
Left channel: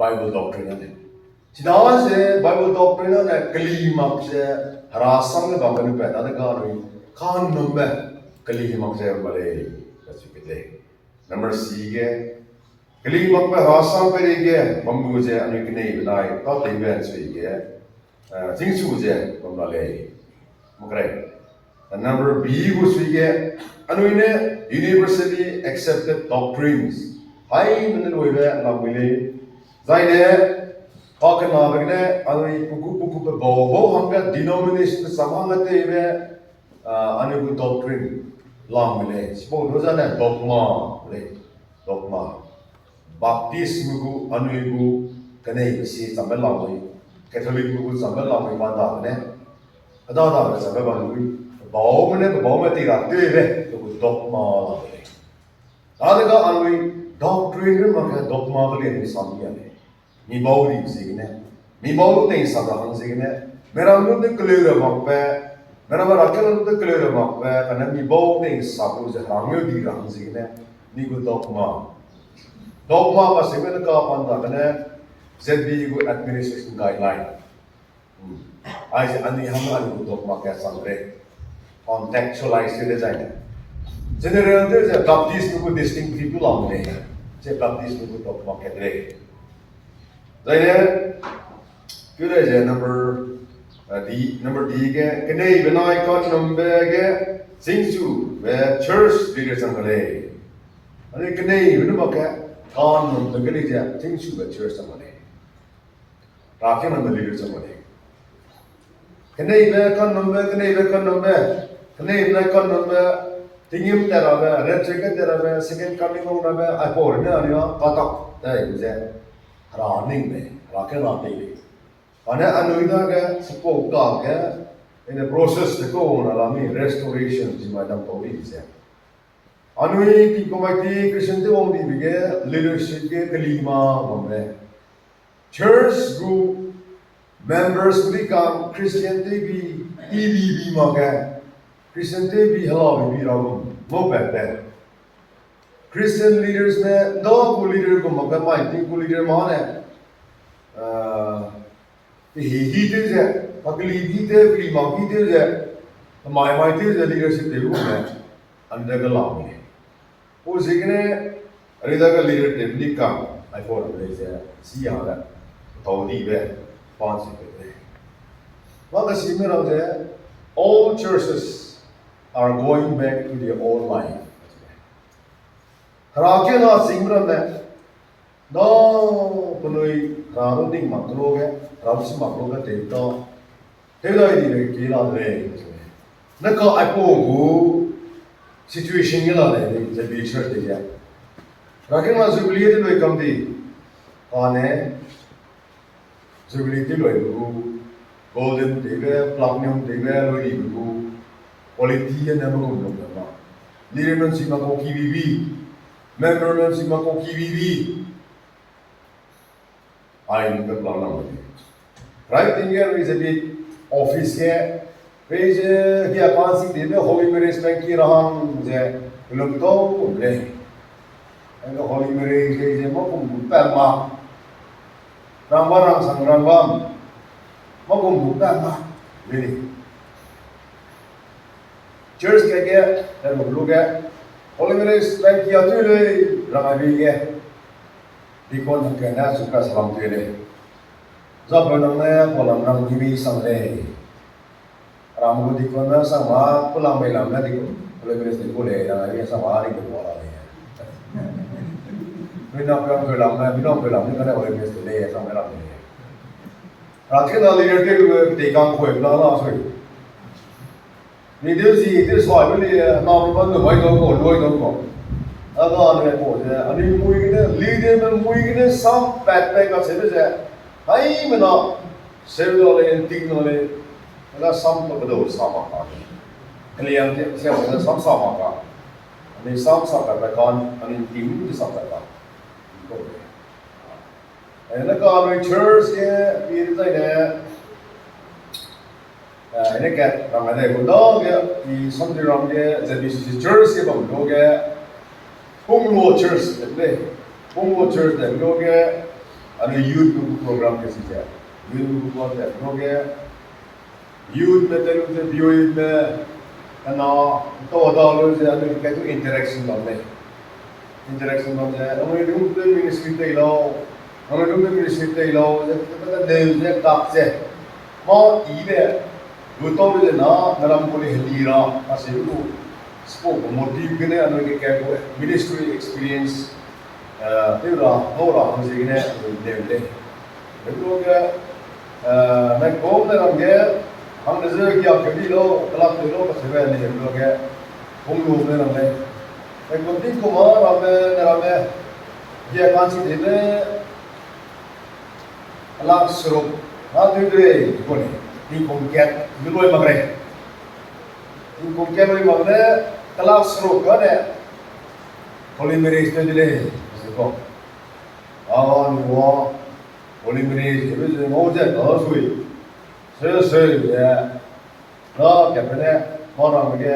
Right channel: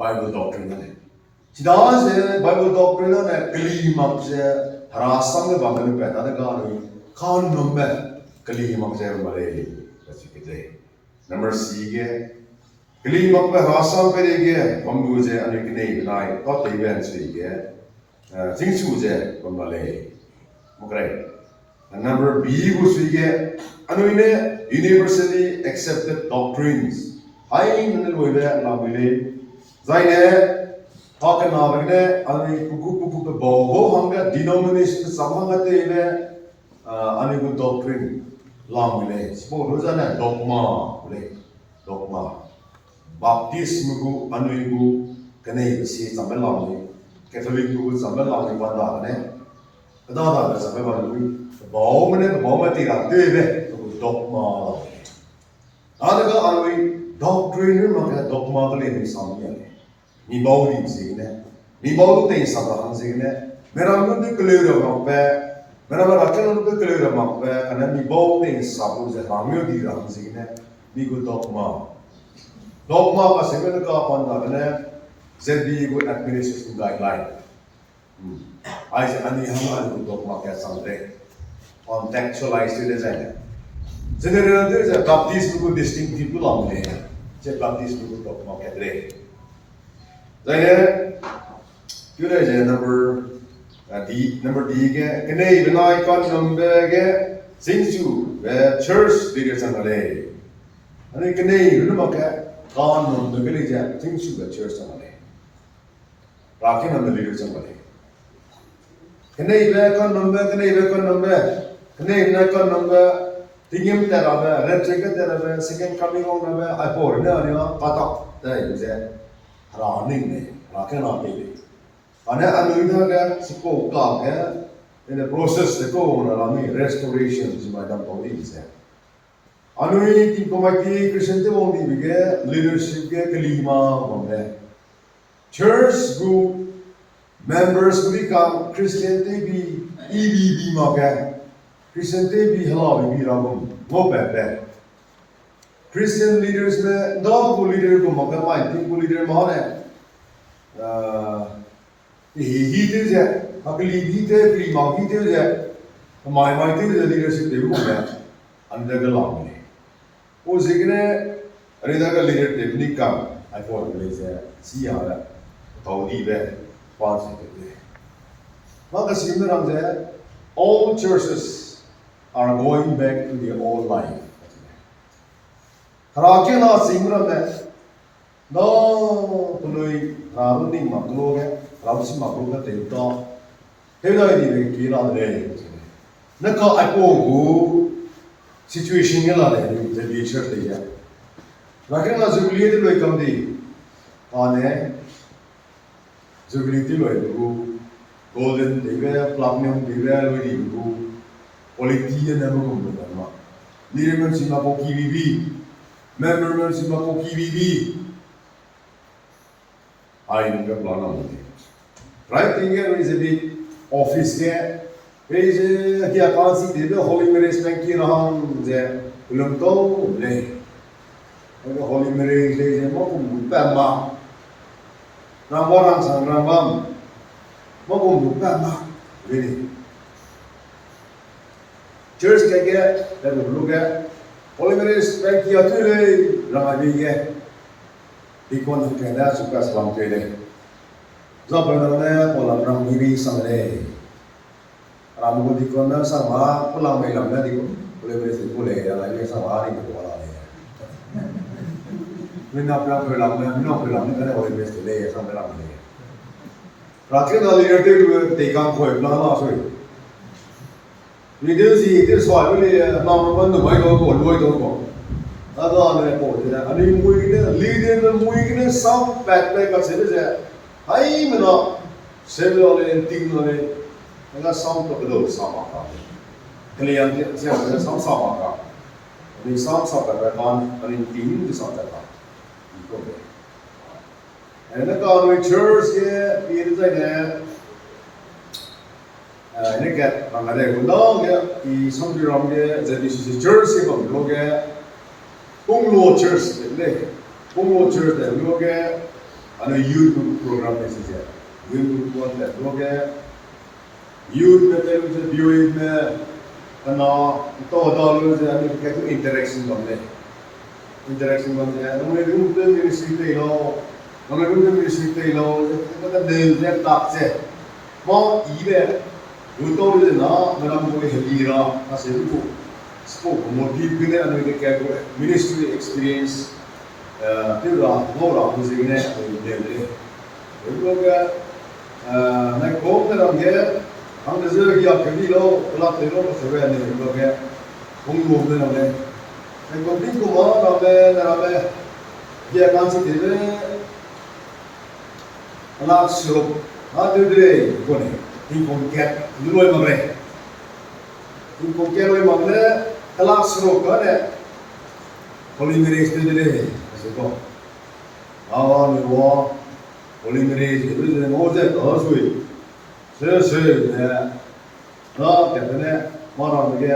Bible doctrine ne sidawan se Bible doctrine ne kali mak se harasam ne bagal pe ta ga no khan number कली हिमक से बड़े बच्चे कितने number C के कली हिमक पे हासा पे के बम्बू से अनेक नहीं बनाए तो तेवन से के जिंगसू से बम्बले मुकरे नंबर बी को से के अनुइने universally accepted doctrines हाई मन लोइबे लामिले जाइने हाकना बगने अनुइ पुकु पे बोबो हमके denomination समांगते बे अनेक doctrine Lamule, suppose those are dogma. Baptism go, anuigu, canay, see some lamui, Catholic go, some lamui, Padane. Adana, some lamui, Baumatira, dogma. Other anui, doctrine, dogma, in some year. Me bowling signe, me bowling some signe, Meramu the clear of Mereka rakyat itu kelihatan apa? Karena mi bau ni sapu je ramai di rang sini ni go dogma apa sih mereka apa karena ZB go administration guideline. Aise ane hamar go dogma kaya sampai contextualize dia saja. General dia je baptism go distinctive tu lah ni. Je baptism go dogma kaya deh. Jadi kita je number D ke kene benai kon number ke singsu be church leader sangale ane kene benu make kon number ke leja singsu be church sangale rakin number leader sangale kene be kon number tingim tera be red check tera be second coming on be I pour ne ani na patak dai je running me rakin na te Ane anuida ke sepo ka ke in the process the ko na lami restoration ji ma dam to ni se anui ti komati Christian te wong di bige leadership ke kalima mamle church group members become Christian te bi EBB ma ke Christian te bi hala bi ra mo pe Christian leaders me do ko leader ko ma ka mai ti ko leader ma ne he did it, Akali did it, Prima did it, mai tiêu giờ leadership đều cũng vậy anh ta cái lòng này ô gì cái này anh ta cái leadership ní cả ai có được lấy ra xí à đó tàu đi về quan sự cái mà cái gì nữa làm gì all churches are going back to their old life ra kia nó sinh ra này đó tụi noi ra nó định mặc luôn cái ra nó xin mặc luôn cái tiền đó thế đây thì cái kỳ là này nó có ai có ngủ situation như là này thì bị church đấy chứ và cái mà jubilee thì lấy cầm đi còn này jubilee thì lấy ngủ golden thì về platinum thì về lấy đi ngủ quality anh em cũng không được mà leadership chỉ mà có KBB membership chỉ mà có KBB ai cũng có plan làm gì right thing is a bit office ke bây giờ kia quan sĩ thì nó Holy Marriage Bank kia rằng giờ lượng câu lên cái Holy Marriage thì mà cũng bền mà rang sang rang mà cũng bền mà really church kia là một lúc cái Holy Marriage Bank kia thôiเลยrang ai đi cái đi con cái đó super salam kia đấy do bên đó này có làm rang đi sang đây Ram ko di ko na sama pulang may lam na di ko boleh beres ko le ya ini sama hari ko wala le mina pra lam na mina ko lam ni ka boleh beres le ya sama lam le rakhe na leader te kam khoi na na so video gì cái soi với le na mo ban no mai do ko loi do ko aga ne ko je ani mui ne leader ne mui ne sam pat pe ka se je ai me na se lo le ting no le那上都不都上马卡，那两天像我这上马卡，你上个白干，你顶就上白干，一个的。哎，那个那 church 嘅，别在呢，那个咱们在古道嘅，以上对咱们嘅，这必须是 church 嘅ผมรู้嘅，公路 church 对不对？公路 church 对不รู้嘅，อันนี้ youth program 嘅是嘅，youth program 对不รู้嘅。youth में तो उसे youth में ना तो लोग जो है क्या तो interaction बनते हैं हमें रूम पे ministry ते लो तो देव से ताक से माँ इबे रूटो जो ना मेरा मुझे हिलीरा ऐसे वो spoke motive के ने अनुभव क्या को ministry experience तेरा नोरा मुझे किने देव ले लोग मैं कौन ने रंगे हम नजर किया क्योंकि लोग कलाक के लोग से वे नहीं लोग हैं हम लोग ने रहे एक दिन को मार रहे ये कांसी दिले अलाक शुरू हाँ दिले कौन है दिन को क्या दिलोय मगरे कलाक शुरू कर है होली मेरे इस दिले ऐसे को आवाज़ वो होली मेरे इस मौजे दर्श हुई से ये ना कहते हैं माना मुझे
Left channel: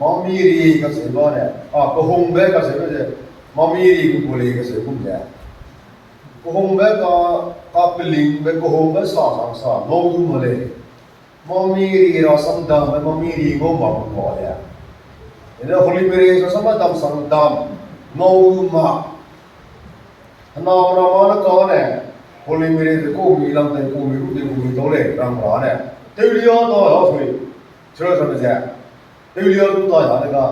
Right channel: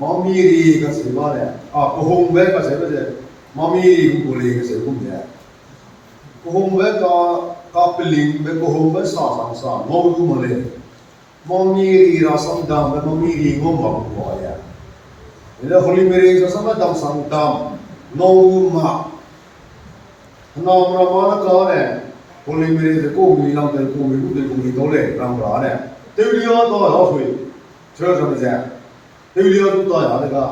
मामीरी का सेवा है कोहम्बे का सेवा है मामीरी को बोले का सेवा है कोहम्बे का पिलिंग में कोहम्बे सा नौगु मले मामीरी रासम दाम में मामीरी को मांगो है इधर होली मेरे जो समय दाम संग दाम नौगु मा नाम रामाना कौन है Holy Mary the cô mi làm tay cô mi tối lệ làm phá này tiêu liêu tôi hỏi thôi chơi sao bây giờ tiêu liêu tôi hỏi là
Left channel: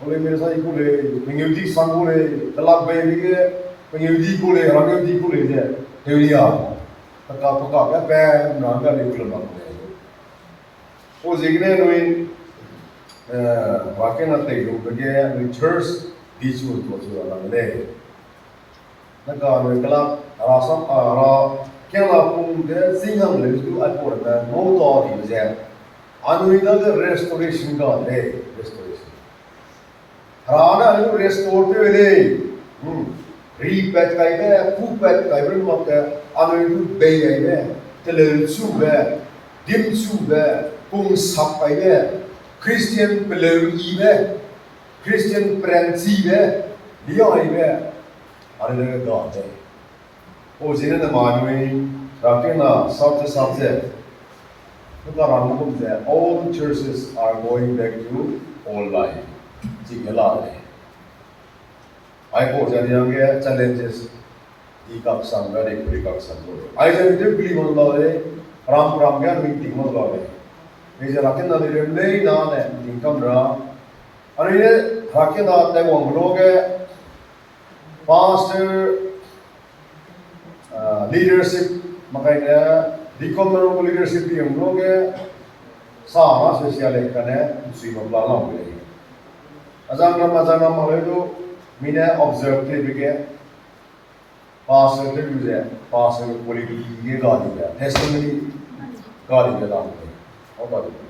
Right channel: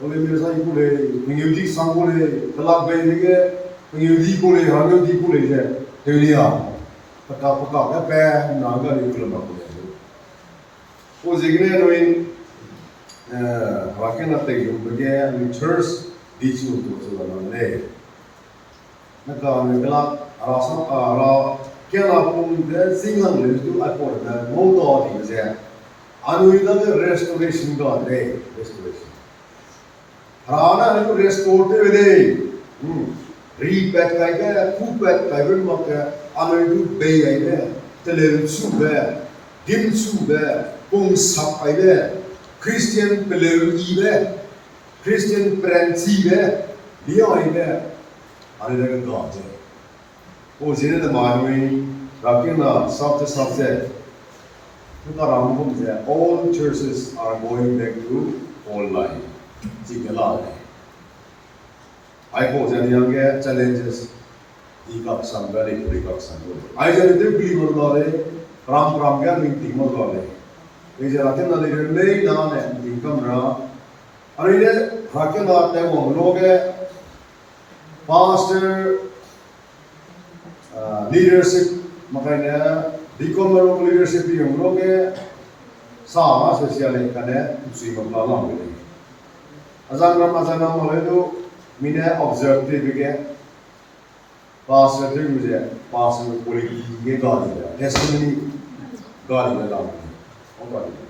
Holy Mary sai cô lệ mình yêu đi sang cô lệ cái lạc về cái mình yêu đi cô lệ hàng yêu đi cô lệ chứ tiêu liêu tất cả cái bé nó cái điều kiện đó cô gì cái này rồi và cái nó tiền của cái người church đi chùa là làm đây nó còn cái lạc rasam ra क्या लापुंग दे सिंगम ले जो अपोर दे मोतो दी जे अनुइदा के restoration का दे restoration हराना अनु restaurant दे रीपैट काइबे फूपैट काइबे मके अनुइदु बेयबे तेलेसुबे दिमसुबे पुंग सापाइबे Christian पेलेरीबे Christian प्रेंसीबे लियाइबे अनुइदा के गाजे ओ जिने न मानुई रापिना साथ all churches are going back to old life. I pose any young challenges. Ikak samga de kurikak samgo. I just do believe on lore. Ram gan meeting on lore. Is a lakin na de lay down and income ra. Arine hakin na de wongloge pastor leadership makanya deacon leadership yung loge sama social kane usi mabla lang beli. Azang ram maledo mina observe bige pastor to use pastor poliki ge gadi da testimony gadi da lang. Apa itu?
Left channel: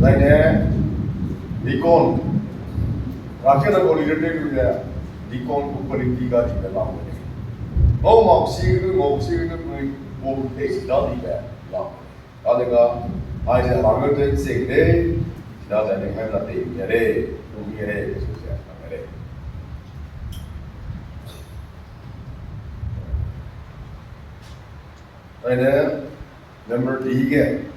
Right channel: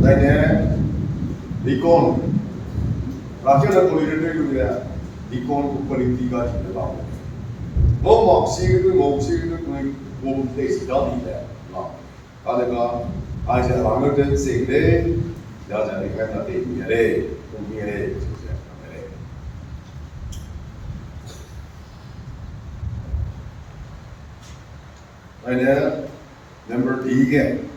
Lainnya deacon rakyat nak leader tu use deacon poliki gadi da lang. Mau sih mau tesi tadi lah. Adakah aja Hamilton segde dah jadi kan nanti nyere, nyere susah nyere. Ada number 3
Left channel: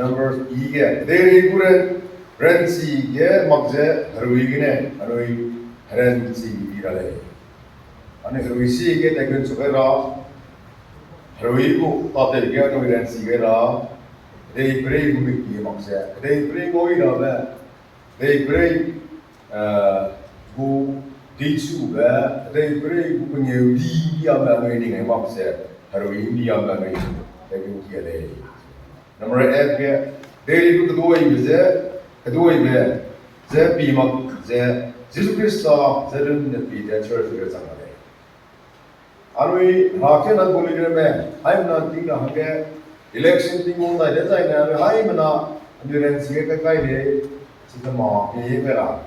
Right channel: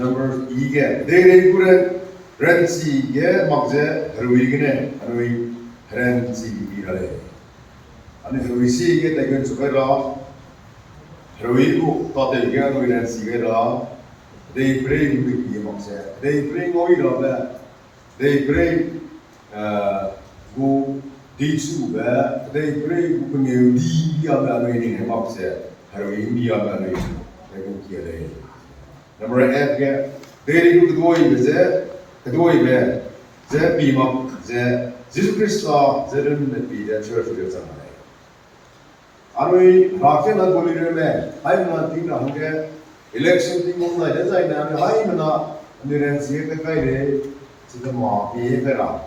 number 3 dari kuret rensi ke makza harui gini harui rensi birale. Ane harui si ke tekan supaya harui ku tadi ke tu rensi ke lah. They pray with me maksa. They pray ngoi lah. They pray go teachu ba. They pray go pengen dia ba ngoi ni maksa. Harui dia ba ngoi. Tekan kia le. Number 8 ke dari ku kedua be. Ze pimak ze Jesus Christa ze ren pi de church ke sana. Anui raken na golire me hai na ting na hake election ting on da jai na hai mana endurance ke kai de sidama pe pera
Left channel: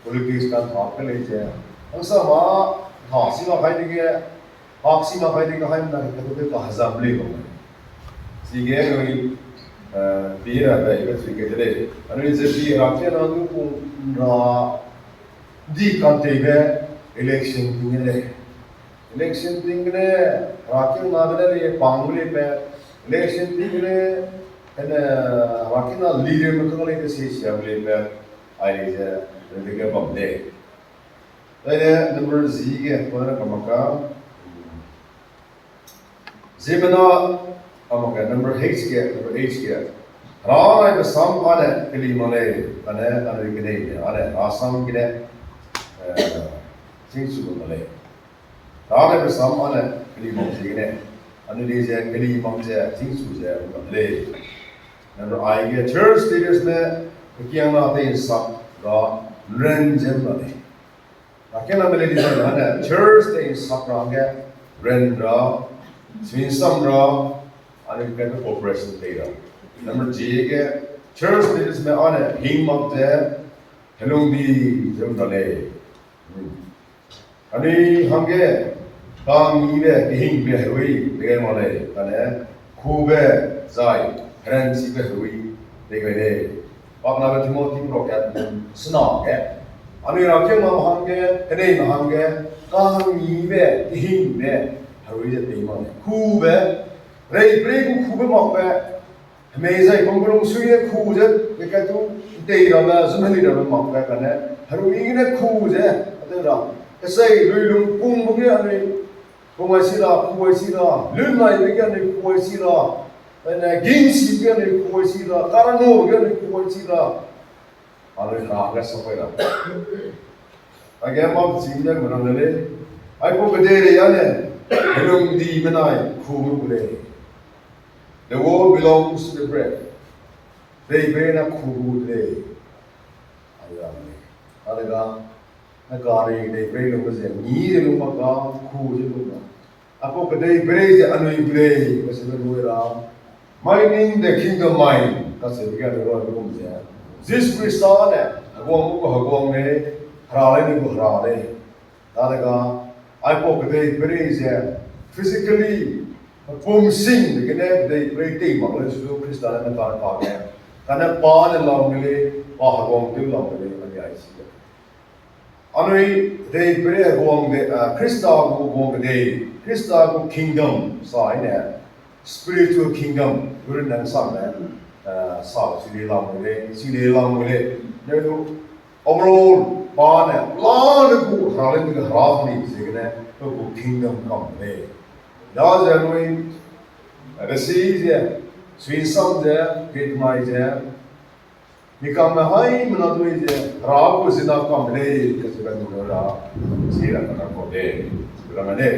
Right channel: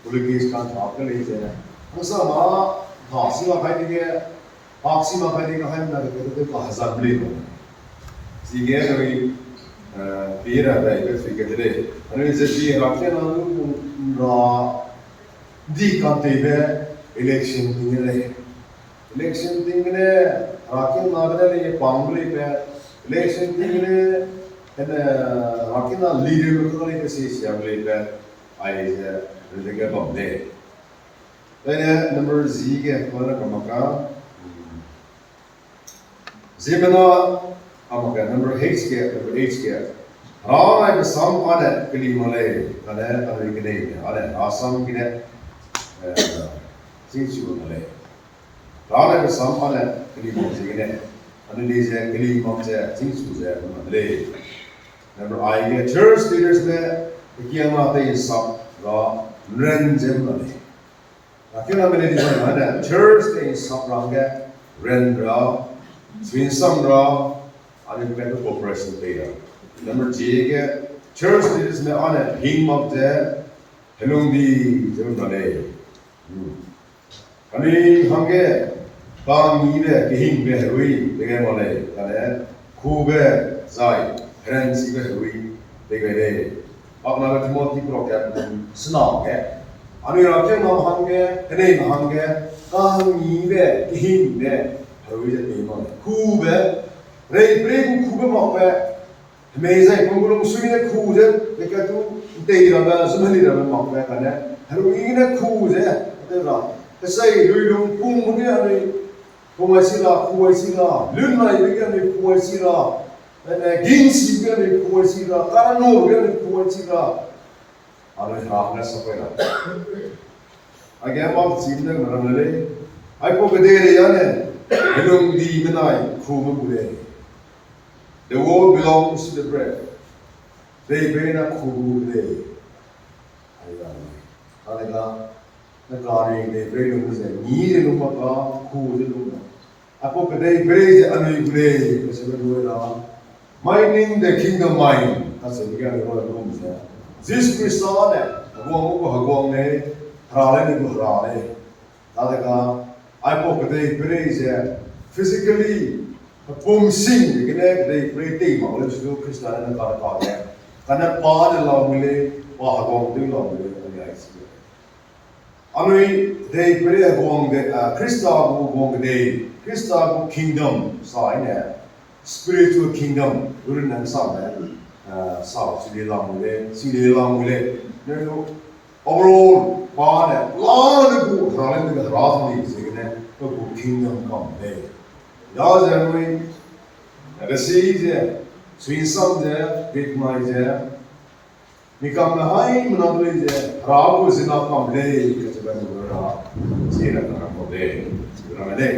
politics kan thak le je angsa ma thasi ma khai de paksi ma khai de hai na ke ka hazab le no sige noi pira ba ke sige de anui ze bi raken na du ra di kan te be election ting le election tingne rakin nagale ye pangule pe election tingne and rakin na leader mutale ke se shamle pe ai je de bomde then number z ke kora kamaka zimena amaka number h ke ra na sam ane kelimale ane arigene ane asam gine singsu male Rada bersama kelima segini, anu dia kelima je, tingsu je, boleh. Number I ke church leaders ne, kian nanti sab ra renjem boleh. Lakian apa dia mana church te sab rangga ren ra, swinsam ra, anu kita corporation leader. Number J ke church leaders ne ane hingmak je, helung di je boleh. Ani hangge Kami be hing be hui dengan malay, kerana kube zai, Fransi be hui dengan dia. Apna be Timothy proket senang ke. Anu rakyat nam hangge, kene hangge, kami be hing be hui jadi malay. Kube, rei kube mak be, hmezai penggulung suinya kube, dekat tu tera be, semali be mak be kerana hui ini kube, ada ram. Kesai lulung pun bukan anu. Kuwaisira, lunai begini kuwaisira, ginsi begini kuwaisira, karano begini kuwaisira. Alih haknya sampai dah. Agak apa sih ni mana le? Aku kediri ane, belum di menai kumu boleh. The world belongs to the bread. They bena kumu boleh. Ayah ni, ada negara ini belum bersih. Ni belum apa kumu belum. Aku kedai beri anu ibulei kasih berbuat mining the kingdom mine kasih dia orang rumah saya. This Christian aku mau ni harale ni harale. Tadaga aku kedai beri saya physically pumsing begini kedai beri tiga malah justru Kristen yang kaya. Karena pada lalu ni hagong tu lalu ni ada isi. Anui kedai beri hagong Kristen hagong kedai Krista ku kingdom sa ina spiritual kingdom guru nan sa me sa sili lam mule ne do overall pa ne plan ku halen ga ras ni segene ku kingdom come ne ya janui rasi je swin sam je bit mai je nikam me hai manadui je ra ku zina kam le ka se ga ra che ra ko de segera me